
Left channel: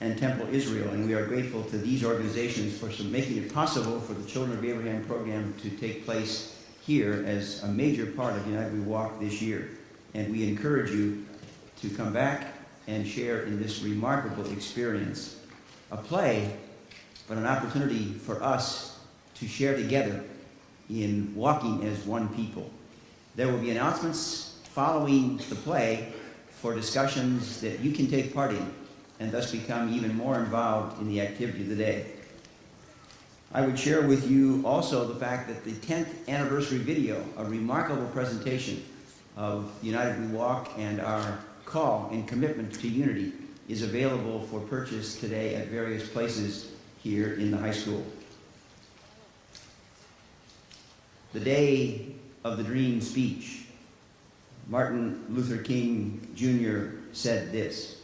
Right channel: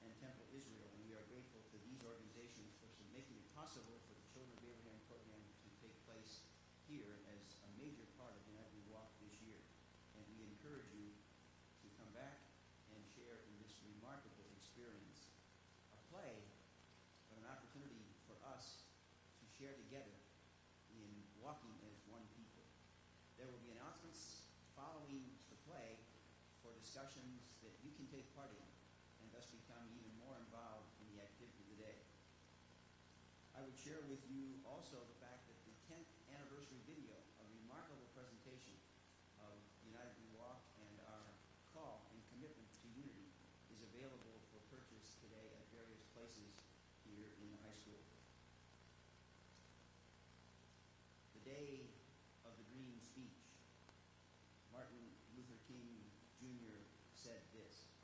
and Temple Israel. And we are grateful to these organizations for making it possible for the Children of Abraham program to take place here as a major part of United We Walk this year. And we encourage you to come back and share in this remarkable experience. A play, but an opportunity for us to share together in walking as one people. There will be announcements following the play for discussions that you can take part in and thus become even more involved in the activity of the day. I would share with you also the fact that the 10th anniversary video, a remarkable presentation of United We Walk and our call and commitment to unity, is available for purchase today at various places here in the high school. The day of the Dream speech, Martin Luther King Jr. said this:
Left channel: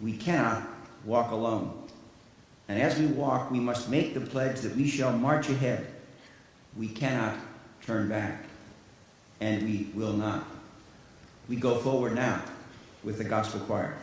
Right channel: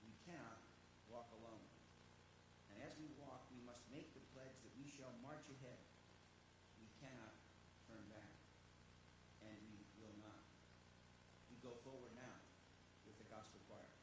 "We cannot walk alone. And as we walk, we must make the pledge that we shall march ahead. We cannot turn back, and we will not." We go forward now with the gospel choir.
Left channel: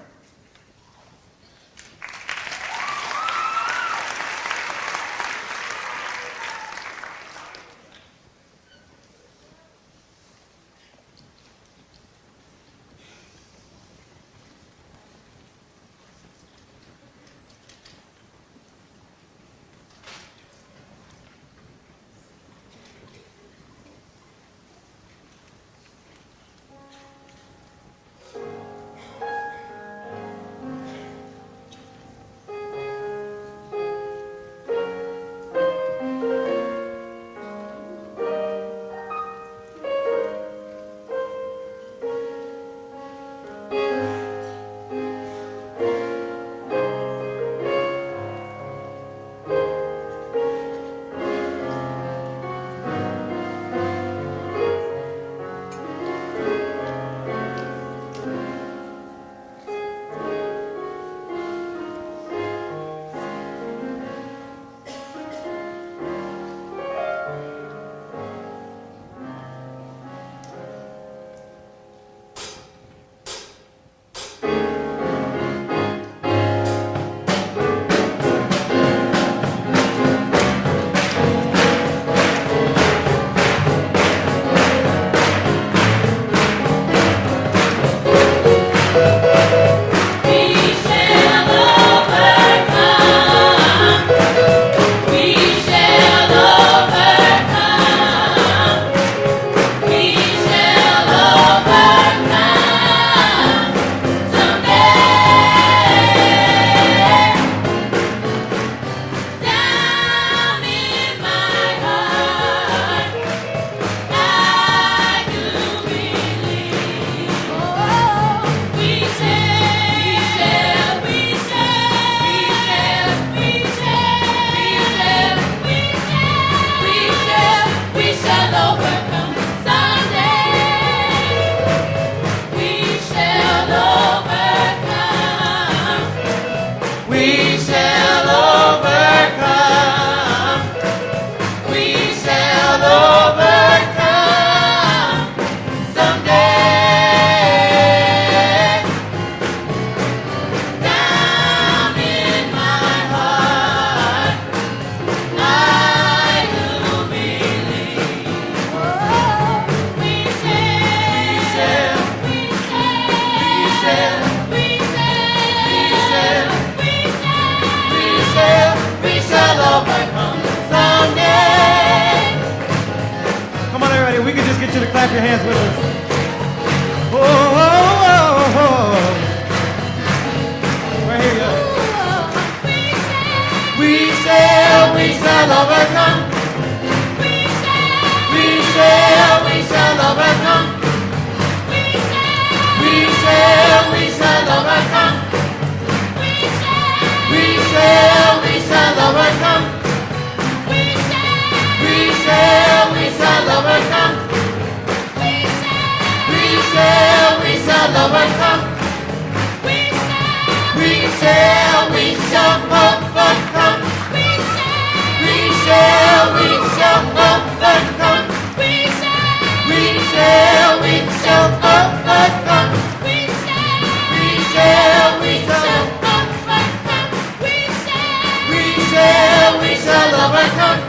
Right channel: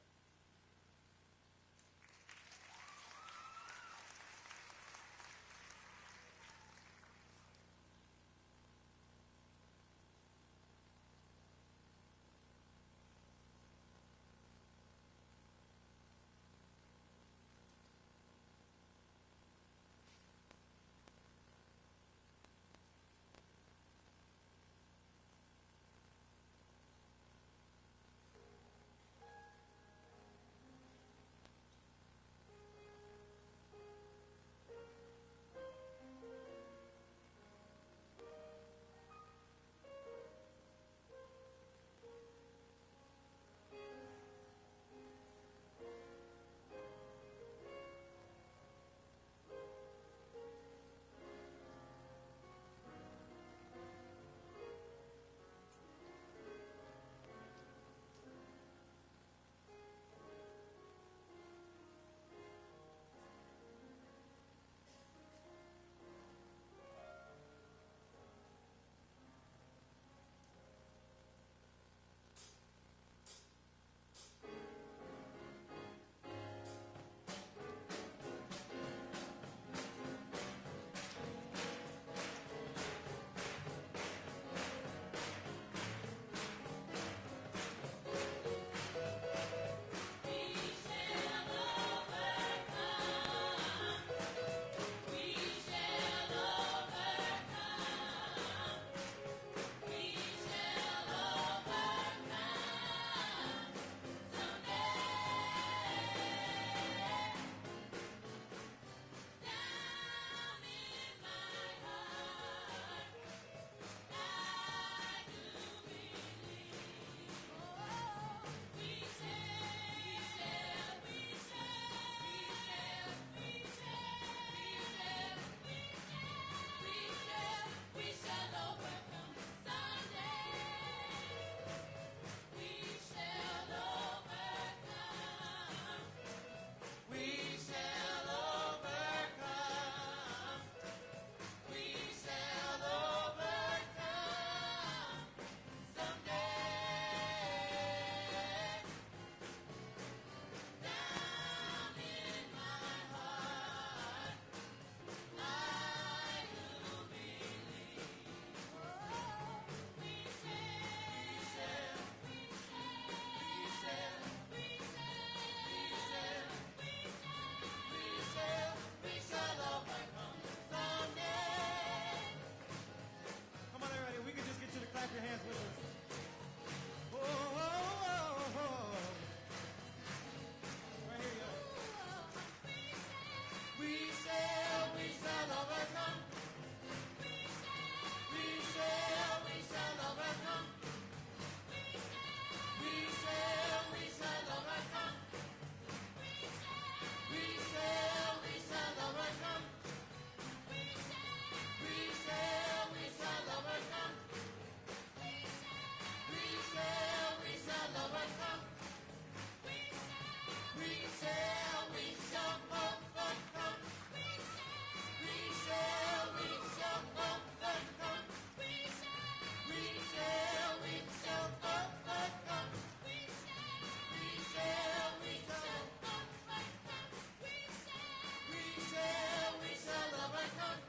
dance with us. Oh, oh, oh, oh. Right here, guys. We shall overcome. We shall overcome. We shall overcome. We shall overcome. We shall overcome. We shall overcome. We shall overcome. We shall overcome. We shall overcome. We shall overcome.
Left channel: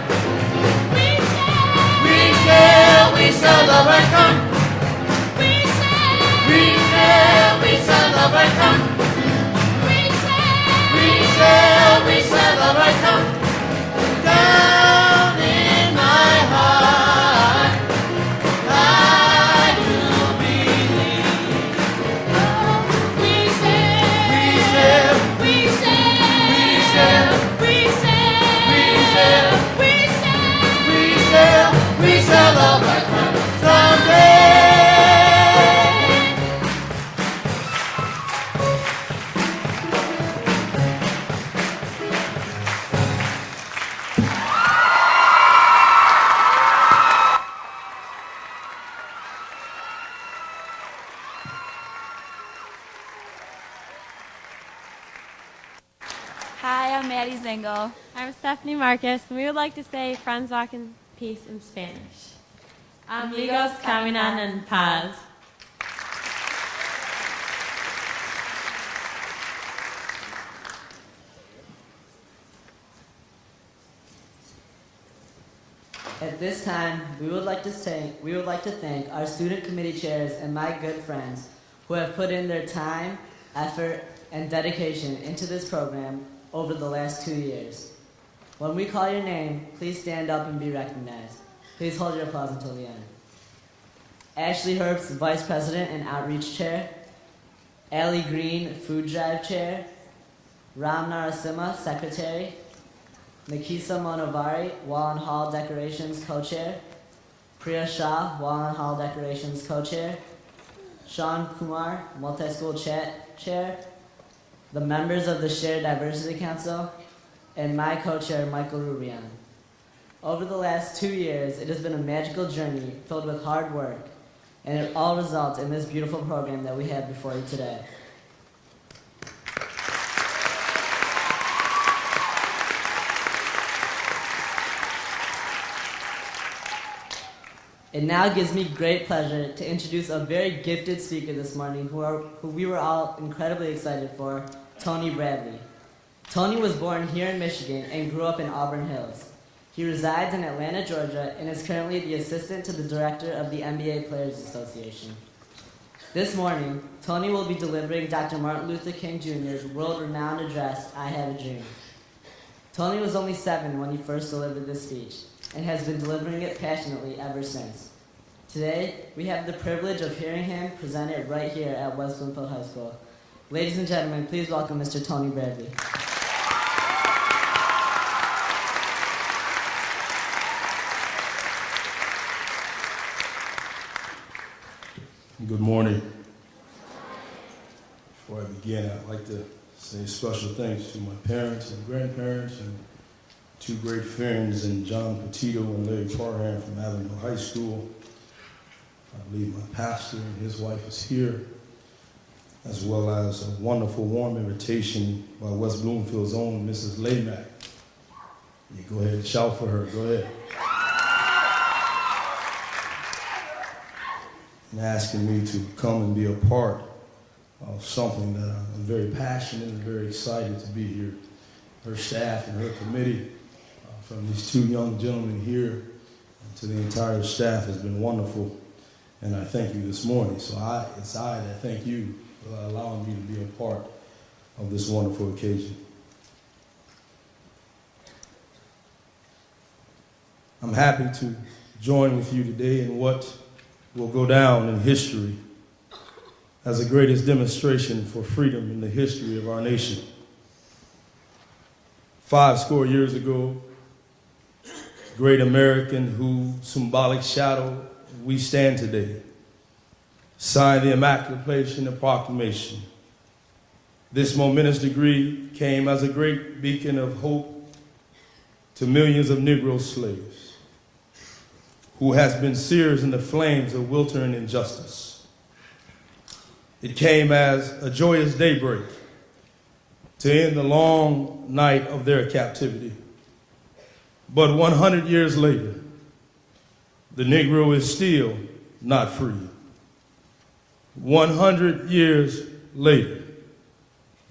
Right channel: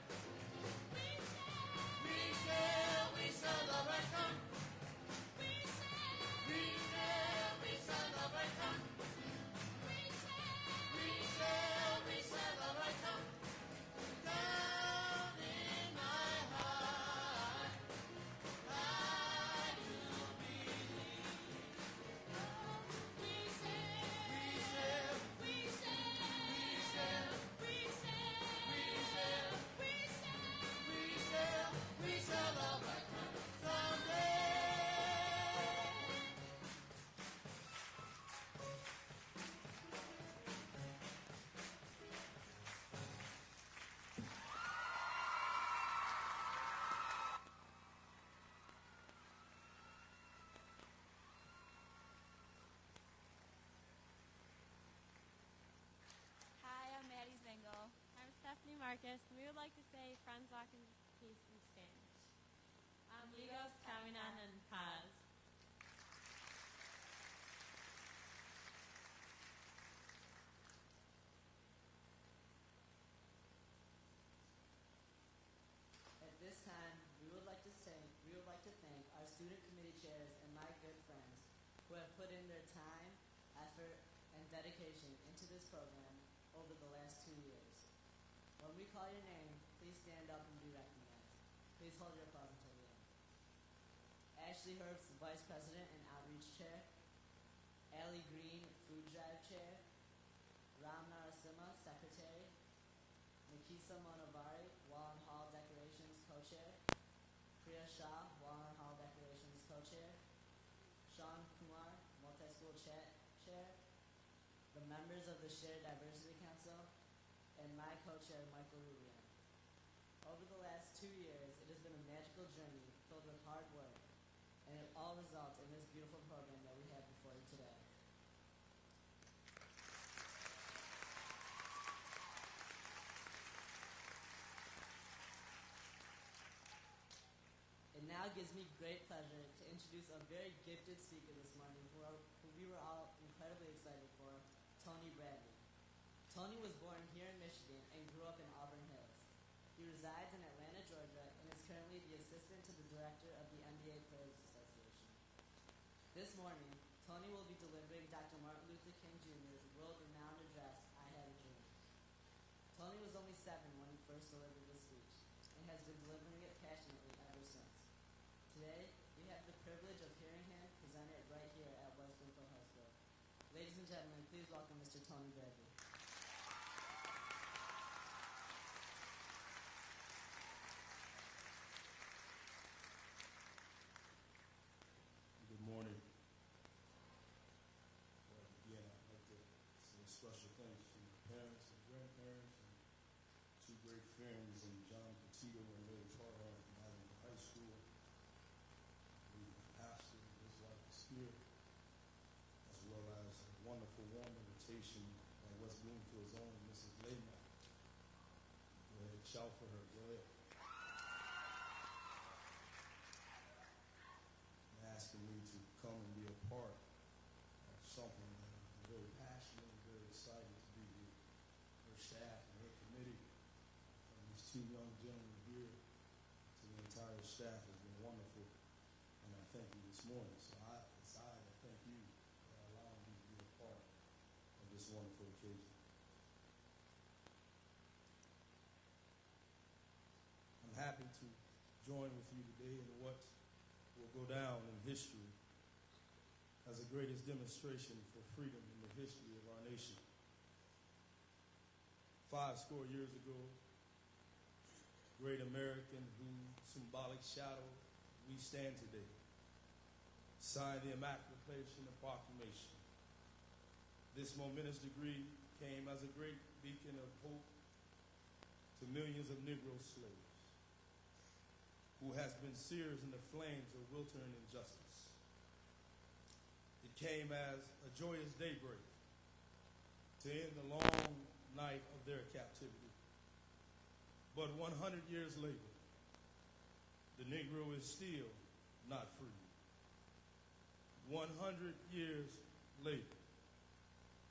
We shall overcome. We shall overcome. We shall overcome. Down in my heart, I do believe. We shall overcome someday. Hi, I'm Maddie Zingle. I'm Stephanie Marcus, and we would like to say Friends Walk in Peace in Spanish. Amigos caminan en paz. At this time, we would like to thank our student committee chairs and my good friends who have put in their time, effort, and dedication into this program over the last 2 years. When we call your name, please stand up and be recognized. Please hold your applause until the end. Ashley Herbst, Vice President and Outreach Chair. Allie Green, Food Drive Chair. Ram Narasimha, Secretary. Nikisa Monovari, Wall and Hall Decorations Co-Chair. Priya Shah, Wall and Hall Decorations Co-Chair. Sean Kumar, Multi-School Chair. The members of the Shared Diversity Council, and my co-chair, Michael Rubyan. Over the last 2 years, it has been a magical journey filled with hard work, and it all results in this beautiful program that we have before you today. It now gives me great pleasure to introduce a very gifted speaker this morning who we were all incredibly excited for, Tony Bradley. Tony was born here in Michigan and grew up in Auburn Hills. He resides in Atlanta, Georgia, and is currently the assistant to the director of the NBA Players Association. This morning, Tony will be delivering Dr. Martin Luther King Jr.'s world-renowned address, I Have a Dream. Tony was only 7 when he first delivered this speech, and has been delivering it passionately ever since. Today, we have the privilege of hearing him present it right here at West Bloomfield High School. Ladies and gentlemen, please welcome Mr. Tony Bradley. Good morning. Before I begin, I'd like to say special thanks to my parents and grandparents and 2 great friends, and John Petito and Larry Farham from Avenue High School. I believe my pastor and his wife is here, as well as a wonderful warm invitation by West Bloomfield's own Mrs. Laymack. You go ahead and shout for her, go ahead. And asking me to come and be a part of something that I'm very passionate and very excited to be here. Her staff and her committee, from these 2 young gentlemen here to the entire staff has been wonderful, and I thank you this morning. So it's I that thank you for allowing me to be a part of this wonderful occasion. I'm happy to join with you today in what will go down in history as the greatest demonstration for freedom in the history of our nation. 50 years ago, great American whose symbolic shadow we stand today, signed the Emancipation Proclamation. This momentous decree came as a great beacon of hope to millions of Negro slaves who has been seared in the flames of weltering injustice. It came as a joyous daybreak to end the long night of their captivity. But 100 years later, the Negro is still not free. 100 years later,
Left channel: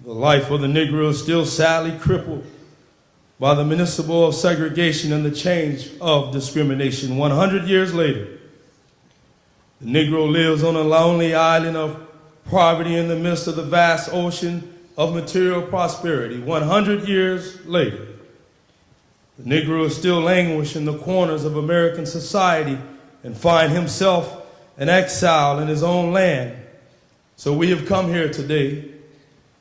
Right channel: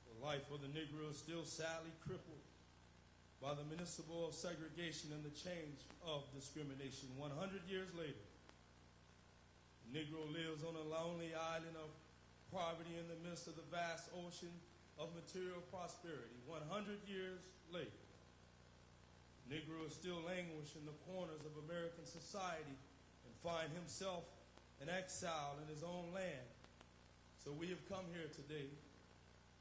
the life of the Negro is still sadly crippled by the municipal of segregation and the change of discrimination. 100 years later, the Negro lives on a lonely island of poverty in the midst of the vast ocean of material prosperity. 100 years later, the Negro is still languishing in the corners of American society and find himself an exile in his own land. So we have come here today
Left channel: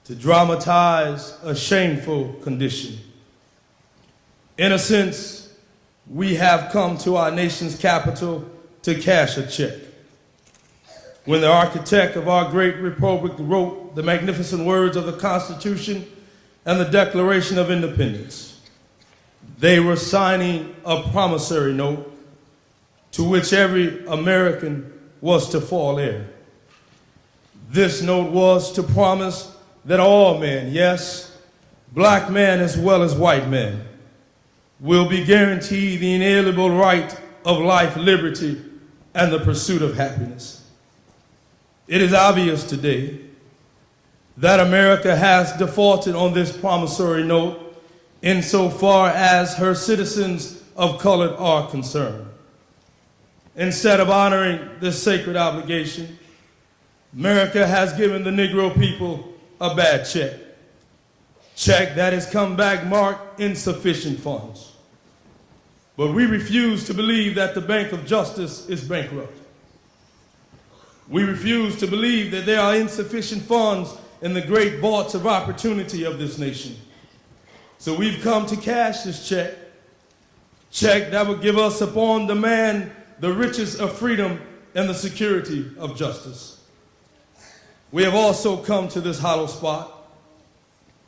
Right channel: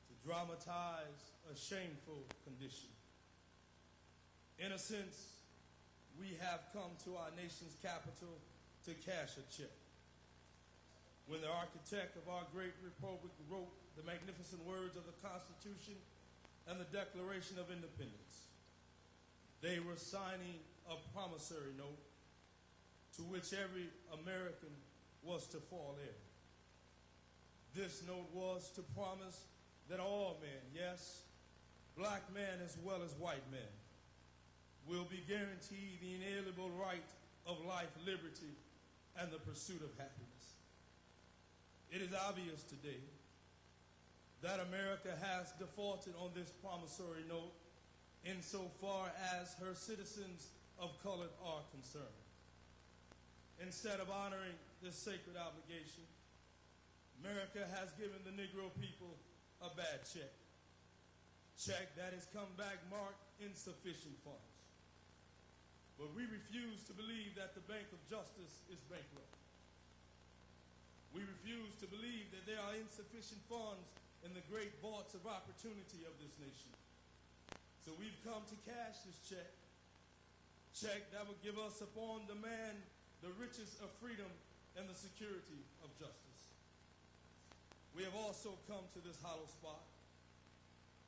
to dramatize a shameful condition. In a sense, we have come to our nation's capital to cash a check. When the architect of our great republic wrote the magnificent words of the Constitution and the Declaration of Independence, they were signing a promissory note to which every American was to fall heir. This note was to promise that all men, yes, black men as well as white men, will be guaranteed the inalienable right of life, liberty, and the pursuit of happiness. It is obvious today that America has defaulted on this promissory note insofar as her citizens of color are concerned. Instead of honoring this sacred obligation, America has given the Negro people a bad check that has come back marked insufficient funds. But we refuse to believe that the Bank of Justice is bankrupt. We refuse to believe that there are insufficient funds in the great vaults of opportunity of this nation. So we've come to cash this check that will give us upon demand the riches of freedom and the security of justice. We have also come to this hollow spot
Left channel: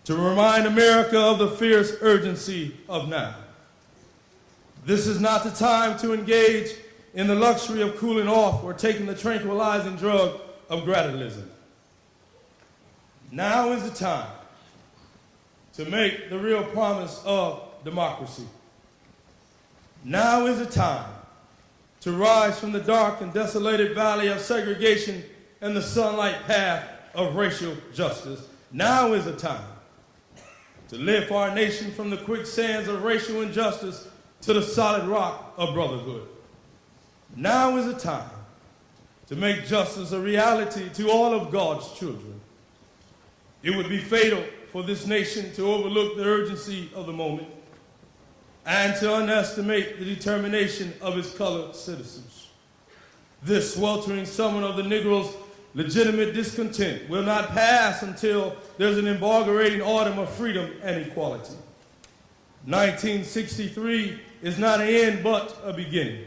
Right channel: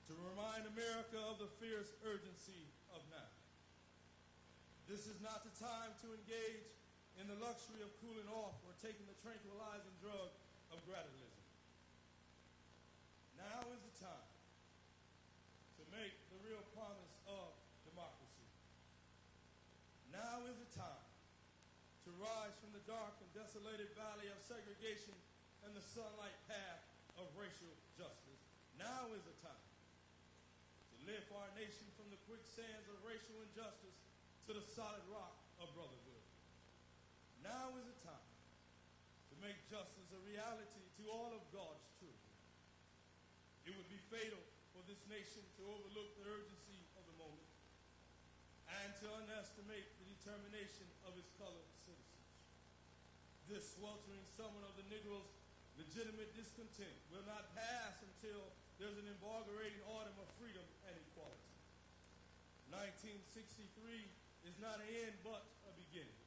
to remind America of the fierce urgency of now. This is not the time to engage in the luxury of cooling off or taking the tranquilizing drug of gradualism. Now is the time to make the real promise of democracy. Now is the time to rise from the dark and desolated valley of segregation and the sunlight path of racial justice. Now is the time to lift our nation from the quicksands of racial injustice to the solid rock of brotherhood. Now is the time to make justice a reality to all of God's children. It would be fatal for this nation to overlook the urgency of the moment and to underestimate the determination of its colored citizens. This sweltering summer of the Negro's legitimate discontent will not pass until there's an invigorating autumn of freedom and equality. 1963 is not an end but a beginning.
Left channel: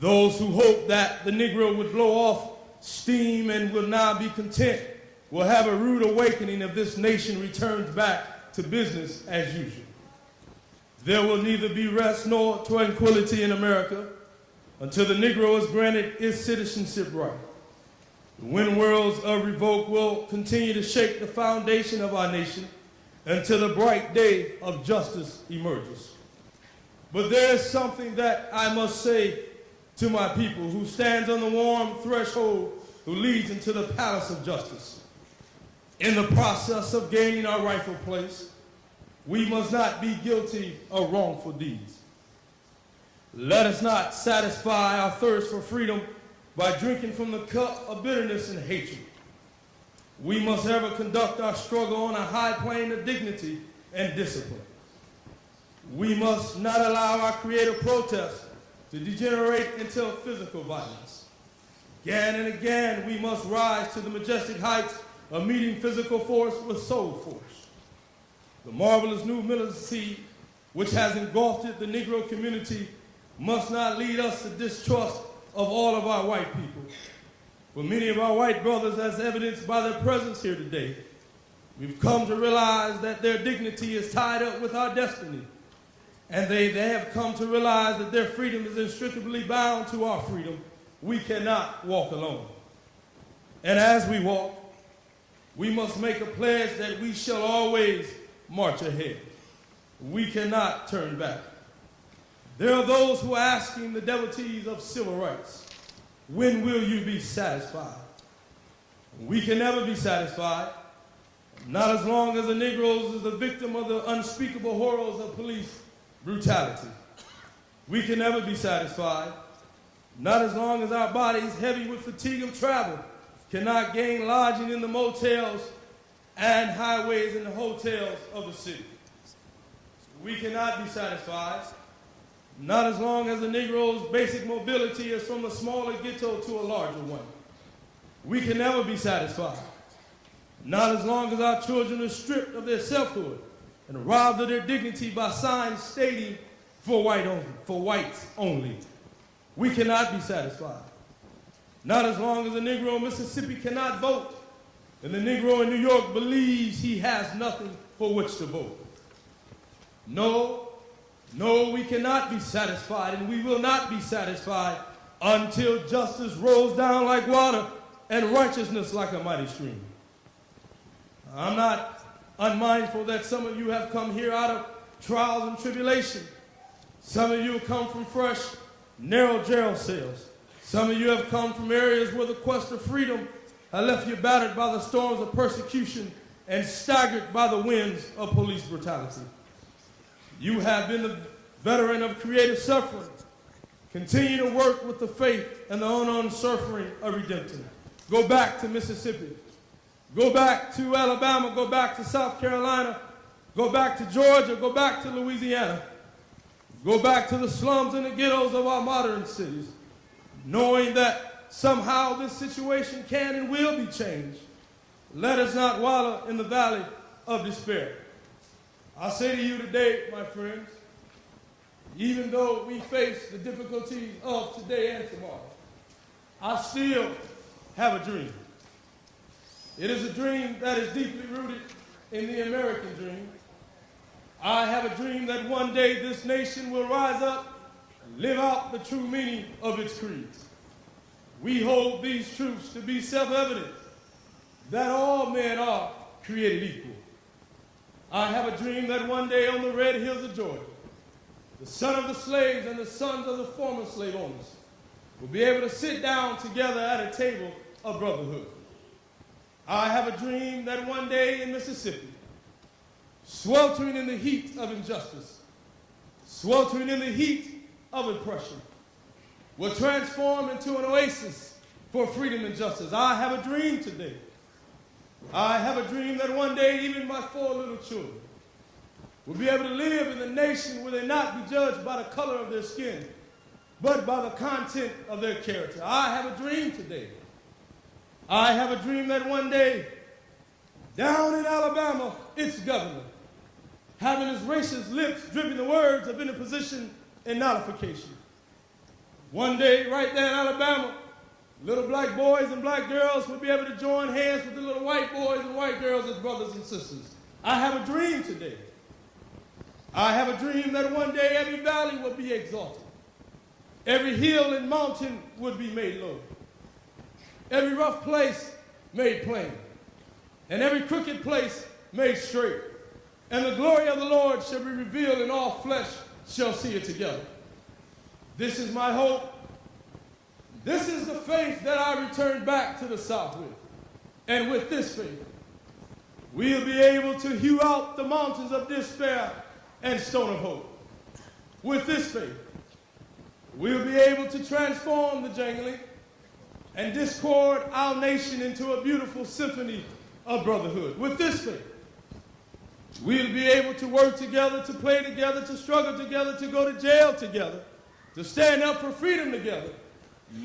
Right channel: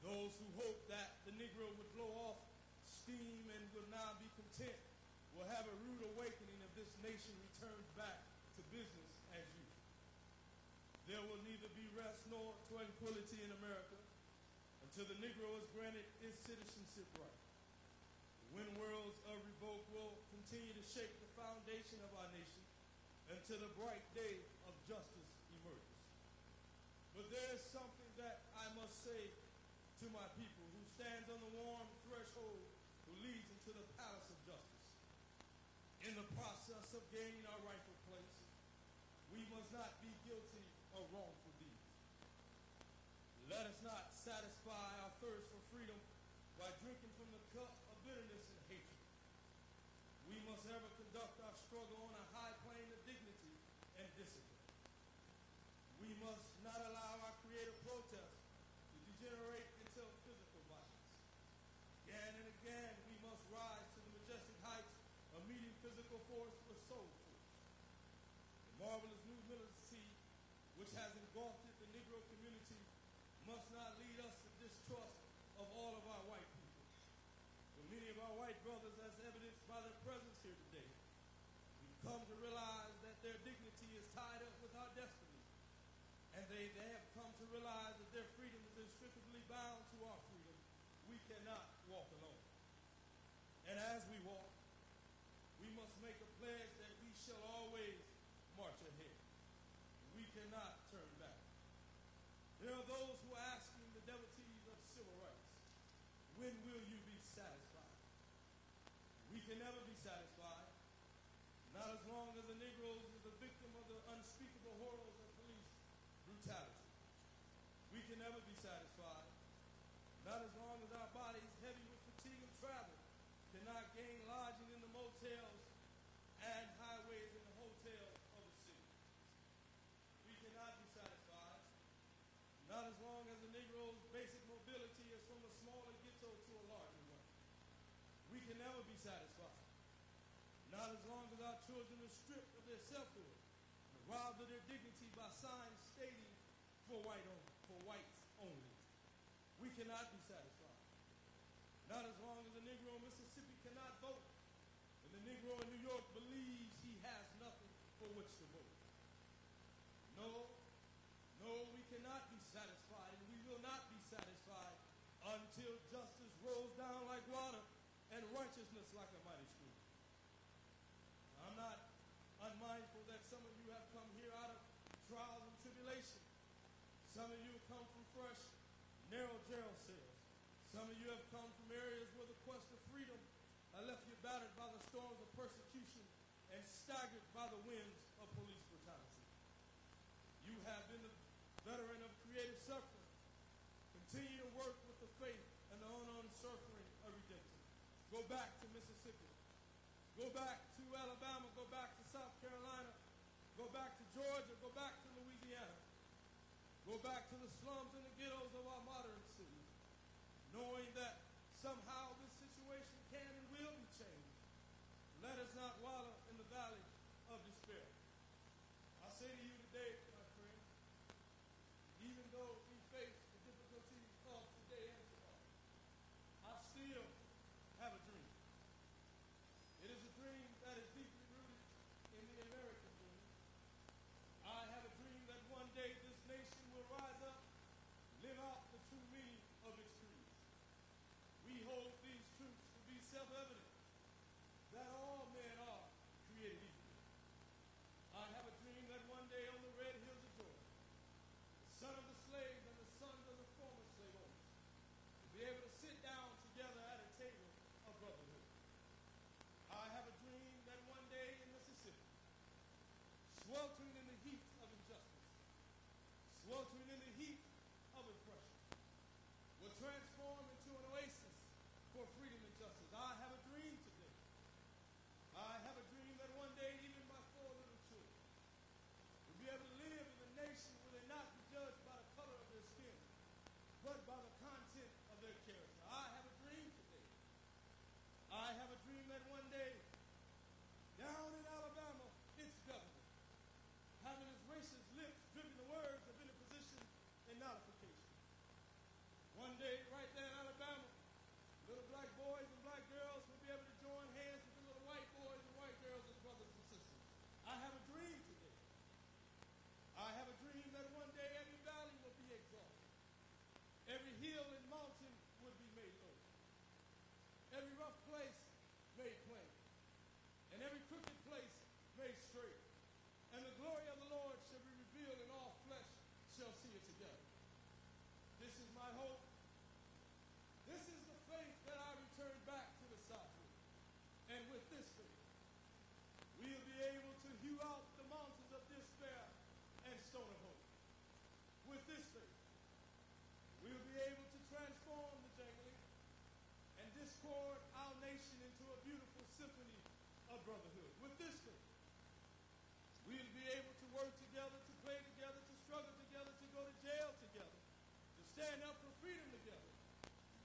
Those who hope that the Negro would blow off steam and will now be content will have a rude awakening if this nation returns back to business as usual. There will neither be rest nor tranquility in America until the Negro is granted its citizenship right. The wind whirls of revolt will continue to shake the foundation of our nation until the bright day of justice emerges. But there is something that I must say to my people who stands on the warm threshold who leads into the palace of justice. In the process of gaining our rightful place, we must not be guilty of wrongful deeds. Let us not satisfy our thirst for freedom by drinking from the cup of bitterness and hatred. We must ever conduct our struggle on a high plane of dignity and discipline. We must not allow our creative protest to degenerate into physical violence. Again and again, we must rise to the majestic heights of meeting physical force with soul force. The marvelous new militancy which has engulfed the Negro community must not lead us to distrust of all of our white people. For many of our white brothers, as evidenced by their presence here today, we've come to realize that their dignity is tied up with our destiny. And they have come to realize that their freedom is inextricably bound to our freedom. We cannot walk alone. And as we walk, we must make a pledge that we shall always march ahead. We cannot turn back. There are those who are asking the devotees of civil rights, when will you be satisfied? We can never be satisfied, not as long as the Negroes is the victim of the unspeakable horrors of police brutality. We can never be satisfied, not as long as our bodies, heavy with fatigue of travel, cannot gain lodging in the motels and highways and the hotels of the city. We cannot be satisfied, not as long as the Negro's basic mobility is from a smaller ghetto to a larger one. We can never be satisfied, not as long as our children are stripped of their selfhood and robbed of their dignity by signs stating for whites only. We cannot be satisfied, not as long as the Negro in Mississippi cannot vote and the Negro in New York believes he has nothing for which to vote. No, we cannot be satisfied, and we will not be satisfied until justice rolls down like water and righteousness like a mighty stream. I'm not unmindful that some of you have come here out of trials and tribulation. Some of you have come from fresh, narrow jail cells. Some of you have come from areas where the quest of freedom has left you battered by the storms of persecution and staggered by the winds of police brutality. You have been the veteran of creative suffering. Continue to work with the faith and the unknown suffering of redemption. Go back to Mississippi. Go back to Alabama. Go back to South Carolina. Go back to Georgia. Go back to Louisiana. Go back to the slums and the ghettos of our modern cities, knowing that somehow this situation can and will be changed. Let us not wallow in the valley of despair. I say to you today, my friends, even though we face the difficulties of today and tomorrow, I still have a dream. It is a dream that is deeply rooted in the American dream. I have a dream that one day this nation will rise up and live out the true meaning of its creeds. We hold these truths to be self-evident, that all men are created equal. I have a dream that one day on the red hills of Georgia, the son of the slaves and the sons of the former slave owners will be able to sit down together at a table of brotherhood. I have a dream that one day in Mississippi, sweltering in the heat of injustice, sweltering in the heat of oppression, will transform into an oasis for freedom and justice. I have a dream today. I have a dream that one day even my 4 little children will be able to live in a nation where they not be judged by the color of their skin, but by the content of their character. I have a dream today. I have a dream that one day, down in Alabama, its governor, having his racist lips dripping the words of interposition and nullification. One day, right there in Alabama, little black boys and black girls will be able to join hands with the little white boys and white girls as brothers and sisters. I have a dream today. I have a dream that one day every valley will be exalted. Every hill and mountain would be made low. Every rough place made plain. And every crooked place made straight. And the glory of the Lord shall be revealed, and all flesh shall see it together. This is my hope. This is the faith that I return back to the South with. And with this faith, we'll be able to hew out the mountains of despair and stone of hope. With this faith, we'll be able to transform the jangling and discord our nation into a beautiful symphony of brotherhood. With this faith, we'll be able to work together, to play together, to struggle together, to go to jail together, to stand up for freedom together,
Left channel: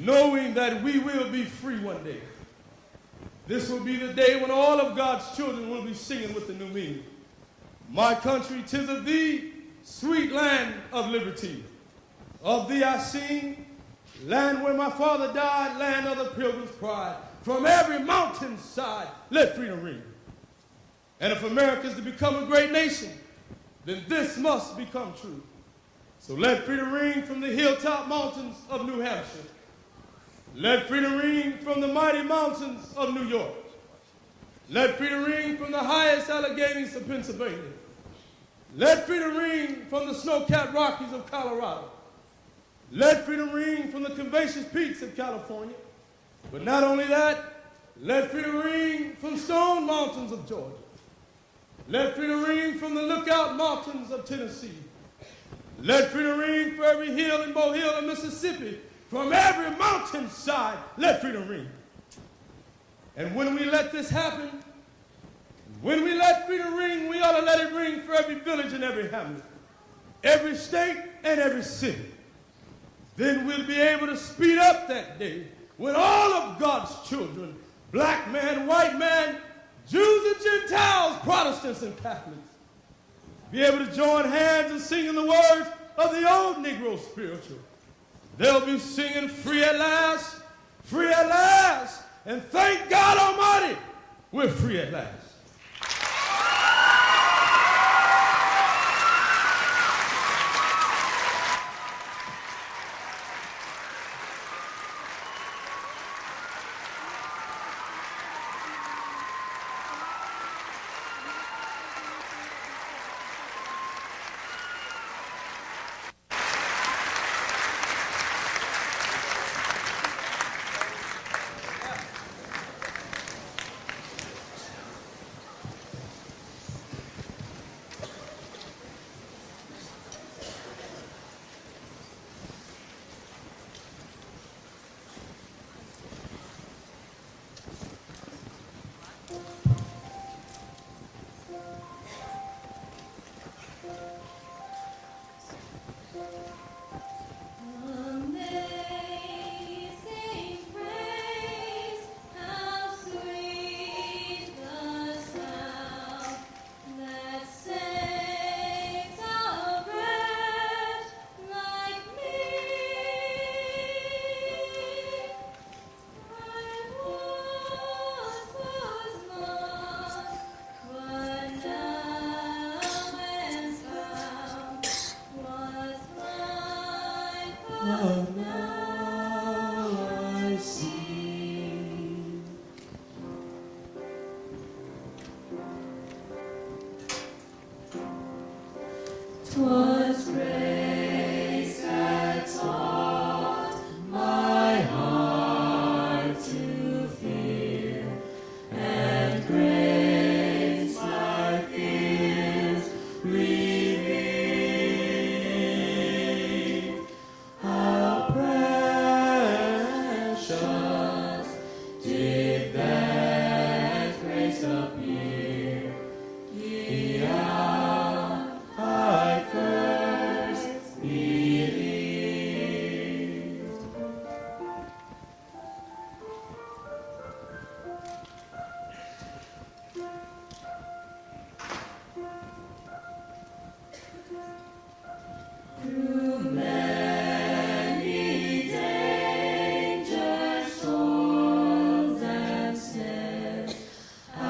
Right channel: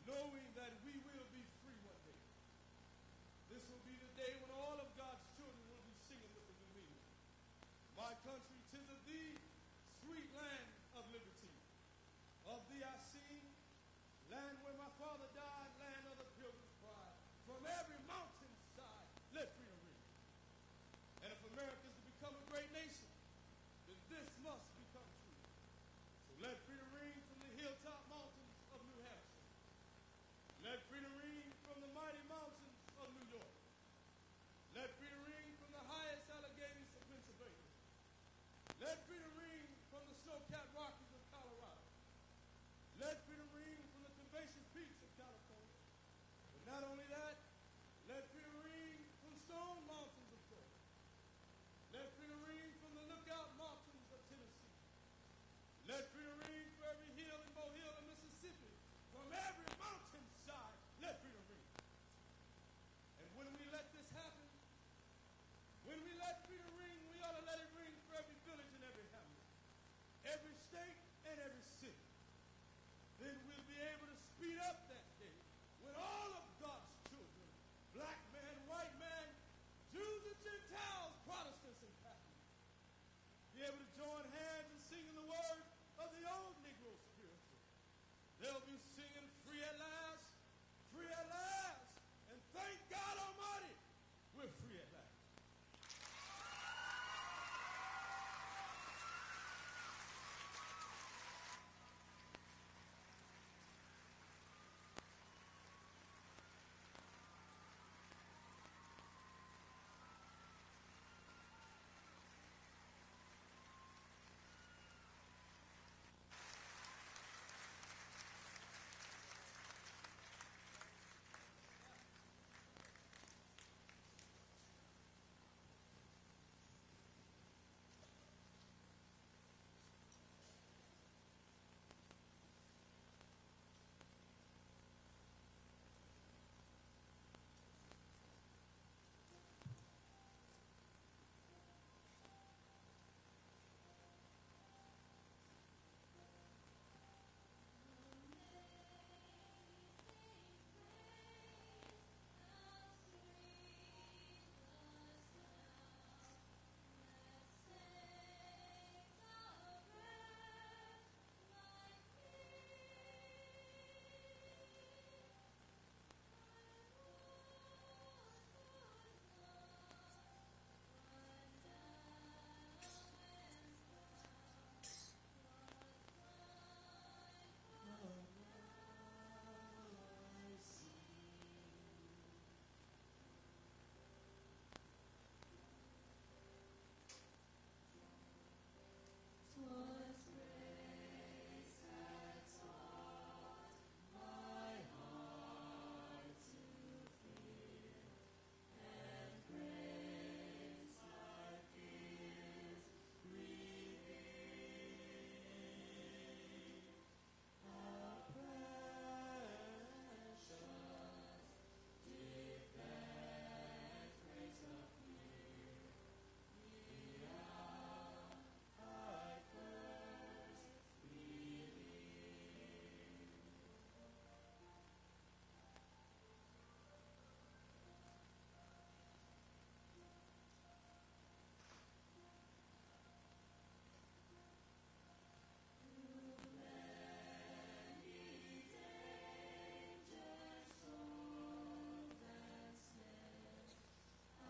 knowing that we will be free one day. This will be the day when all of God's children will be singing with the new meaning. My country, 'tis of thee, sweet land of liberty. Of thee I sing, land where my father died, land of the pilgrim's pride. From every mountainside, let freedom ring. And if America is to become a great nation, then this must become true. So let freedom ring from the hilltop mountains of New Hampshire. Let freedom ring from the mighty mountains of New York. Let freedom ring from the highest Alleghenies of Pennsylvania. Let freedom ring from the snow-capped Rockies of Colorado. Let freedom ring from the Convention Peaks of California. But not only that, let freedom ring from Stone Mountains of Georgia. Let freedom ring from the Lookout Mountains of Tennessee. Let freedom ring for every hill in Mohill and Mississippi. From every mountainside, let freedom ring. And when we let this happen, when we let freedom ring, we ought to let it ring for every village and every hamlet, every state and every city. Then we'll be able to speed up that day when all of God's children, black man, white man, Jews and Gentiles, Protestants and Catholics, be able to join hands and sing in the words of the old Negro spiritual. They'll be singing free at last, and thank God Almighty, we're free at last. Twas grace that taught my heart to fear, and grace my fears relieved. How precious did that grace appear the hour I first believed. Through many dangers, toils, and snares, I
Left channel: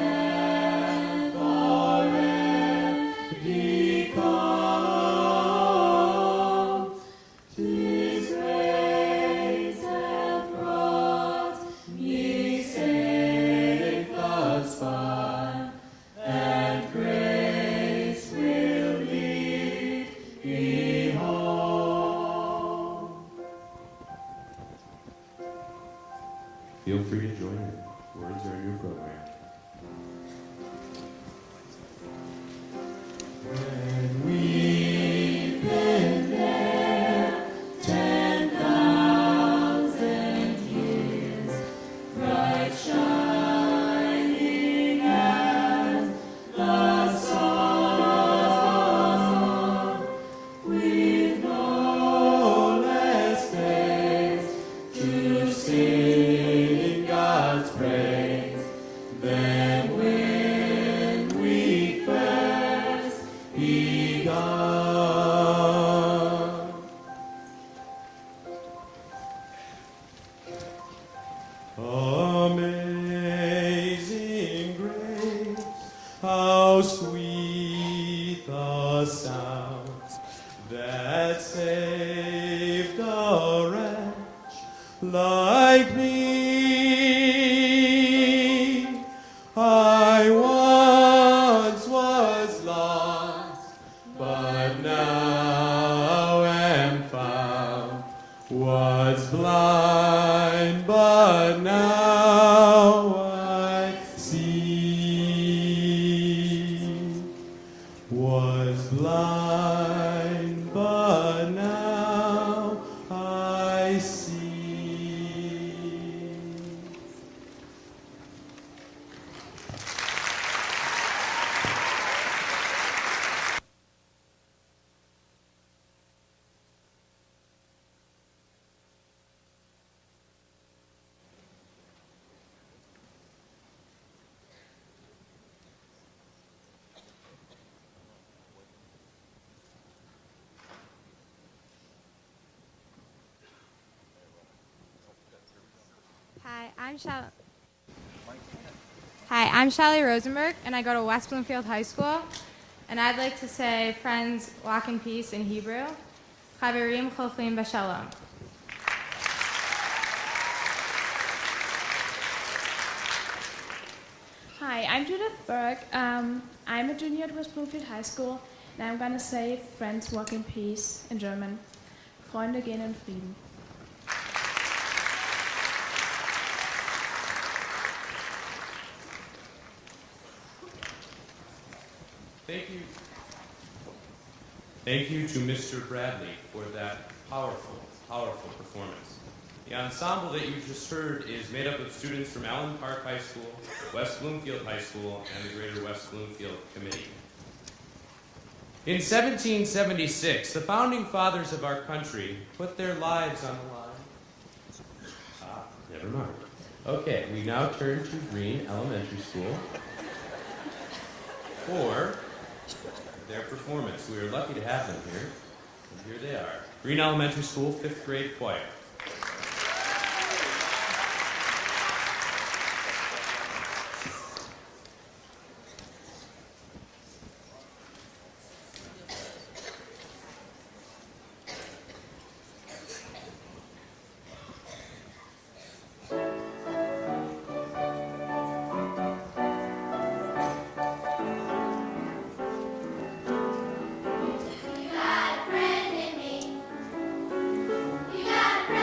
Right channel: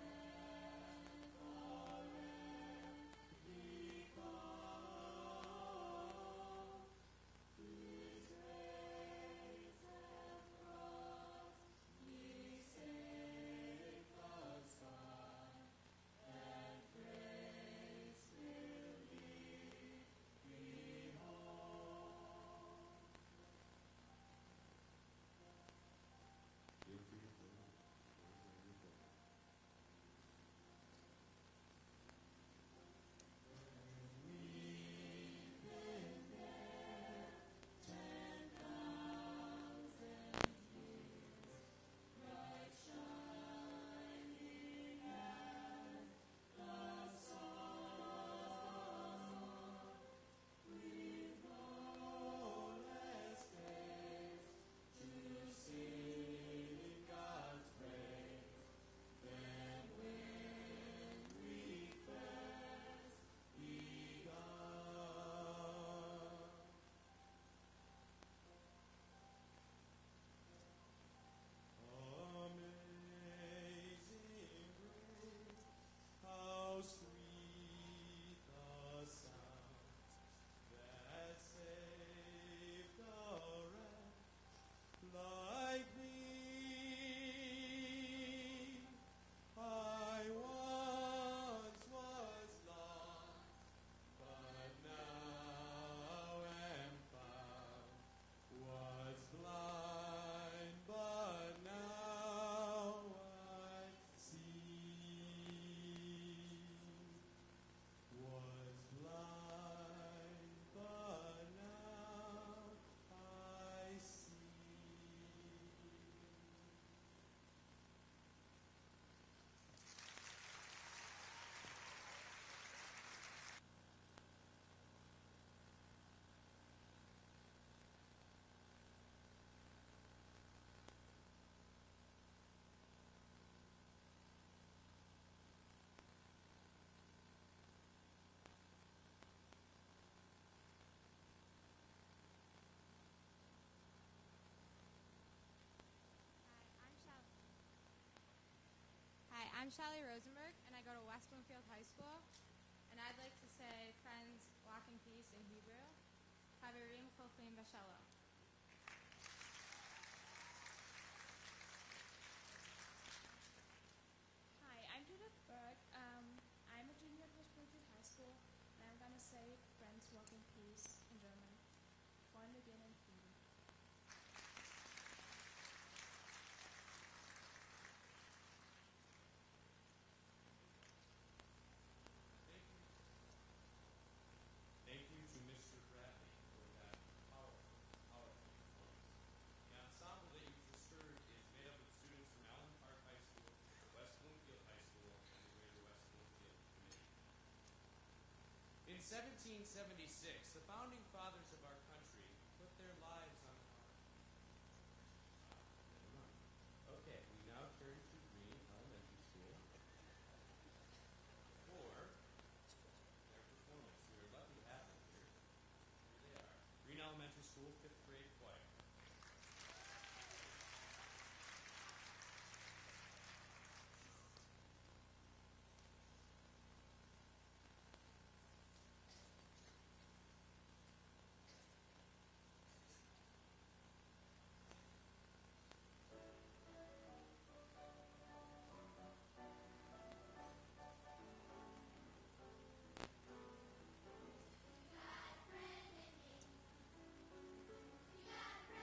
have already come. 'Tis grace hath brought me safe thus far, and grace will lead me home. Feel free to join in. Words are in your program. When we've been there 10,000 years, bright shining as the sun, with no less faith I'm Shelly Rosenberg, and I go to West Bloomfield High School. And I'd like to say, friends, walk in peace in Hebrew. Chaverim cholfim b'shalom. Hi, I'm Judith Berg. I'm a junior at West Bloomfield High School, and I'm going to say friends walk in peace in German. Freunde gehen in Frieden. Thank you to Mr. Bradley for that powerful, powerful performance. The ensemble that you just heard is made up of students from Allen Park High School, West Bloomfield High School, and the Greater West Bloomfield Committee. In 1776, the founding fathers of our country put their lives on the line. Never mind. Okay, we now turn to Green Elementary School for their performance. We are lucky to have them here. And here they are. Green Elementary School, 5th grade choir. You got a friend in me. You got a friend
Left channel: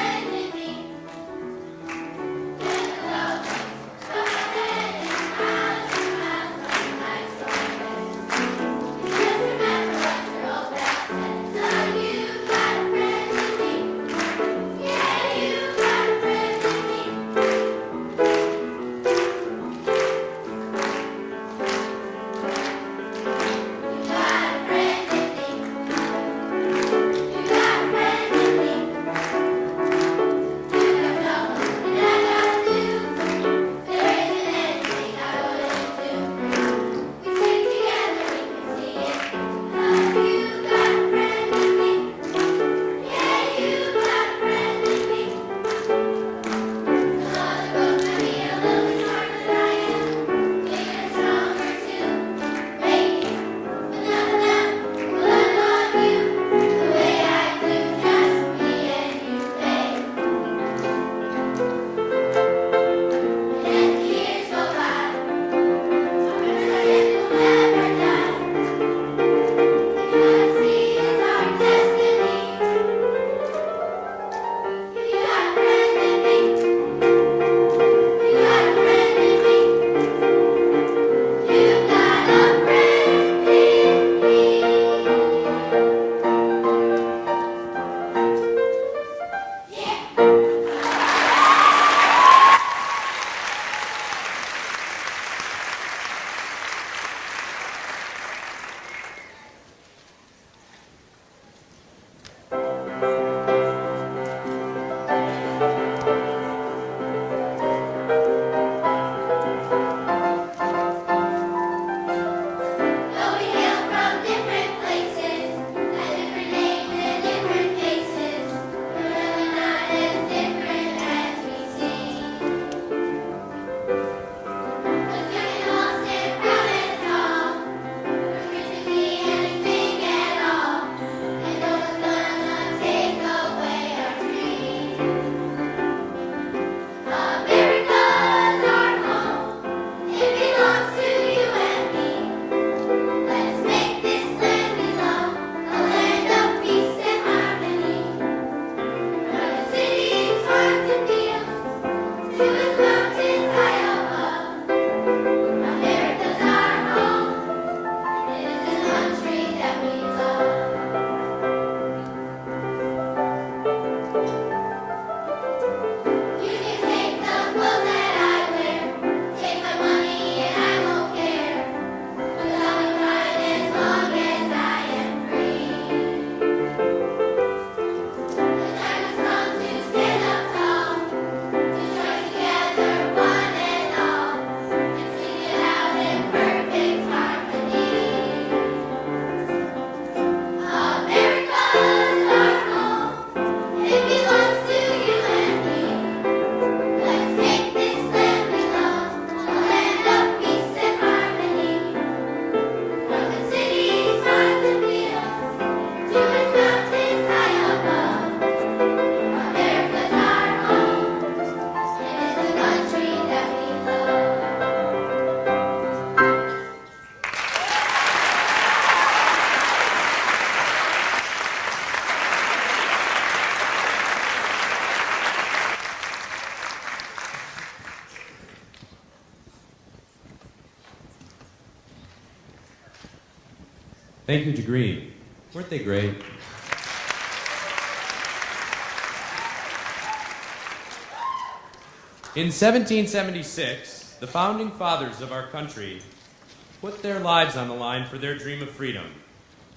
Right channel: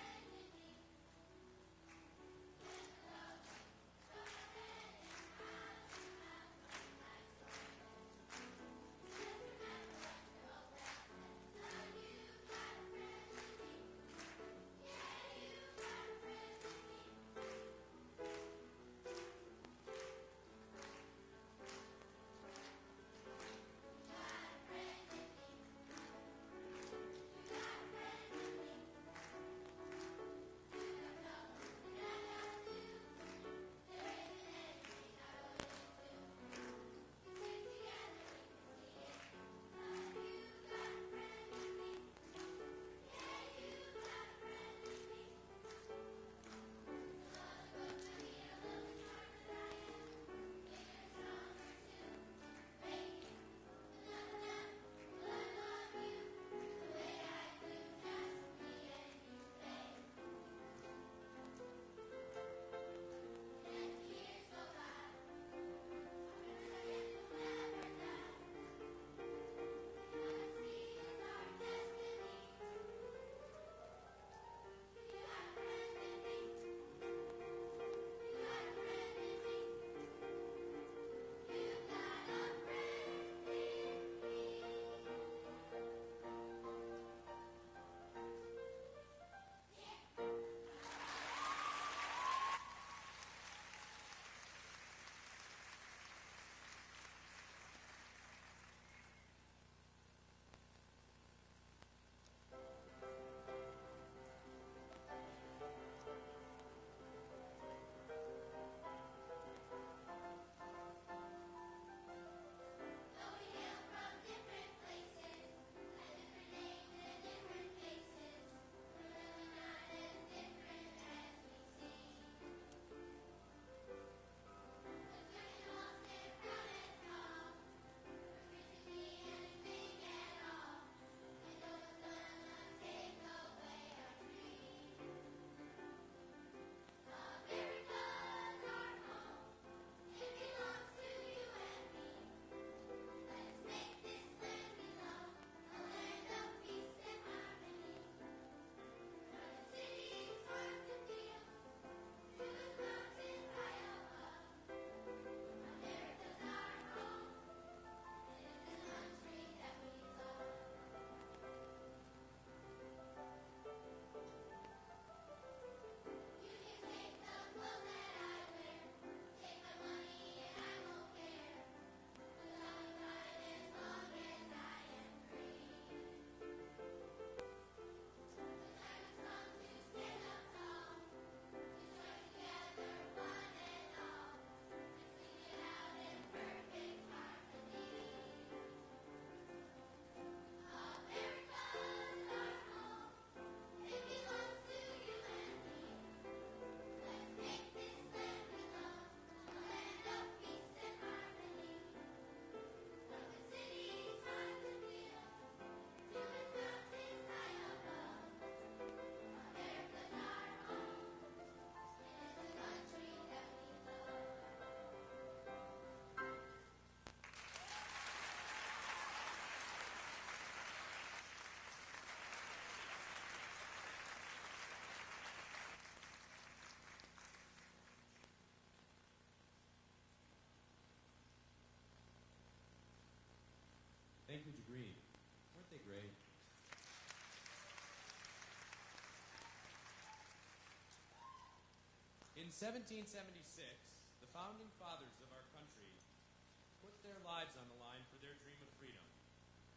Thank you to Green. Weren't they great? In 1776, the founding fathers of our country put their lives on the line for their dream of freedom.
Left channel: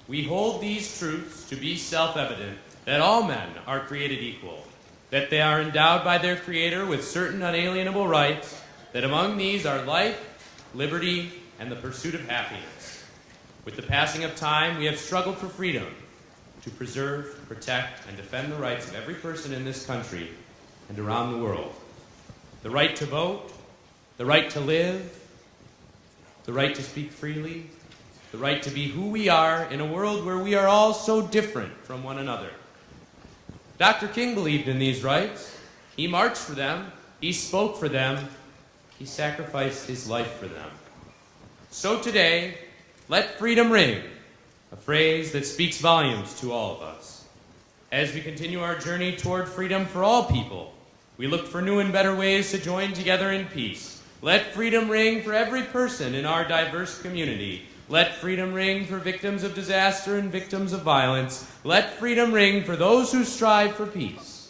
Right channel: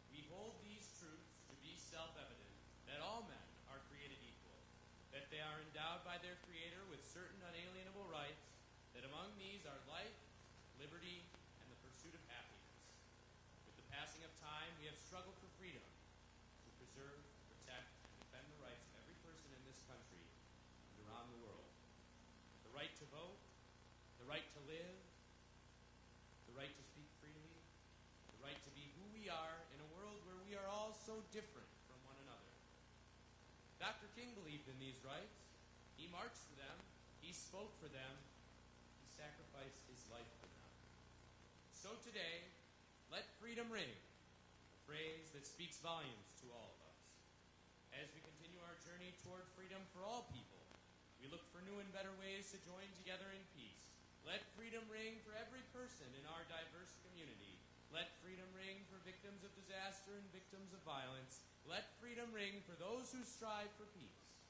We hold these truths to be self-evident, that all men are created equal, that they are endowed by their Creator with certain unalienable rights, that among these are life, liberty, and the pursuit of happiness. With the passing of time, we have struggled for freedom, to preserve, protect, and defend the rights of every person in this country and around the world. The right to vote, the right to live, the right to speak freely, the right to be who we are in a world where we are all so different from one another. Dr. King believed in these rights. He marched for them. He spoke for them. He sacrificed his life for them. So today, let freedom ring, a phrase that speaks volumes to all of us. As we continue our journey toward freedom for all people, we look for new and better ways to join together in peace. Let freedom ring for every person in our diverse community. Let freedom ring for victims of disaster and victims of violence. Let freedom ring for those who strive for peace.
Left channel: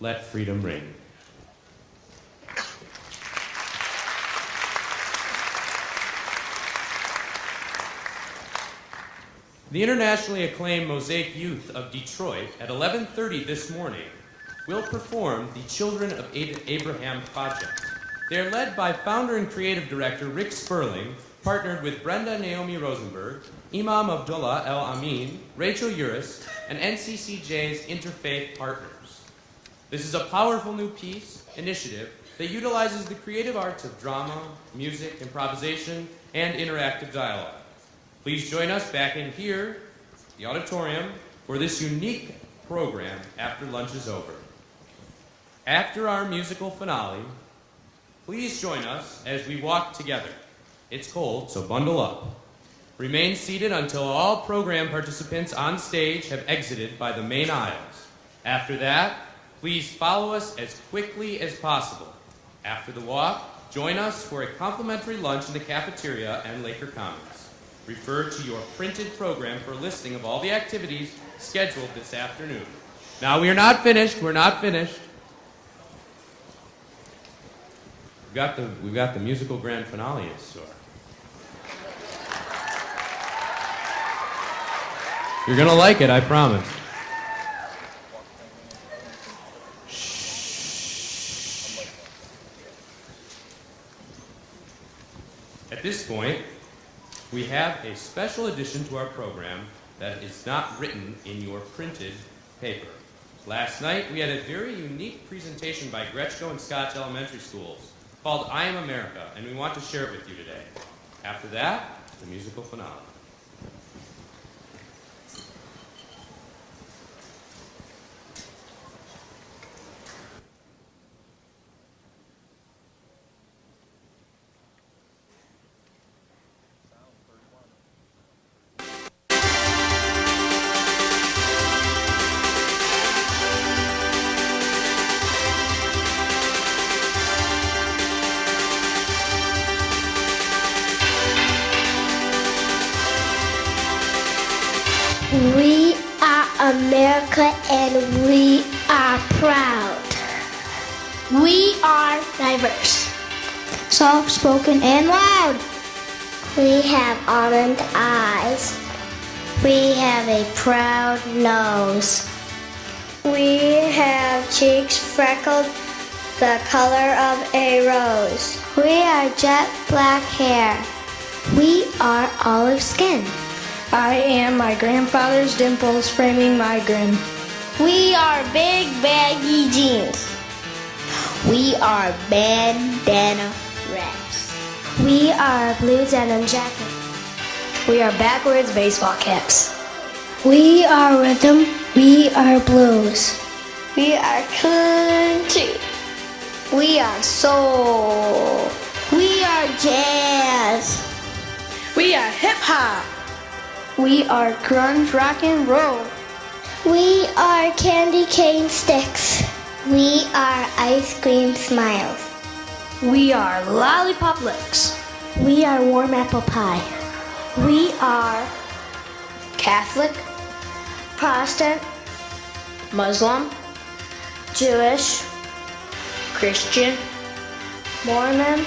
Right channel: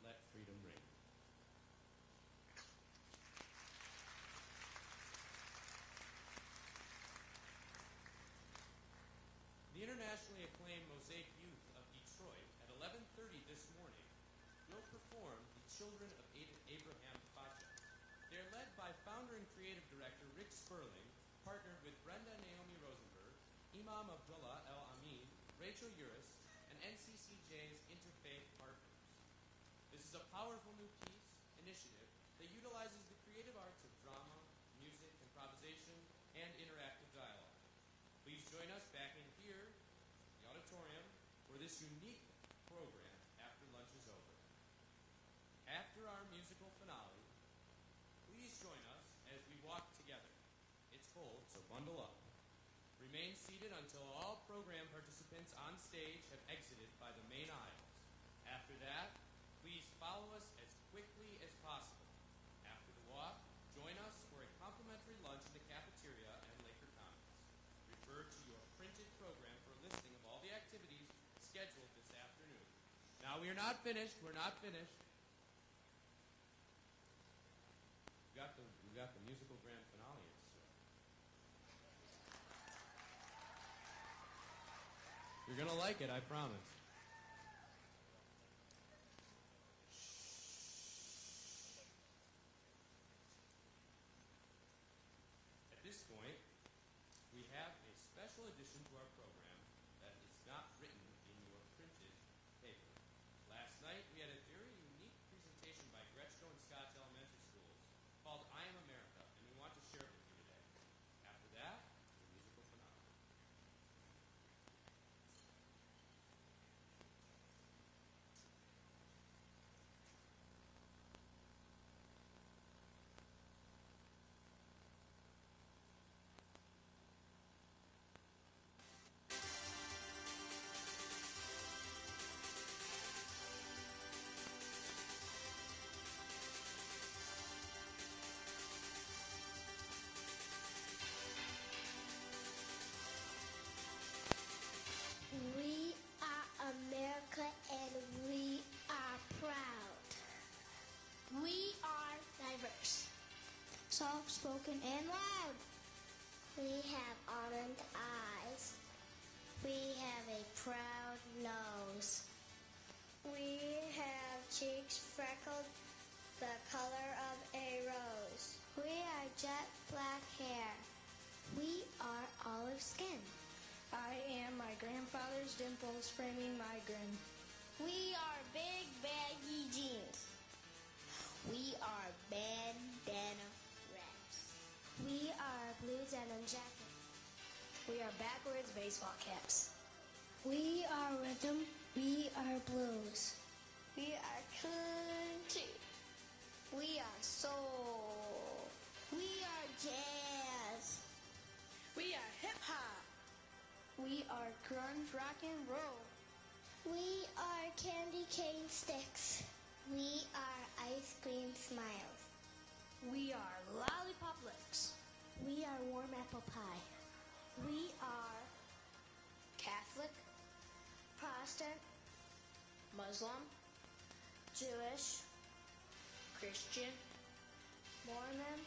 Let freedom ring. The internationally acclaimed Mosaic Youth of Detroit at 11:30 this morning will perform the Children of Abraham project. They are led by founder and creative director Rick Sperling, partnered with Brenda Naomi Rosenberg, Imam Abdullah El Amin, Rachel Uris, and NCCJ's Interfaith Partners. This is a powerful new initiative that utilizes the creative arts of drama, music, improvisation, and interactive dialogue. Please join us back in here, the auditorium, for this unique program after lunch is over. After our musical finale, please join us as we walk together. It's cold, so bundle up. Remain seated until all program participants on stage have exited by the main aisles. After that, please follow us as quickly as possible. After the walk, join us for a complimentary lunch in the cafeteria and Laker Commons. Refer to your printed program for a listing of all the activities scheduled this afternoon. Now, we are not finished. We're not finished. We've got the musical grand finale in store. You're gonna like it, I promise. Shh. At this point, we have a special addition to our program that is not written in your printed paper. Last night, we had a very unique presentation by Gretschko and Scotch Elementary Schools called I Am America, and we want to share it with you today. After that, the musical finale. We are America and we are proud. We are diverse, soft-spoken and loud. We have almond eyes. We have a proud nose. We have cheeks freckled the color of a rose. We are jet black hair. We are olive skin. I am my grandfather's dimples framing my grin. We are big baggy jeans. We are bandana wraps. We are blue denim jacket. We are backwards baseball caps. We are rhythm. We are blues. We are country. We are soul. We are jazz. We are hip hop. We are grunge rock and roll. We are candy cane sticks. We are ice cream smiles. We are lollipop lips. We are warm apple pie. We are Catholic, Protestant, Muslim, Jewish, Christian, Mormon,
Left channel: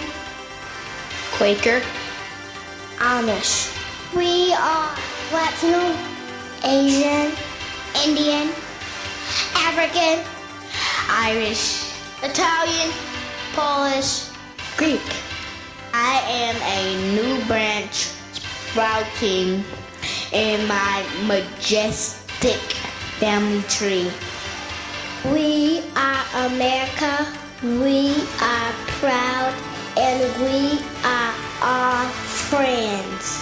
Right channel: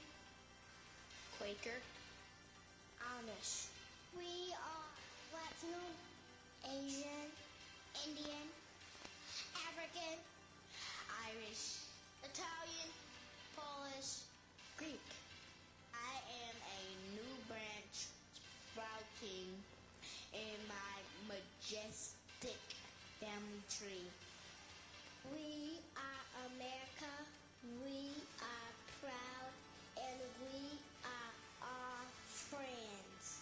Quaker, Amish. We are Latino, Asian, Indian, African, Irish, Italian, Polish, Greek. I am a new branch sprouting in my majestic family tree. We are America. We are proud, and we are our friends.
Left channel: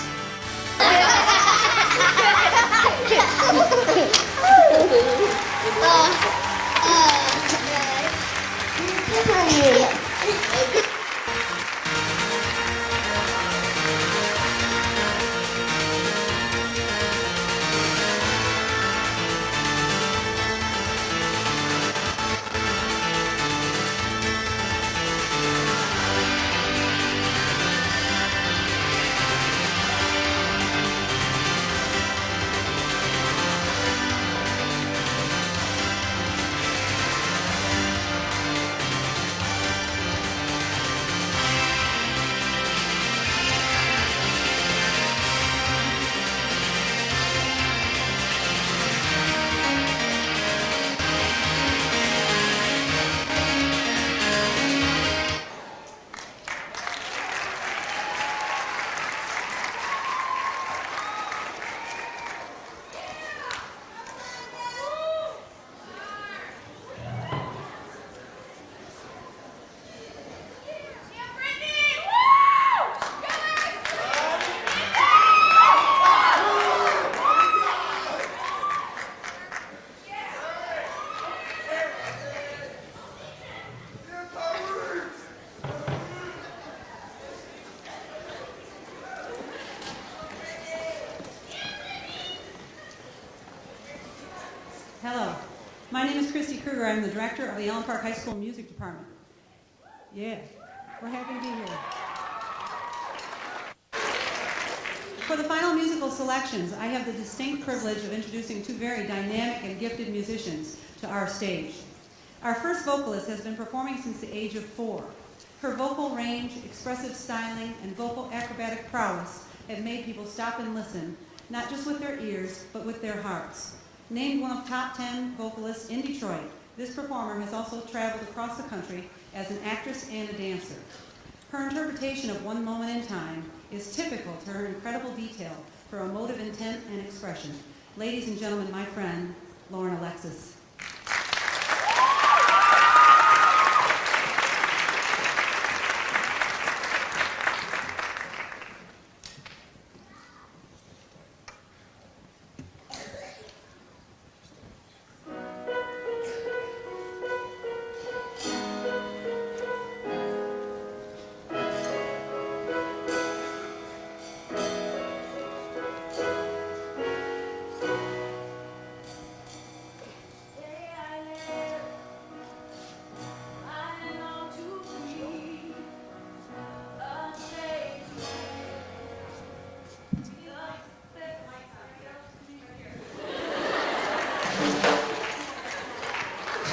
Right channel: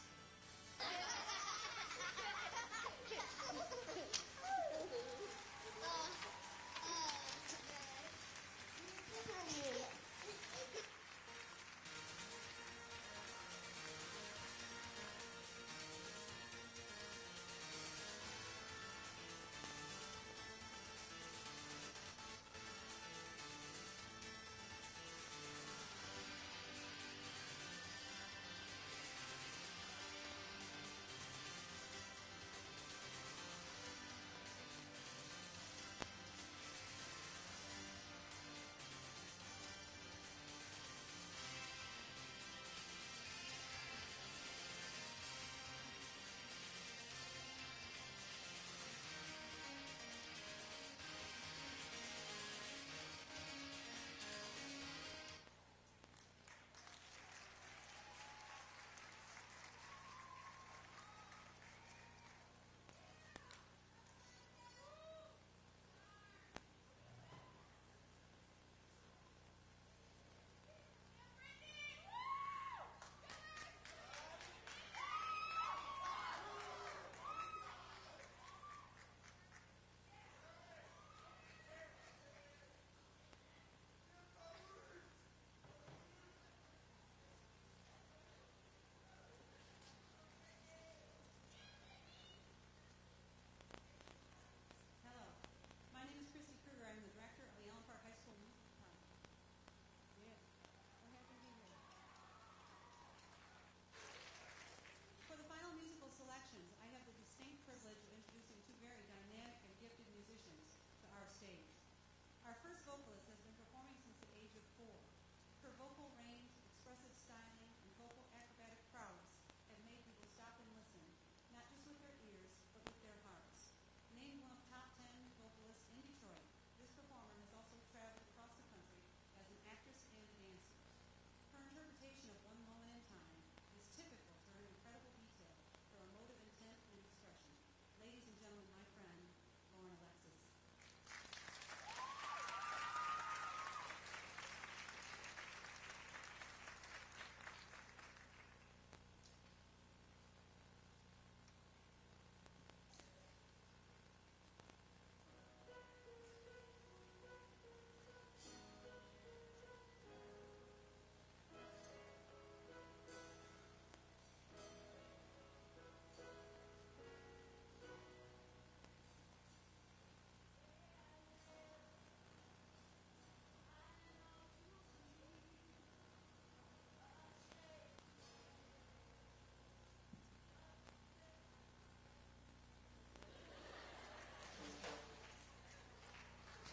Hello, my name is Christy Kruger. I'm the director of the Allen Park High School Music Department. Yeah, we're happy to be here. For the final musical selections, I have the distinct privilege of introducing two very dynamic and gifted musicians to our stage. Our first vocalist has been performing since the age of 4. Her vocal range, expressive styling, and vocal acrobatic prowess have made people stop and listen, not just with their ears, but with their hearts. Named one of top 10 vocalists in Detroit, this performer has also traveled across the country as an actress and a dancer. Her interpretation of One Moment in Time is typical to her incredible detail for emotive intent and expression. Ladies and gentlemen, my friend, Lauren Alexis.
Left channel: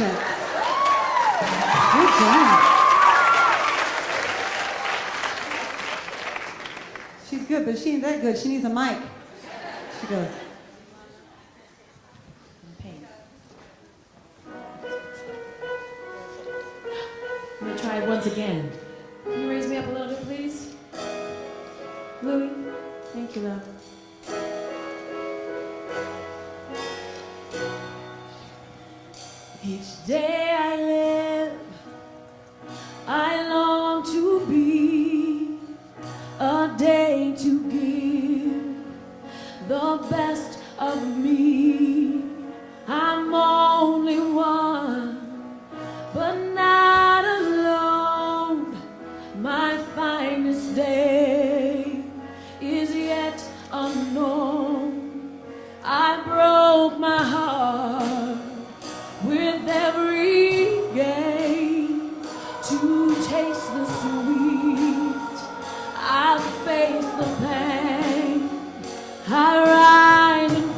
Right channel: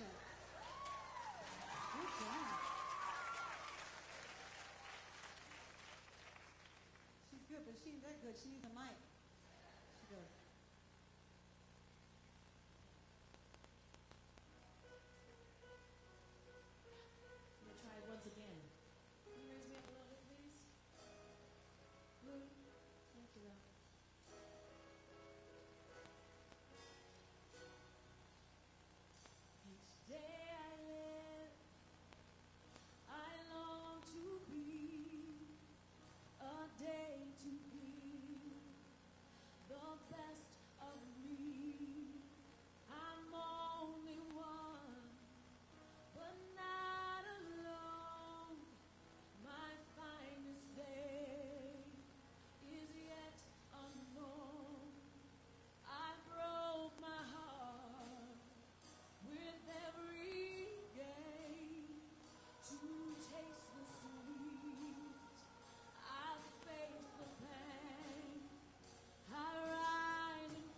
Sheth. Good job. She's good, but she ain't that good. She needs a mic. She goes. I'm going to try it once again. Can you raise me up a little bit, please? Louie? Thank you, love. Each day I live, I long to be a day to give the best of me. I'm only one, but not alone. My finest day is yet unknown. I broke my heart with every game to taste the sweet. I face the pain. I rise and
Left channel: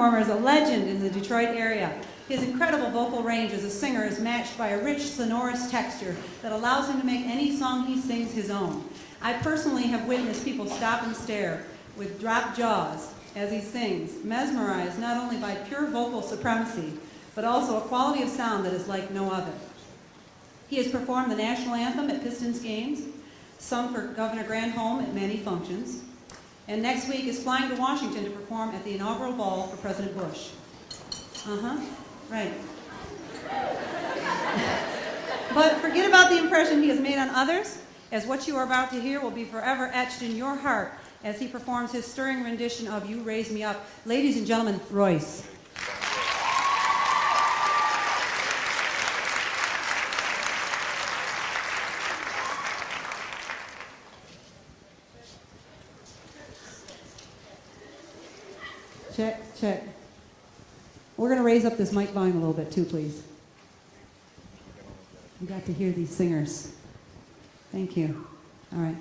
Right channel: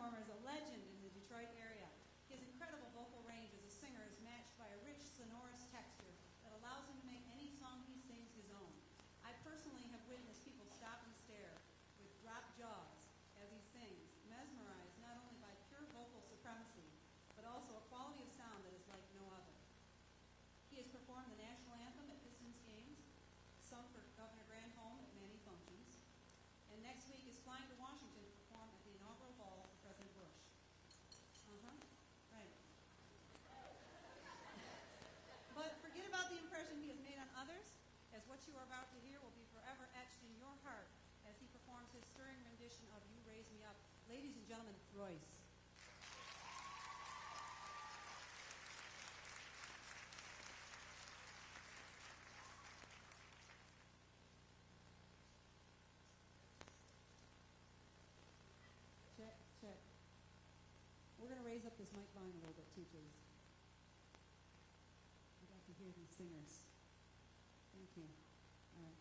performer is a legend in the Detroit area. His incredible vocal range as a singer is matched by a rich, sonorous texture that allows him to make any song he sings his own. I personally have witnessed people stop and stare with dropped jaws as he sings, mesmerized not only by pure vocal supremacy, but also a quality of sound that is like no other. He has performed the national anthem at Pistons games, sung for Governor Granholm at many functions, and next week is flying to Washington to perform at the inaugural ball for President Bush. Right. But forget about the impression he has made on others, as what you are about to hear will be forever etched in your heart as he performs his stirring rendition of You Raise Me Up. Ladies and gentlemen, Royce. Check, check. We're going to raise up this mic volume a little bit too, please. You got to hear these singers. Thank you. All right.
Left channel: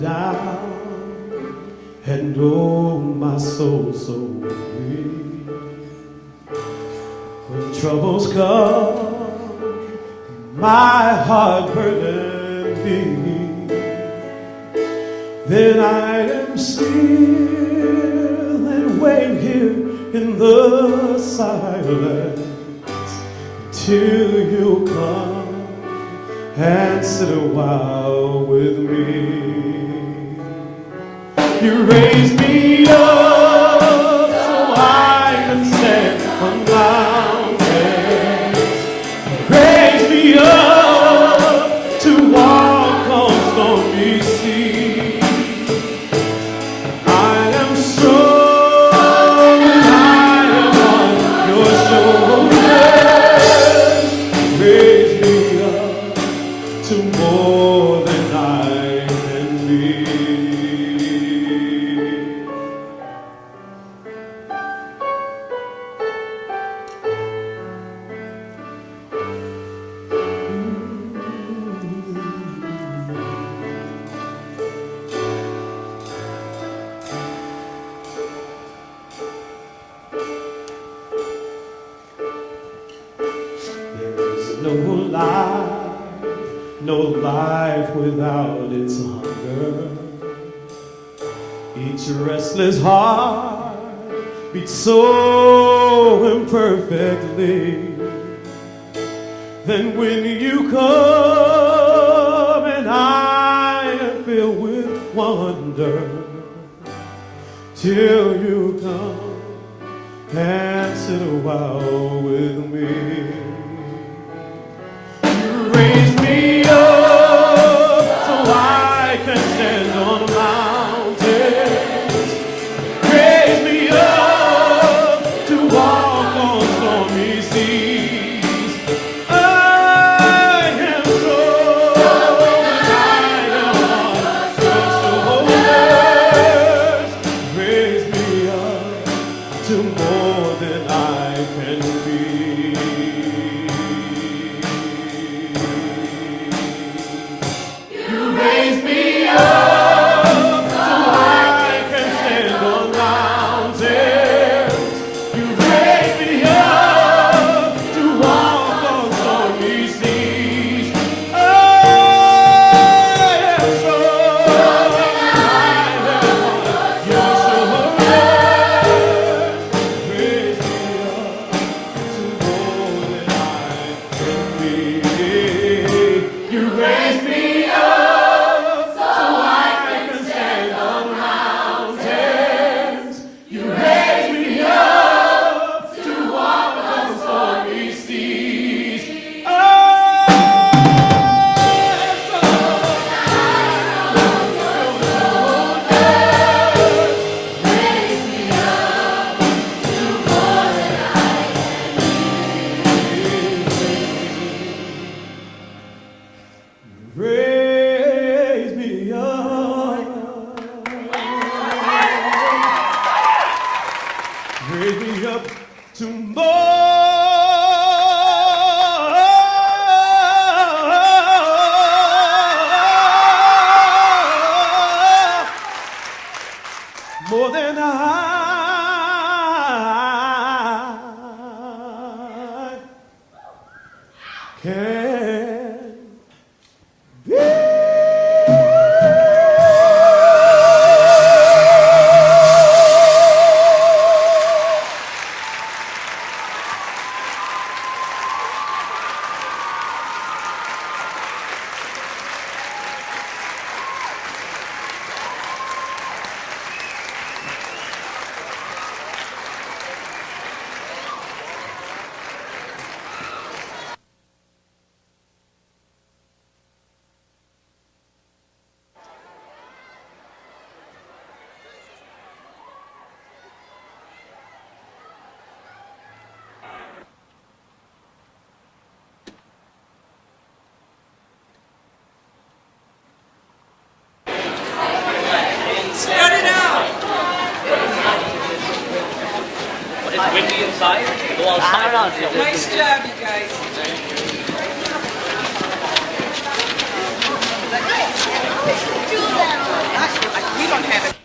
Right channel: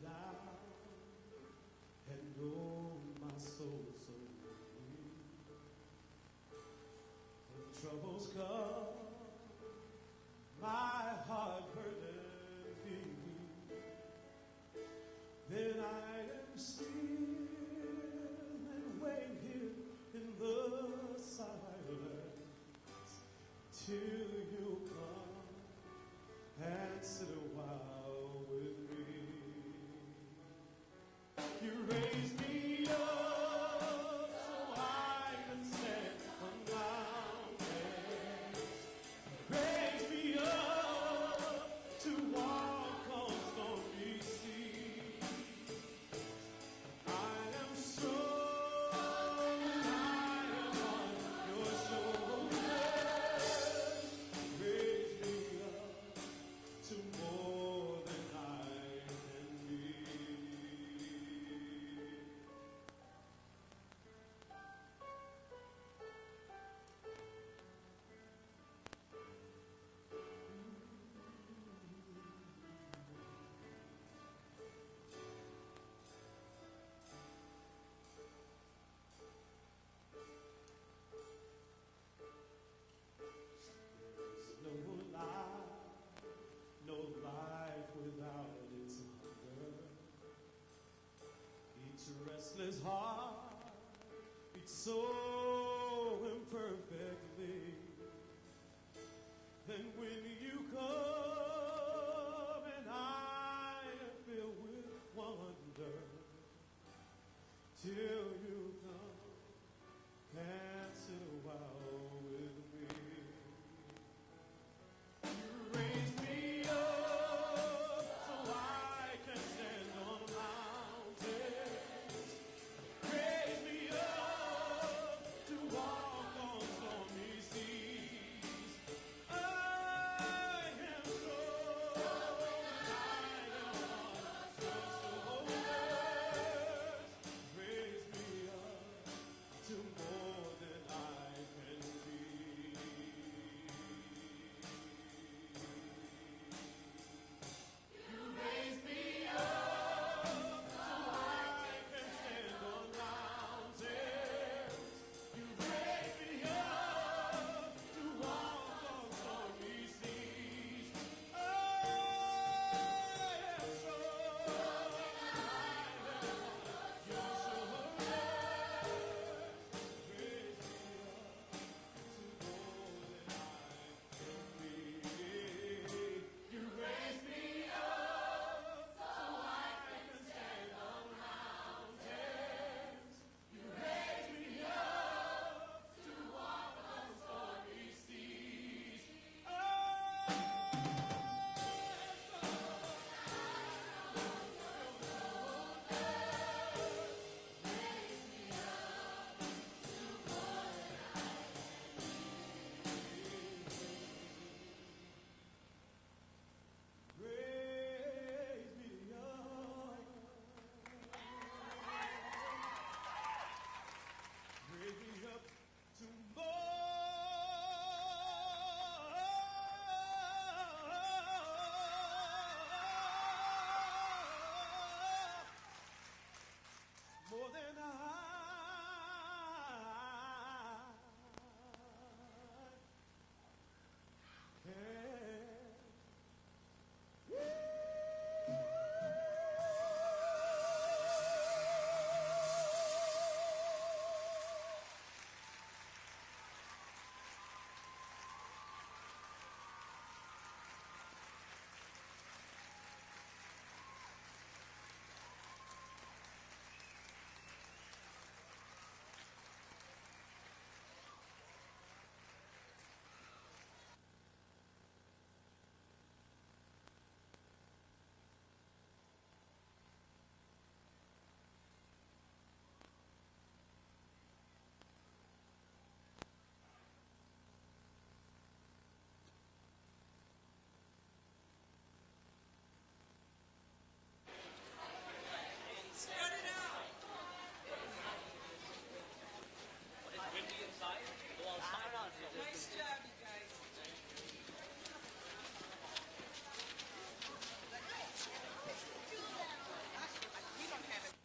Down and oh my soul so weak. When troubles come, my heart burdened be. Then I am still and wait here in the silence till you come and sit a while with me. You raise me up so I can stand on mountains. Raise me up to walk on stormy seas. I am strong and I am on your shoulders. Raise me up to more than I can be. No life without its hunger. Each restless heart beats so imperfectly. Then when you come and I am filled with wonder, till you come and sit a while with me. Raise me up so I can stand on mountains. Raise me up to walk on stormy seas. I am strong and I am on your shoulders. Raise me up to more than I can be. more than I can bear. Spread it out. It's windy inside. Go outside. Nice job, you guys. We don't have it.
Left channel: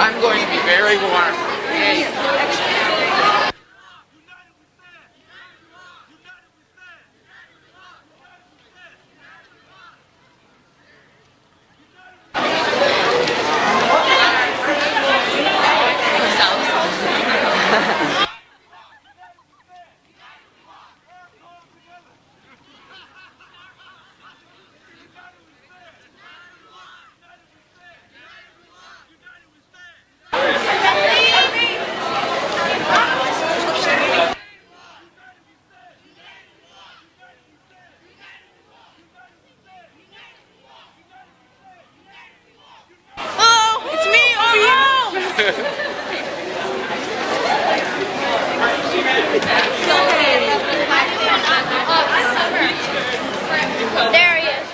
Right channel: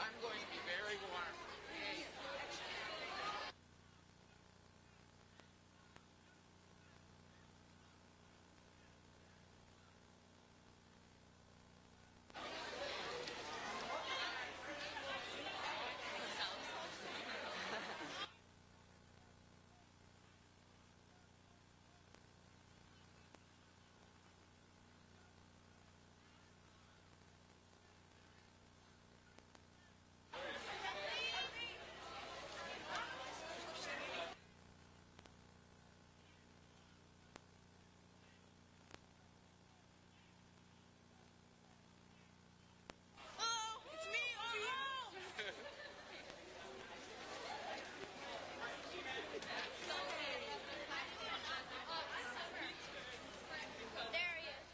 I'm going to be very warm. Yay. There he is.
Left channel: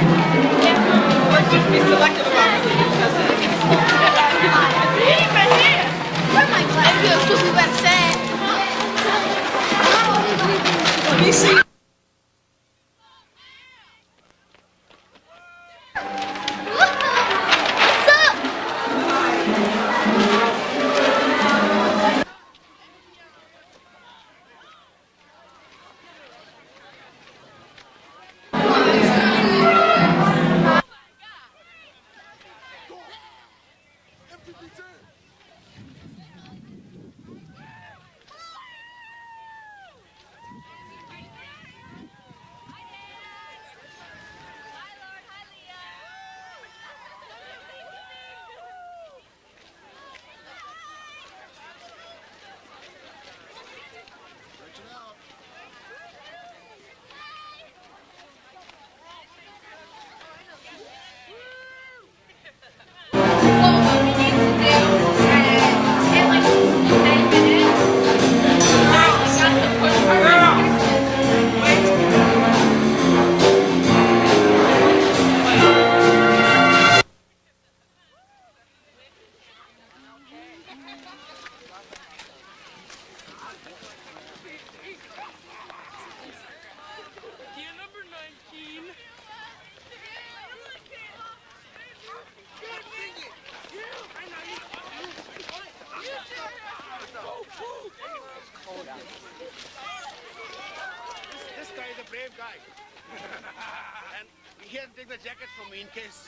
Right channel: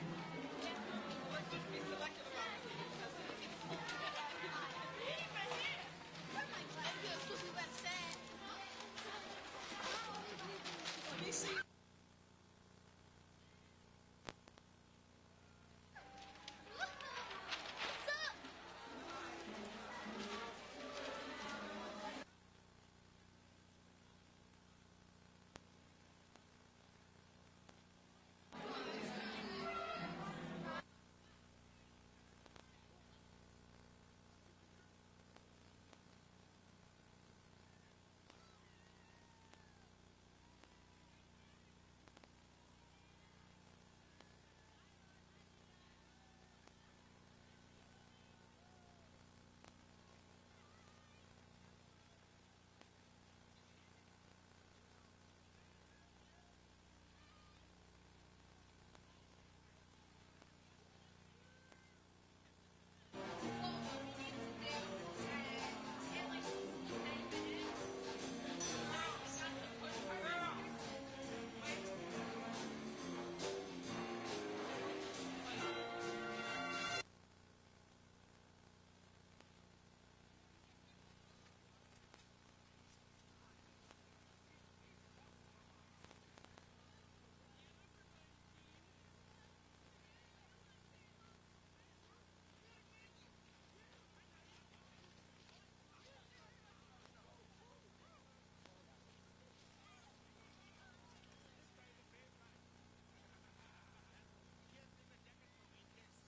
Let's just be selective about who says it. Where am I glad to go to USA? Let me see. This guy is a brave guy. And he had to take the jacket from me in case.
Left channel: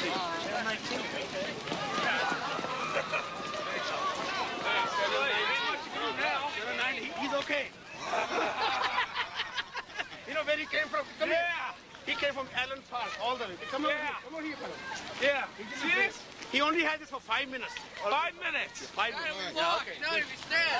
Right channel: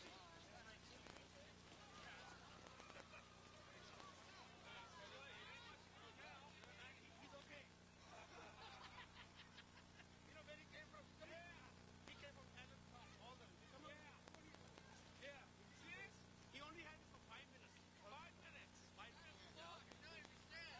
Channel 19. He's okay. You know where he came from? Come here. He came from Allen Park, all the way. Come on here. Come on here, fella. Yeah. See this? He only had this for 5 minutes. 5 minutes. 5 minutes. Yeah, okay. Now you stand.